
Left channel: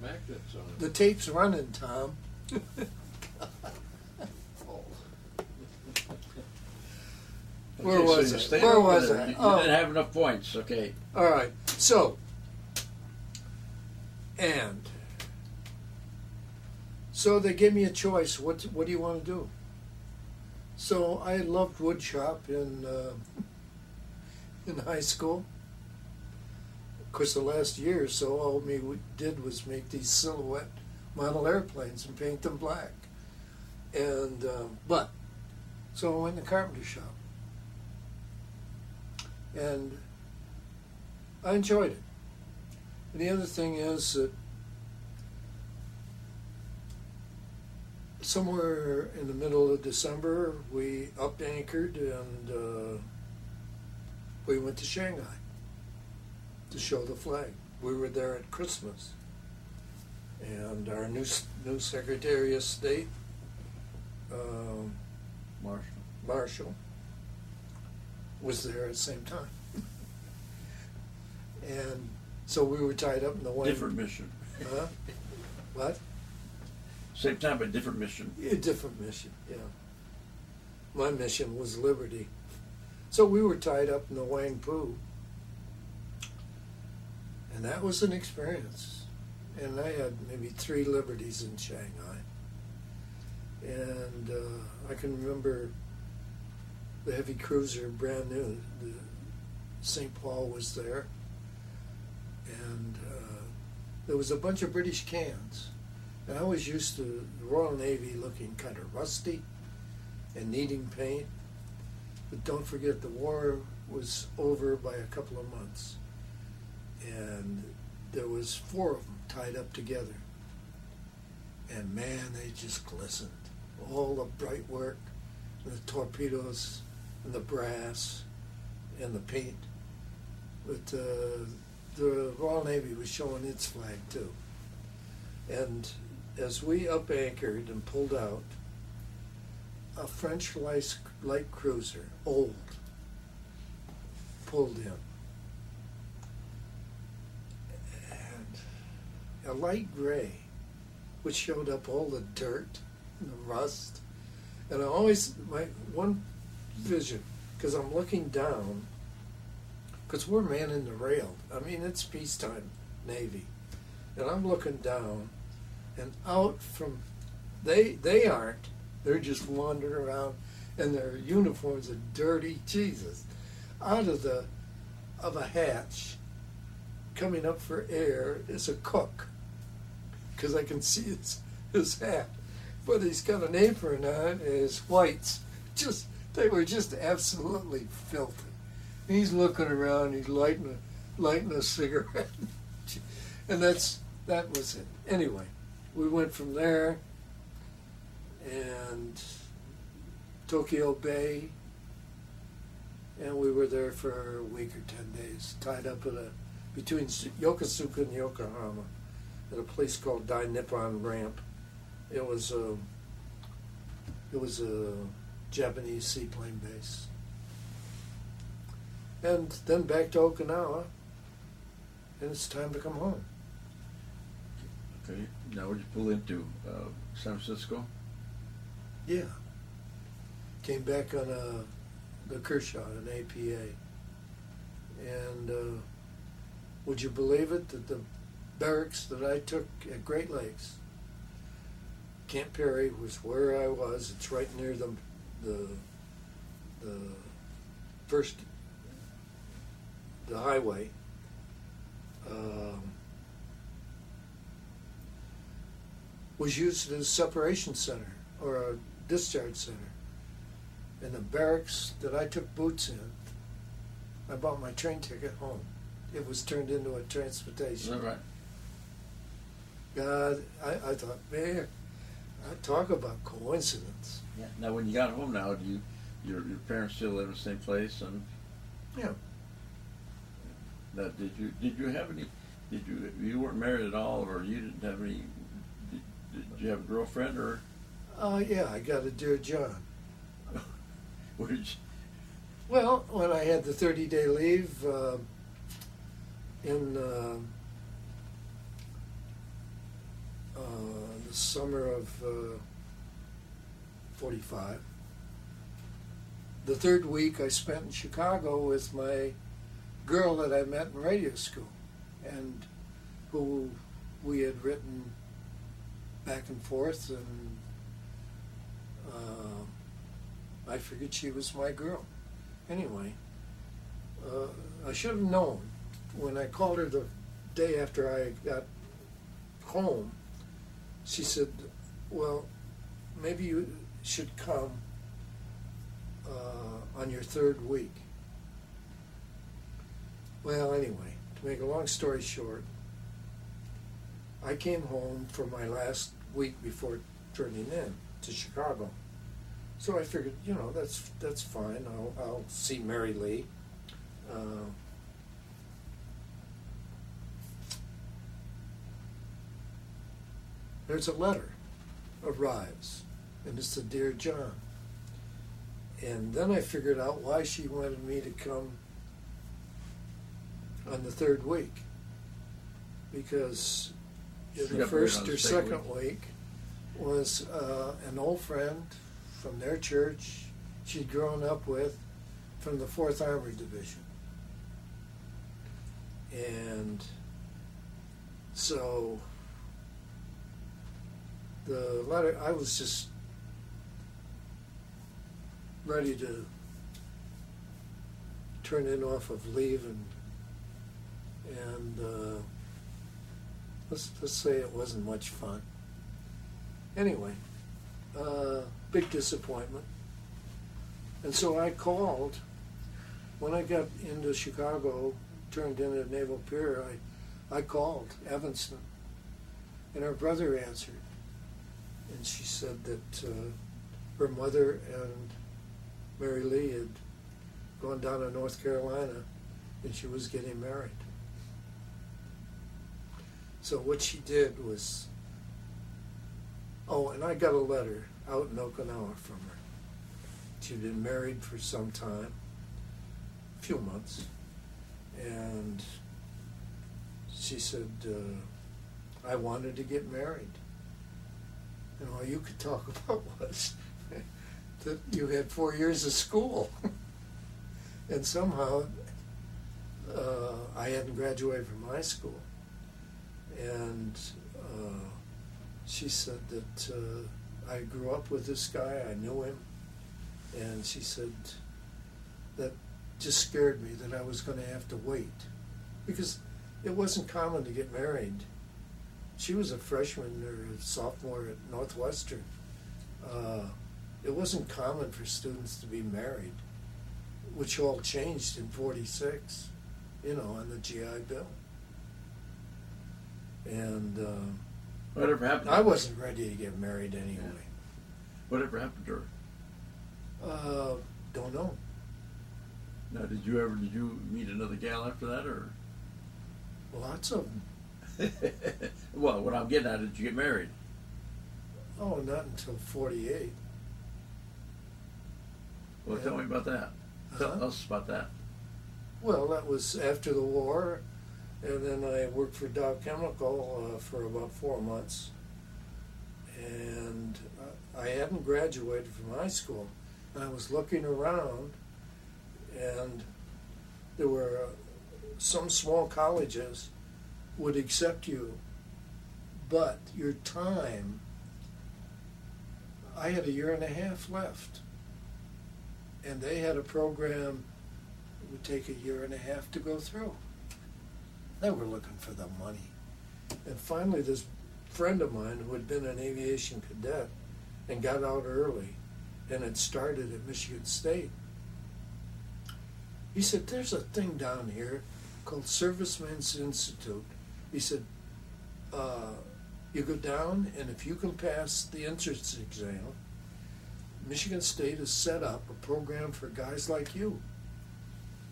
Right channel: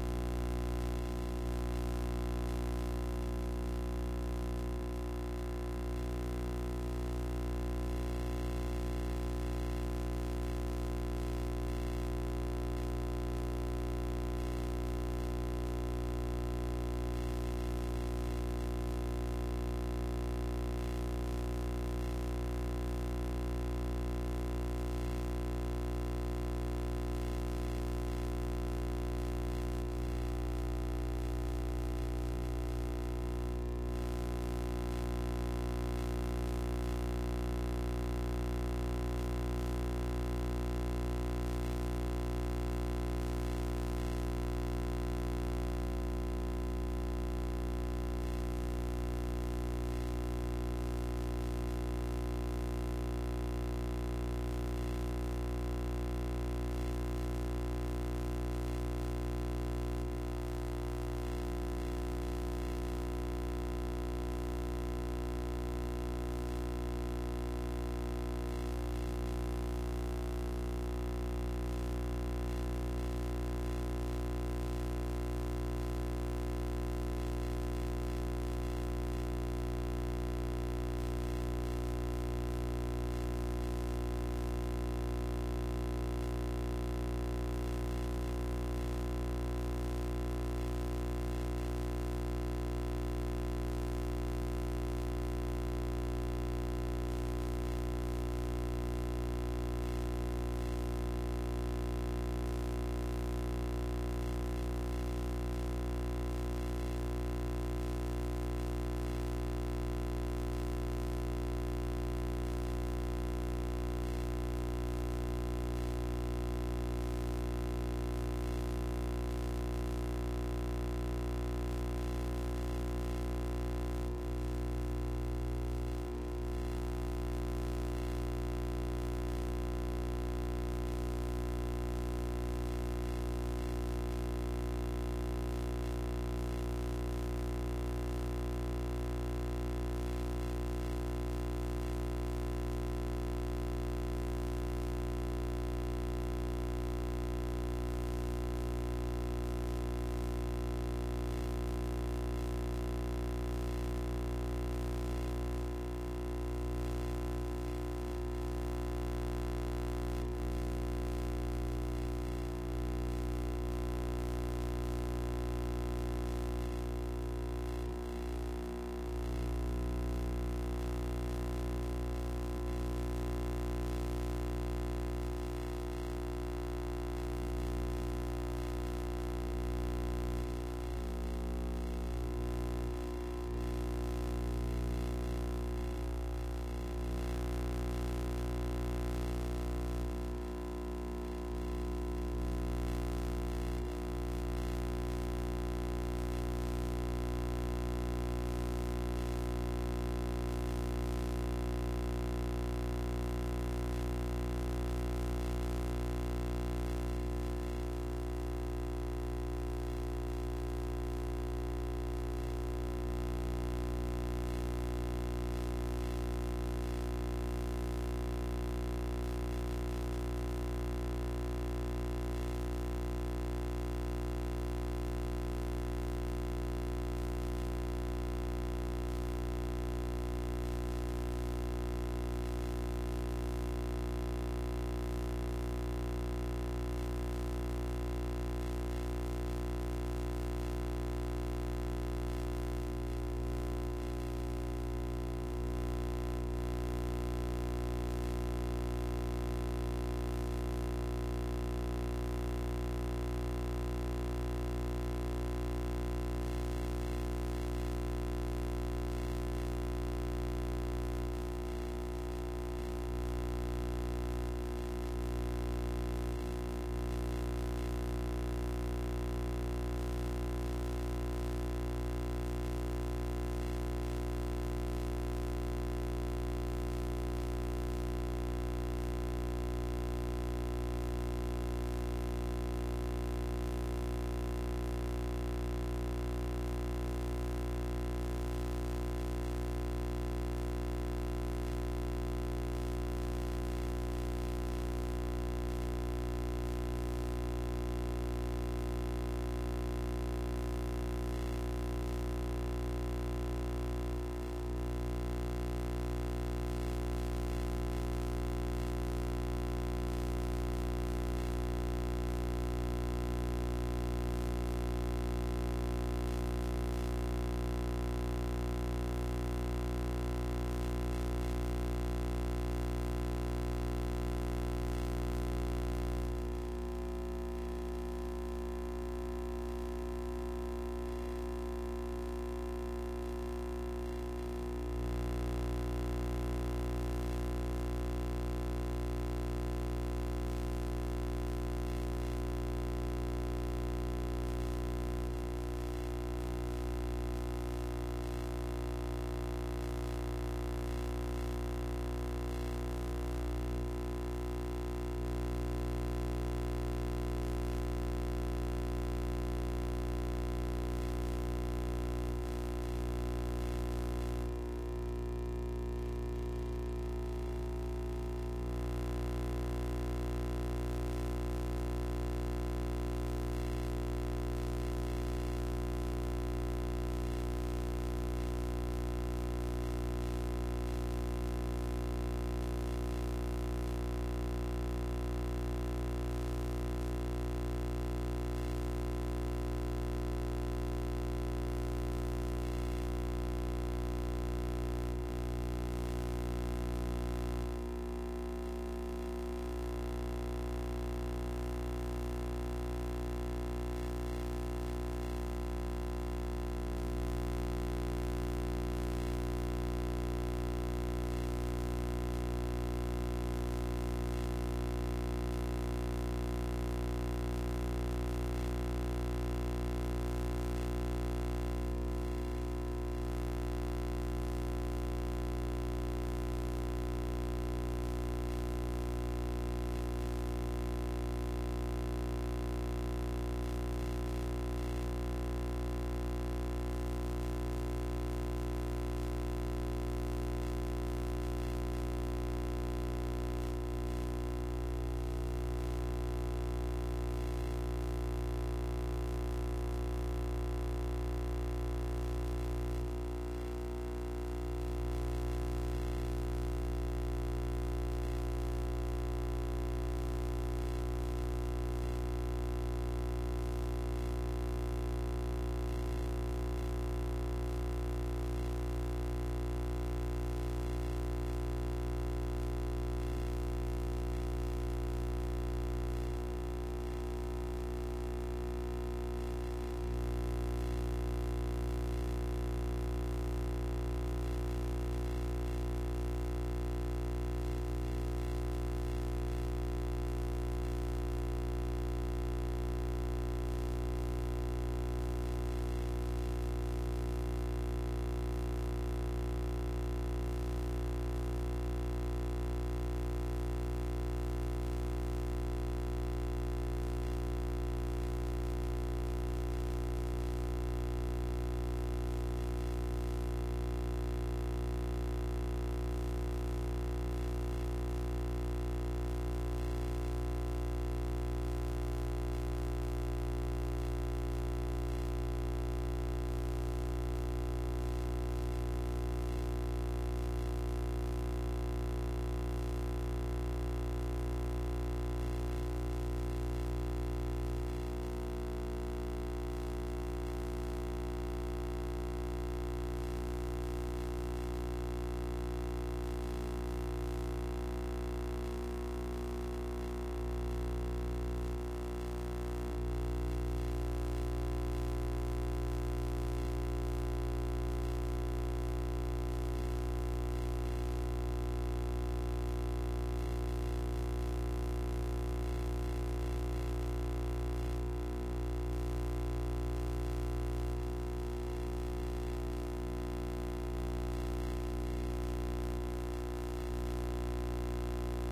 the magnets on The it. tape's running, Tom. Where Okay, so was you I? stayed Where over was there. I? You Oh. didn't have enough points, okay. All right, so, and, so they gave me a choice, what do you want to do? So I loved woodshop in high school. Of course, the last year or so, all we did was make these silhouette model airplanes and paint them black. And, so I went in the carpentry shop. And I enjoyed it. The other thing is that somewhere in the middle of December, we up anchored and we went to Shanghai to show the flag. We were there at Christmas, and our new Secretary of State, Marshall, was there at the same time. And so we were tied up in the way. Different mission. Huh? What? Same time, but different mission. A different mission, yeah. My mission was liberty. So we were tied up in the Wangpu. And that was an experience. And I had maybe 3 liberties in Shanghai. And I can remember the heavy cruiser, brand new. St. Paul was there. And there was a bunch of British cans. And I was used to Royal Navy looking kind of rusty and needing paint. But don't forget, the war was over by a couple of months. And there was 4 of them tied up together. And man, they just glistened. all the bright work, the torpedoes, and the brass, and the paint. But the Royal Navy was showing its flag too. And as we up anchored and pulled out, a French light cruiser, old, pulled in. And a light gray, which showed up all the dirt and rust. And I always, my one vision, because I'm looking down, because we're manning the rail. I mean, it's peacetime Navy. And I'm looking down, and out from, they aren't, they're just wandering around, and their uniforms are dirty, Jesus. Out of a hatch, coming up for air, is a cook, because I can see his hat, but he's got an apron on and his whites. They were just absolutely filthy. He's looking around, he's lighting a cigarette, and that was it. Anyway, we went from there, and Tokyo Bay, and we were there for a week or 10 days, tied up between Yokosuka and Yokohama, at a place called Dai Nippon Ramp. It was a Japanese seaplane base. And then back to Okinawa, and it's time to come home. Okay. Now would you pull into San Francisco? Yeah. Came back on the Kershaw, an APA. And would you believe it that the barracks that I took at Great Lakes, Camp Perry was where I was. It's right near the highway. Was used as a separation center or a discharge center. And the barracks that I took boots in, I bought my train ticket home. It was turned into a transportation. Is that right? God, I thought, man, I talk about coincidence. Now, when you got home now, your parents still live in the same place, and Yeah. that did you have any? You weren't married at all, or you didn't have any? Did you have a girlfriend, or? Yeah, I got a Dear John. Where did you? Well, when I had the 30-day leave in the summer of 45, the third week I spent in Chicago with my girl that I met in radio school, and who we had written back and forth, and I figured she was my girl. Anyway, I should have known when I called her the day after I got home. She said, well, maybe you should come on your third week. Well, anyway, to make a long story short, I came home for my last week before turning in to Chicago. So I figured, that's fine. I'll see Mary Lee. There's a letter arrives, and it's the Dear John. And then I figured out why she wanted me to come on the third week. Because in the first or second week was an old friend from their church she'd grown up with from the 4th Armored Division. And so the letter, I was just ready to turn in off of leave, and let's say it wasn't much fun. Anyway, big disappointment. And so I called, when I got into Chicago, turned in at Naval Pier, I called Evanston, and her brother answered. And she said that her mother and Mary Lee had gone down to North Carolina and she was getting married. So what she did was, and I got a letter out in Okinawa from her. She'd been married for some time, a few months, and she said, I wanted to get married. And all you could talk about was that you had 4 years of school. And somehow, I hadn't graduated from high school. And she said that I grew up with this guy, I knew him. And she said that just scared me that I was going to have to wait. Because it wasn't common to get married. She was a freshman or a sophomore at Northwestern. It wasn't common for students to be married, which all changed in '46, on the GI Bill. And Whatever happened? I wasn't ready to get married anyway. Whatever happened to her? Don't know. Now, did you meet another gal after that, or? Lots of them. Well, what I'm getting at, did you get married? Oh, not until 48. Well, tell me about that. Tell us about that. Well, that was after the war, and then I worked for Dow Chemical for about 4 months. And I hadn't graduated from high school. I was looking around, and there were some small colleges would accept you, but your time, I had 1.5 years left. And they had a program that would take 1.5 years to go through. They were looking for the money. And finally, this friend of mine who had been an aviation cadet and got out early and had started at Michigan State, he said, there's a thing down here called Servicemen's Institute. He said, you go down, and if you can pass the entrance exam, Michigan State has set up a program for guys like you.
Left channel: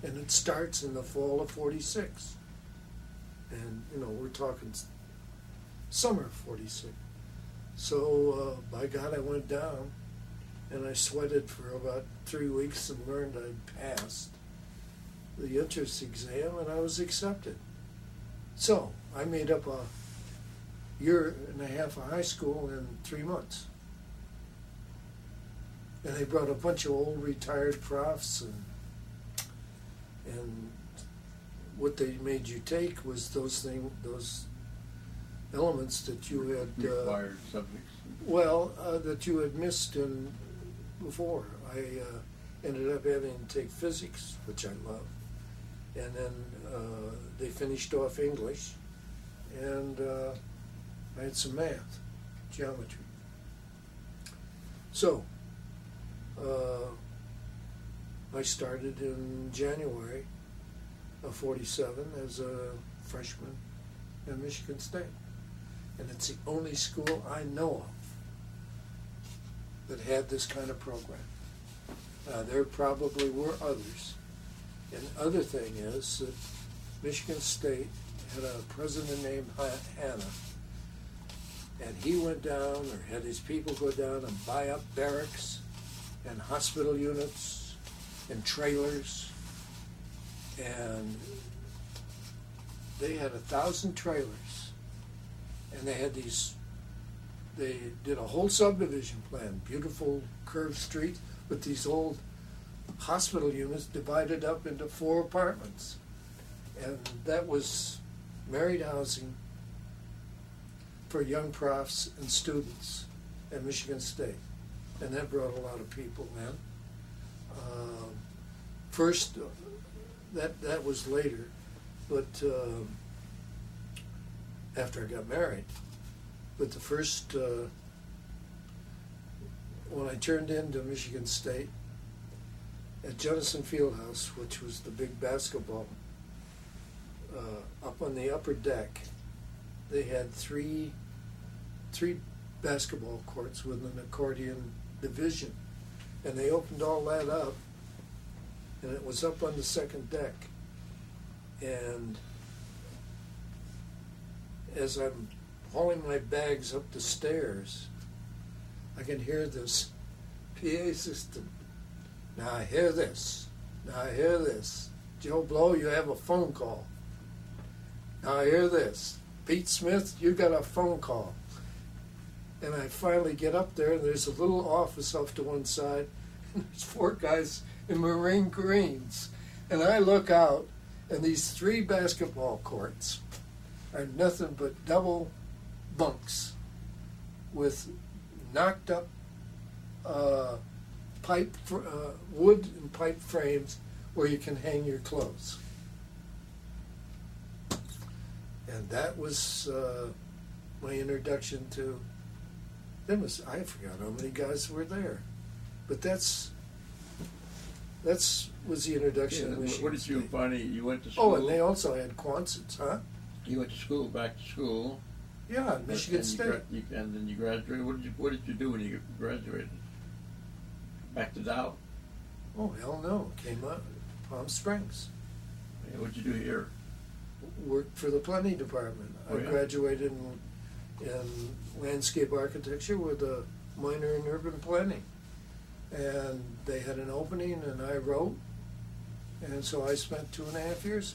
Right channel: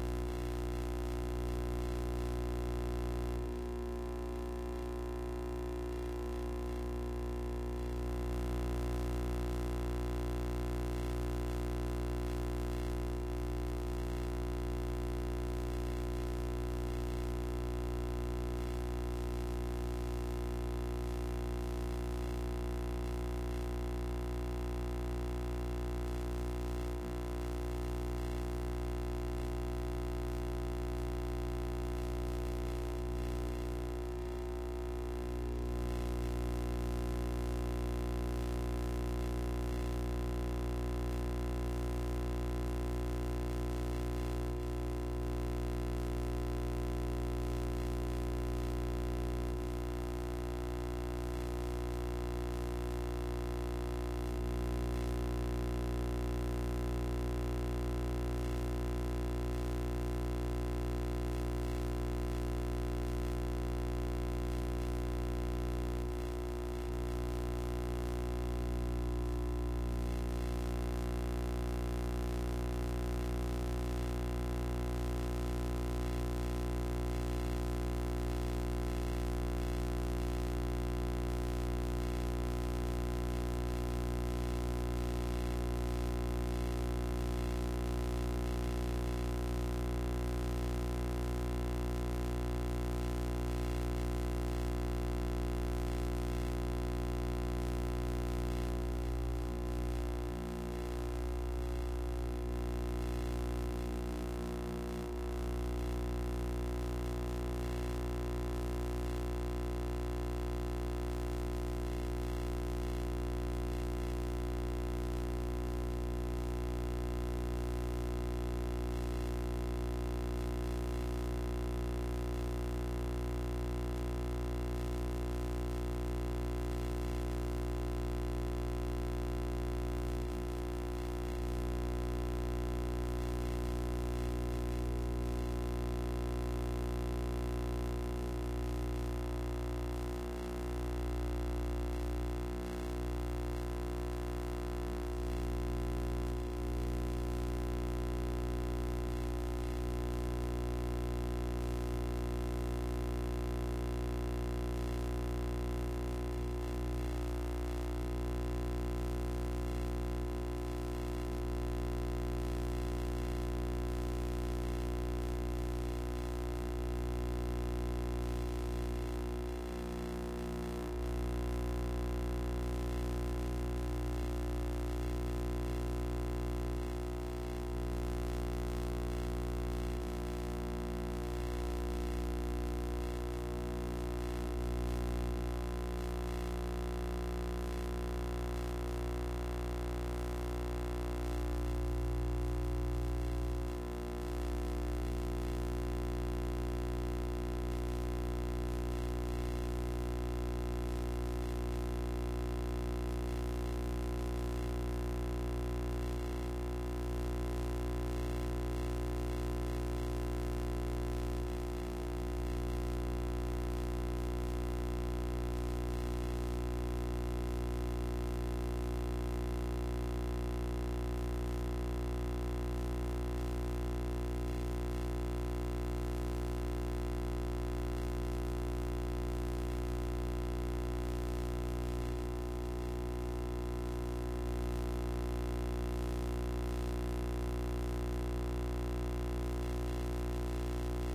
And it starts in the fall of '46. And, we're talking summer of '46. So, by God, I went down, and I sweated for about 3 weeks and learned I passed the entrance exam, and I was accepted. So, I made up 1.5 years of high school in 3 months. And they brought a bunch of old retired profs, and what they made you take was those elements that you had Required subjects. Well, that you had missed before. I ended up having to take physics, which I loved, and then they finished off English, and I had some math, geometry. So, I started in January of '47 as a freshman at Michigan State. And it's the only school I know of that had this kind of program. There probably were others. And the other thing is that Michigan State had a president named Hanna. And he went down, or had his people go down and buy up barracks and hospital units and trailers, and they had 1,000 trailers, and they did a whole subdivision plan, beautiful curved street with these old hospital units divided up into 4 apartments, and that was married housing for young profs and students at Michigan State, and that brought a lot of people in. First, that was later, but after I got married. But the first, when I turned into Michigan State, at Jennison Fieldhouse, which was the big basketball, up on the upper deck, they had three basketball courts with an accordion division. And they opened all that up, and it was up on the second deck. And as I'm hauling my bags up the stairs, I can hear this PA system. Now I hear this. Now I hear this. Joe Blow, you have a phone call. Now I hear this. Pete Smith, you got a phone call. And I finally get up there, and there's a little office off to one side. There's 4 guys in Marine Greens. And I look out, and these 3 basketball courts are nothing but double bunks with knocked up wood and pipe frames where you can hang your clothes. And that was my introduction to, I forgot how many guys were there. But that's was the introduction. Yeah, what did you find? You went to school? Oh, and they also had Quonsons, huh? You went to school, back to school. Yeah, Michigan State. And then you graduated. What did you do when you graduated? Back to Dow. Oh, hell no. Came up Palm Springs. What did you do here? Worked for the planning department. Oh, I yeah. graduated in landscape architecture with a minor in urban planning. And they had an opening, and I wrote. And so I spent 2.5 years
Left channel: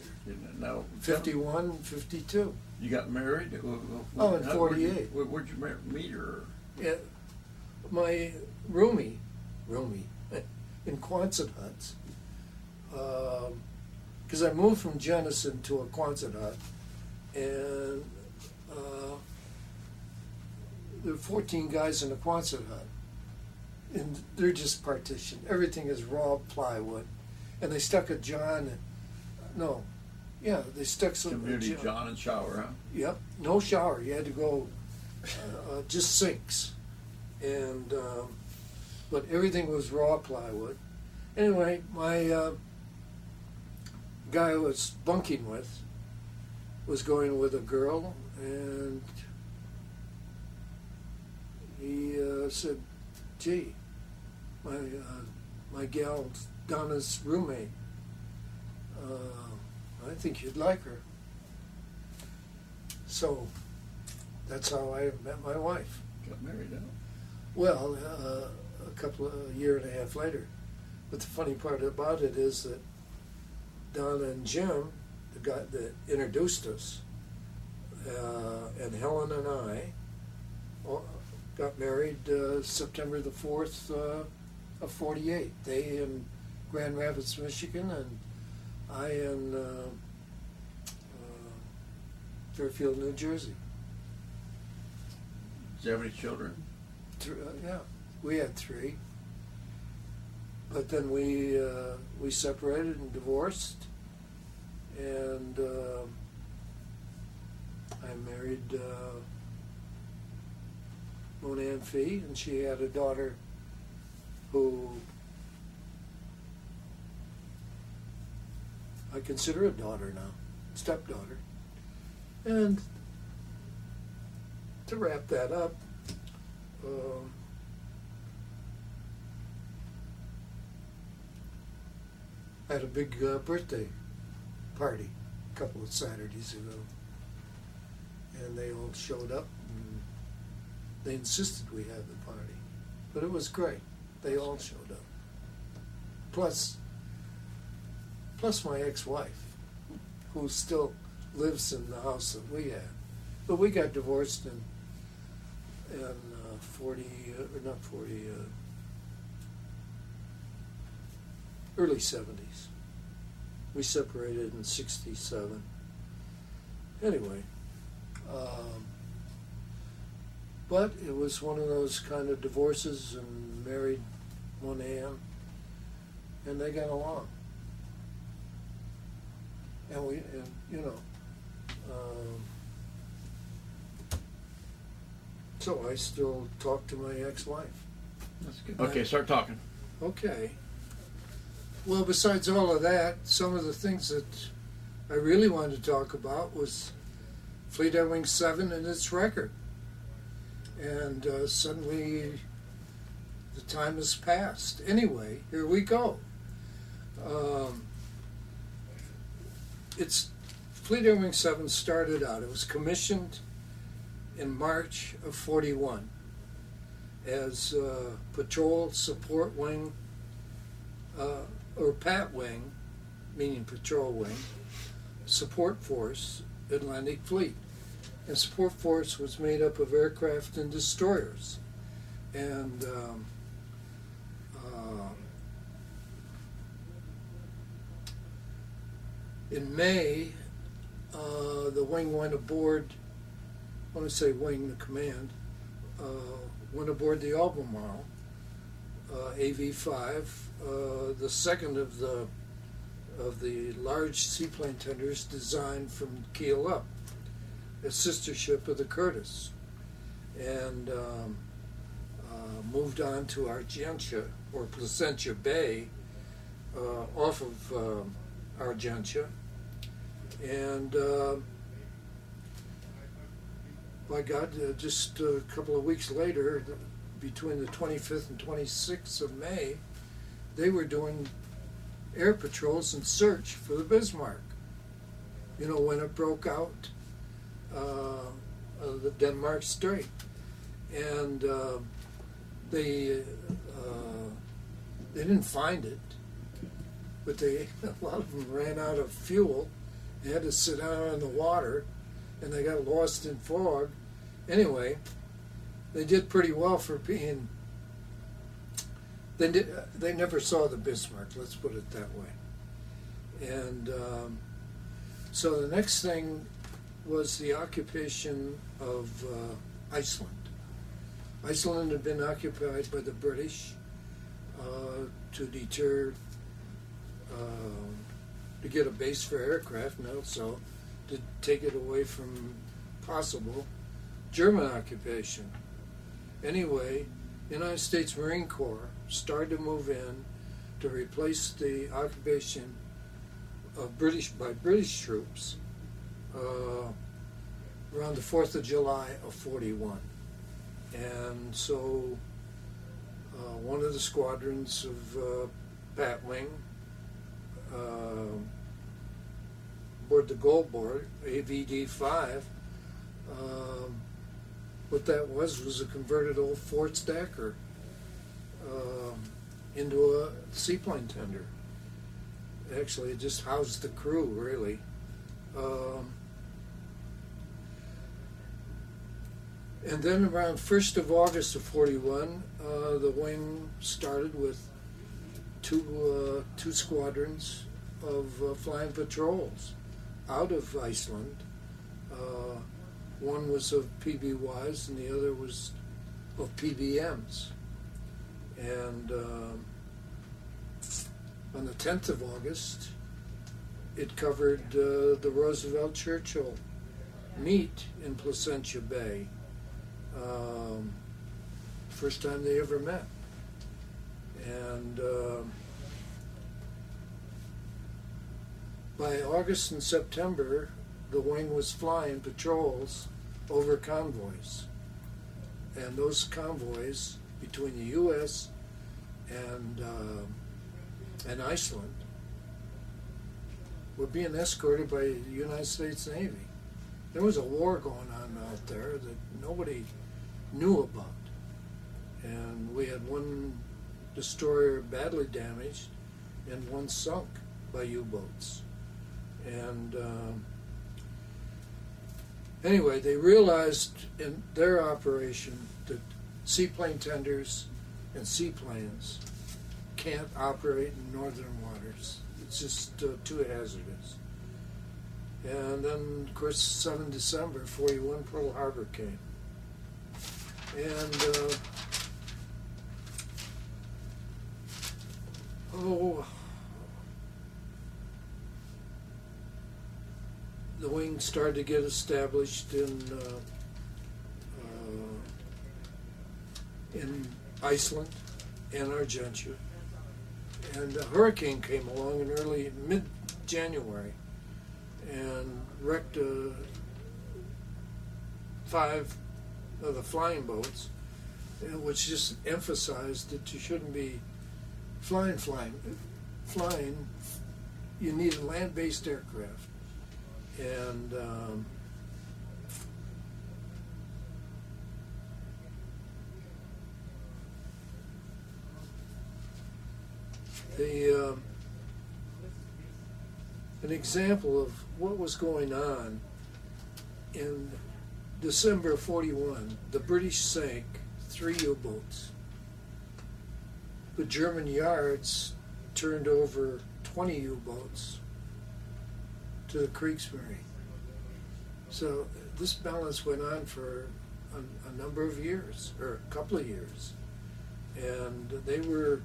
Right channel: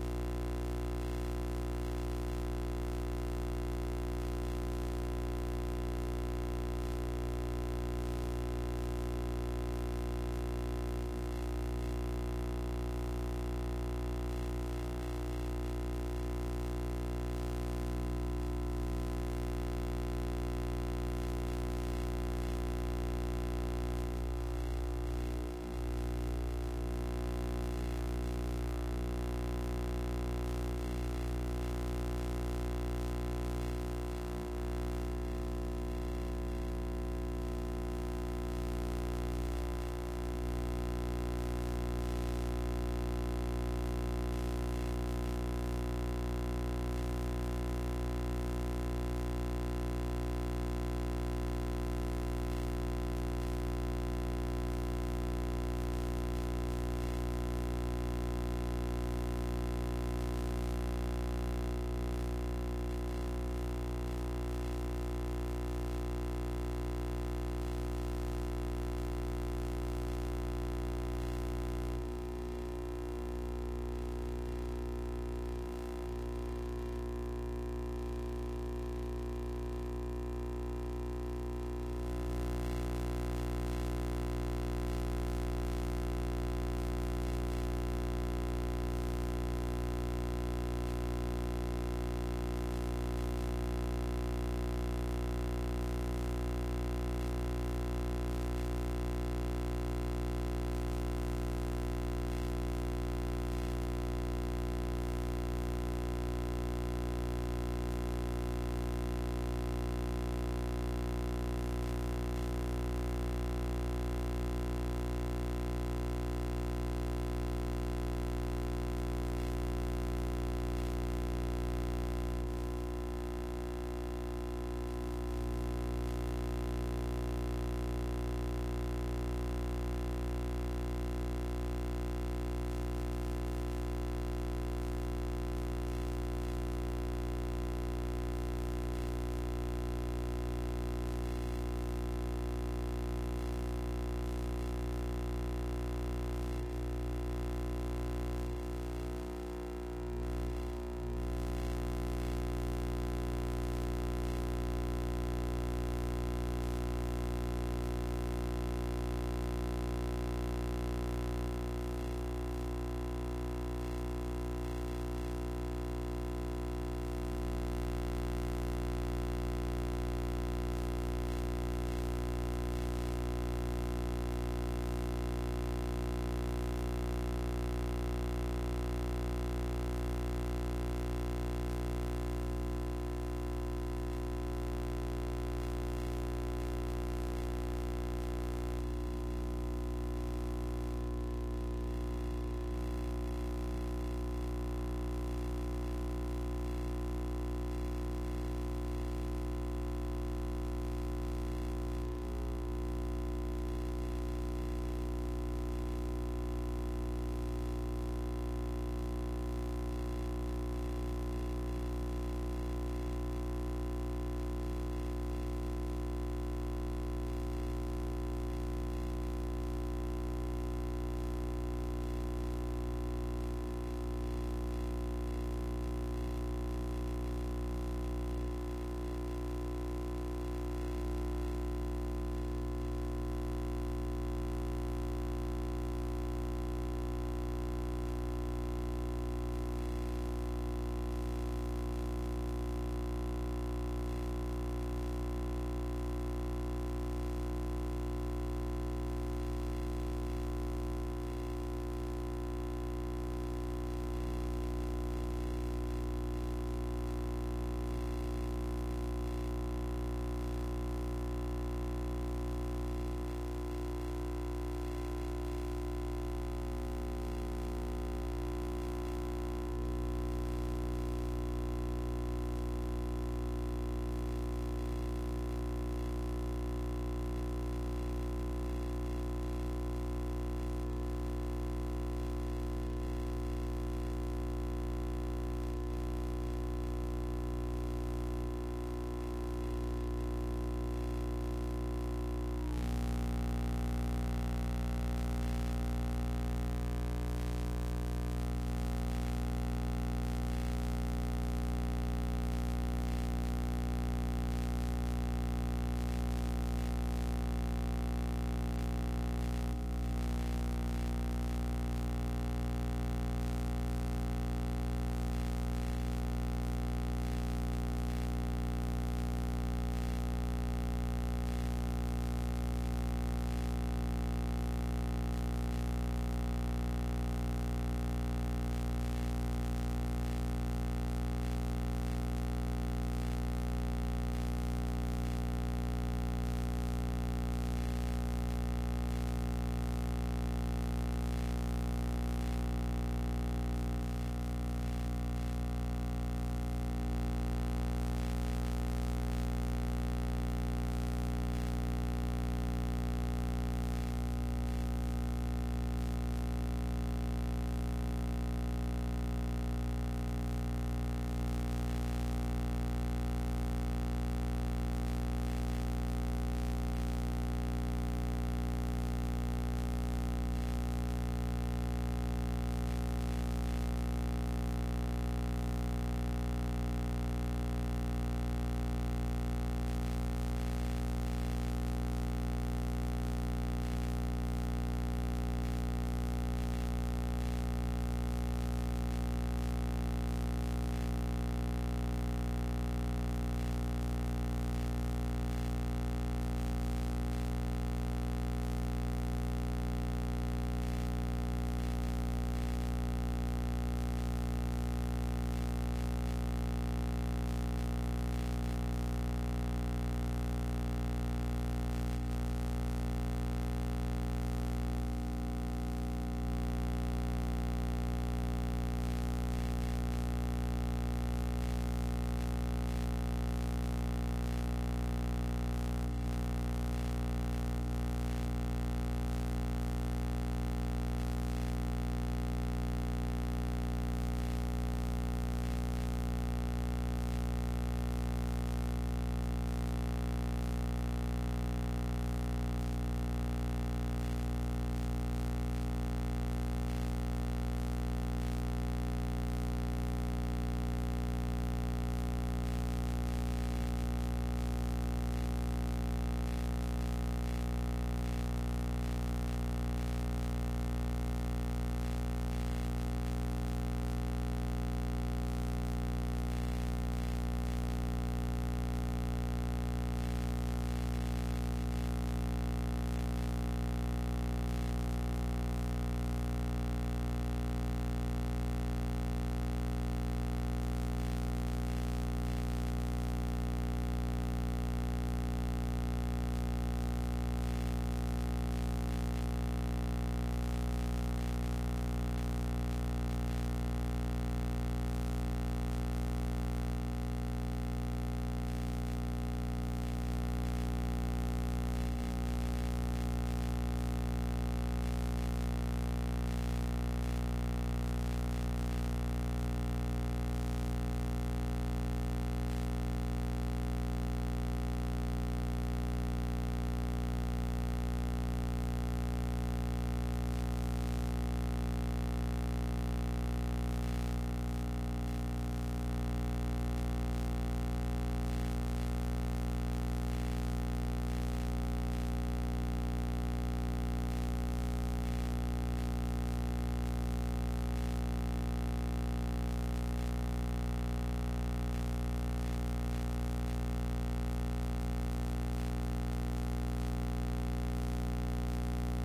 there. No. 51, 52. You got married? Oh, in 48. Where'd you meet her? Yeah, my roomie in Quonset huts. Because I moved from Jenison to a Quonset hut, and there were 14 guys in a Quonset hut, and they're just partitioned. Everything is raw plywood, and they stuck they stuck some Community John and shower, huh? Yep, no shower. You had to go, just sinks, and but everything was raw plywood. Anyway, my guy I was bunking with was going with a girl, and he said, "Gee, my gal Donna's roommate. I think you'd like her." So that's how I met my wife. Well, a year and a half later. But the funny part about it is that Donna and Jim introduced us, and Helen and I got married September the 4th of 48. They in Grand Rapids, Michigan, and I in Fairfield, New Jersey. Did you have any children? Yeah, we had 3. But then we separated and divorced, and I married Monan Fee, and she had a daughter who I consider a daughter now, stepdaughter. And to wrap that up, had a big birthday party a couple of Saturdays ago, and they all showed up. They insisted we had the party, but it was great. They all showed up. Plus my ex-wife, who still lives in the house that we had, but we got divorced in early 70s. We separated in 67. Anyway, but it was one of those kind of divorces, and married Monan, and they got along. And we, so I still talk to my ex-wife. That's good. Okay, start talking. Okay. Well, besides all of that, some of the things that I really wanted to talk about was Fleet Air Wing 7 and its record. And suddenly the time has passed. Anyway, here we go. It's Fleet Air Wing 7 started out. It was commissioned in March of 41 as Patrol Support Wing, or PAT Wing, meaning Patrol Wing, Support Force, Atlantic Fleet. And Support Force was made up of aircraft and destroyers. And in May, the wing went aboard, when I say wing, the command, went aboard the Albemarle, AV-5, the second of the large seaplane tenders designed from keel up, a sister ship of the Curtis, and moved on to Argentia, or Placentia Bay, off of Argentia, and my God, just a couple of weeks later, between the 25th and 26th of May, they were doing air patrols and search for the Bismarck. You know, when it broke out, the Denmark Strait, and they didn't find it, but a lot of them ran out of fuel. They had to sit out on the water, and they got lost in fog. Anyway, they did pretty well for being. They never saw the Bismarck. Let's put it that way. And so the next thing was the occupation of Iceland. Iceland had been occupied by the British to deter, to get a base for aircraft, and also to take it away from possible German occupation. Anyway, United States Marine Corps started to move in to replace the occupation of by British troops around the 4th of July of 41. And so one of the squadrons of Pat Wing aboard the Gold Board, AVD-5, what that was a converted old Ford Stacker into a seaplane tender. Actually, it just housed the crew, really. And then around 1st of August of 41, the wing started with two squadrons of flying patrols out of Iceland. One was of PBYs and the other was of PBMs. And on the 10th of August, it covered the Roosevelt Churchill meet in Placentia Bay. First time they ever met. And by August and September, the wing was flying patrols over convoys. And those convoys between the U.S. and Iceland were being escorted by the United States Navy. There was a war going on out there that nobody knew about. And we had one destroyer badly damaged and one sunk by U-boats. And anyway, they realized in their operation that seaplane tenders and seaplanes can't operate in northern waters. It's just too hazardous. And then, of course, 7 December 41, Pearl Harbor came. And the wing started to get established in Iceland and Argentia. And a hurricane came along in early mid-January and wrecked 5 of the flying boats which just emphasized that you shouldn't be flying. You need a land-based aircraft, and an example of what was going on in December of '41, the British sank 3 U-boats. The German yards turned over 20 U-boats to the Kriegsmarine. So this balance went on for a number of years, or a couple of years, and they were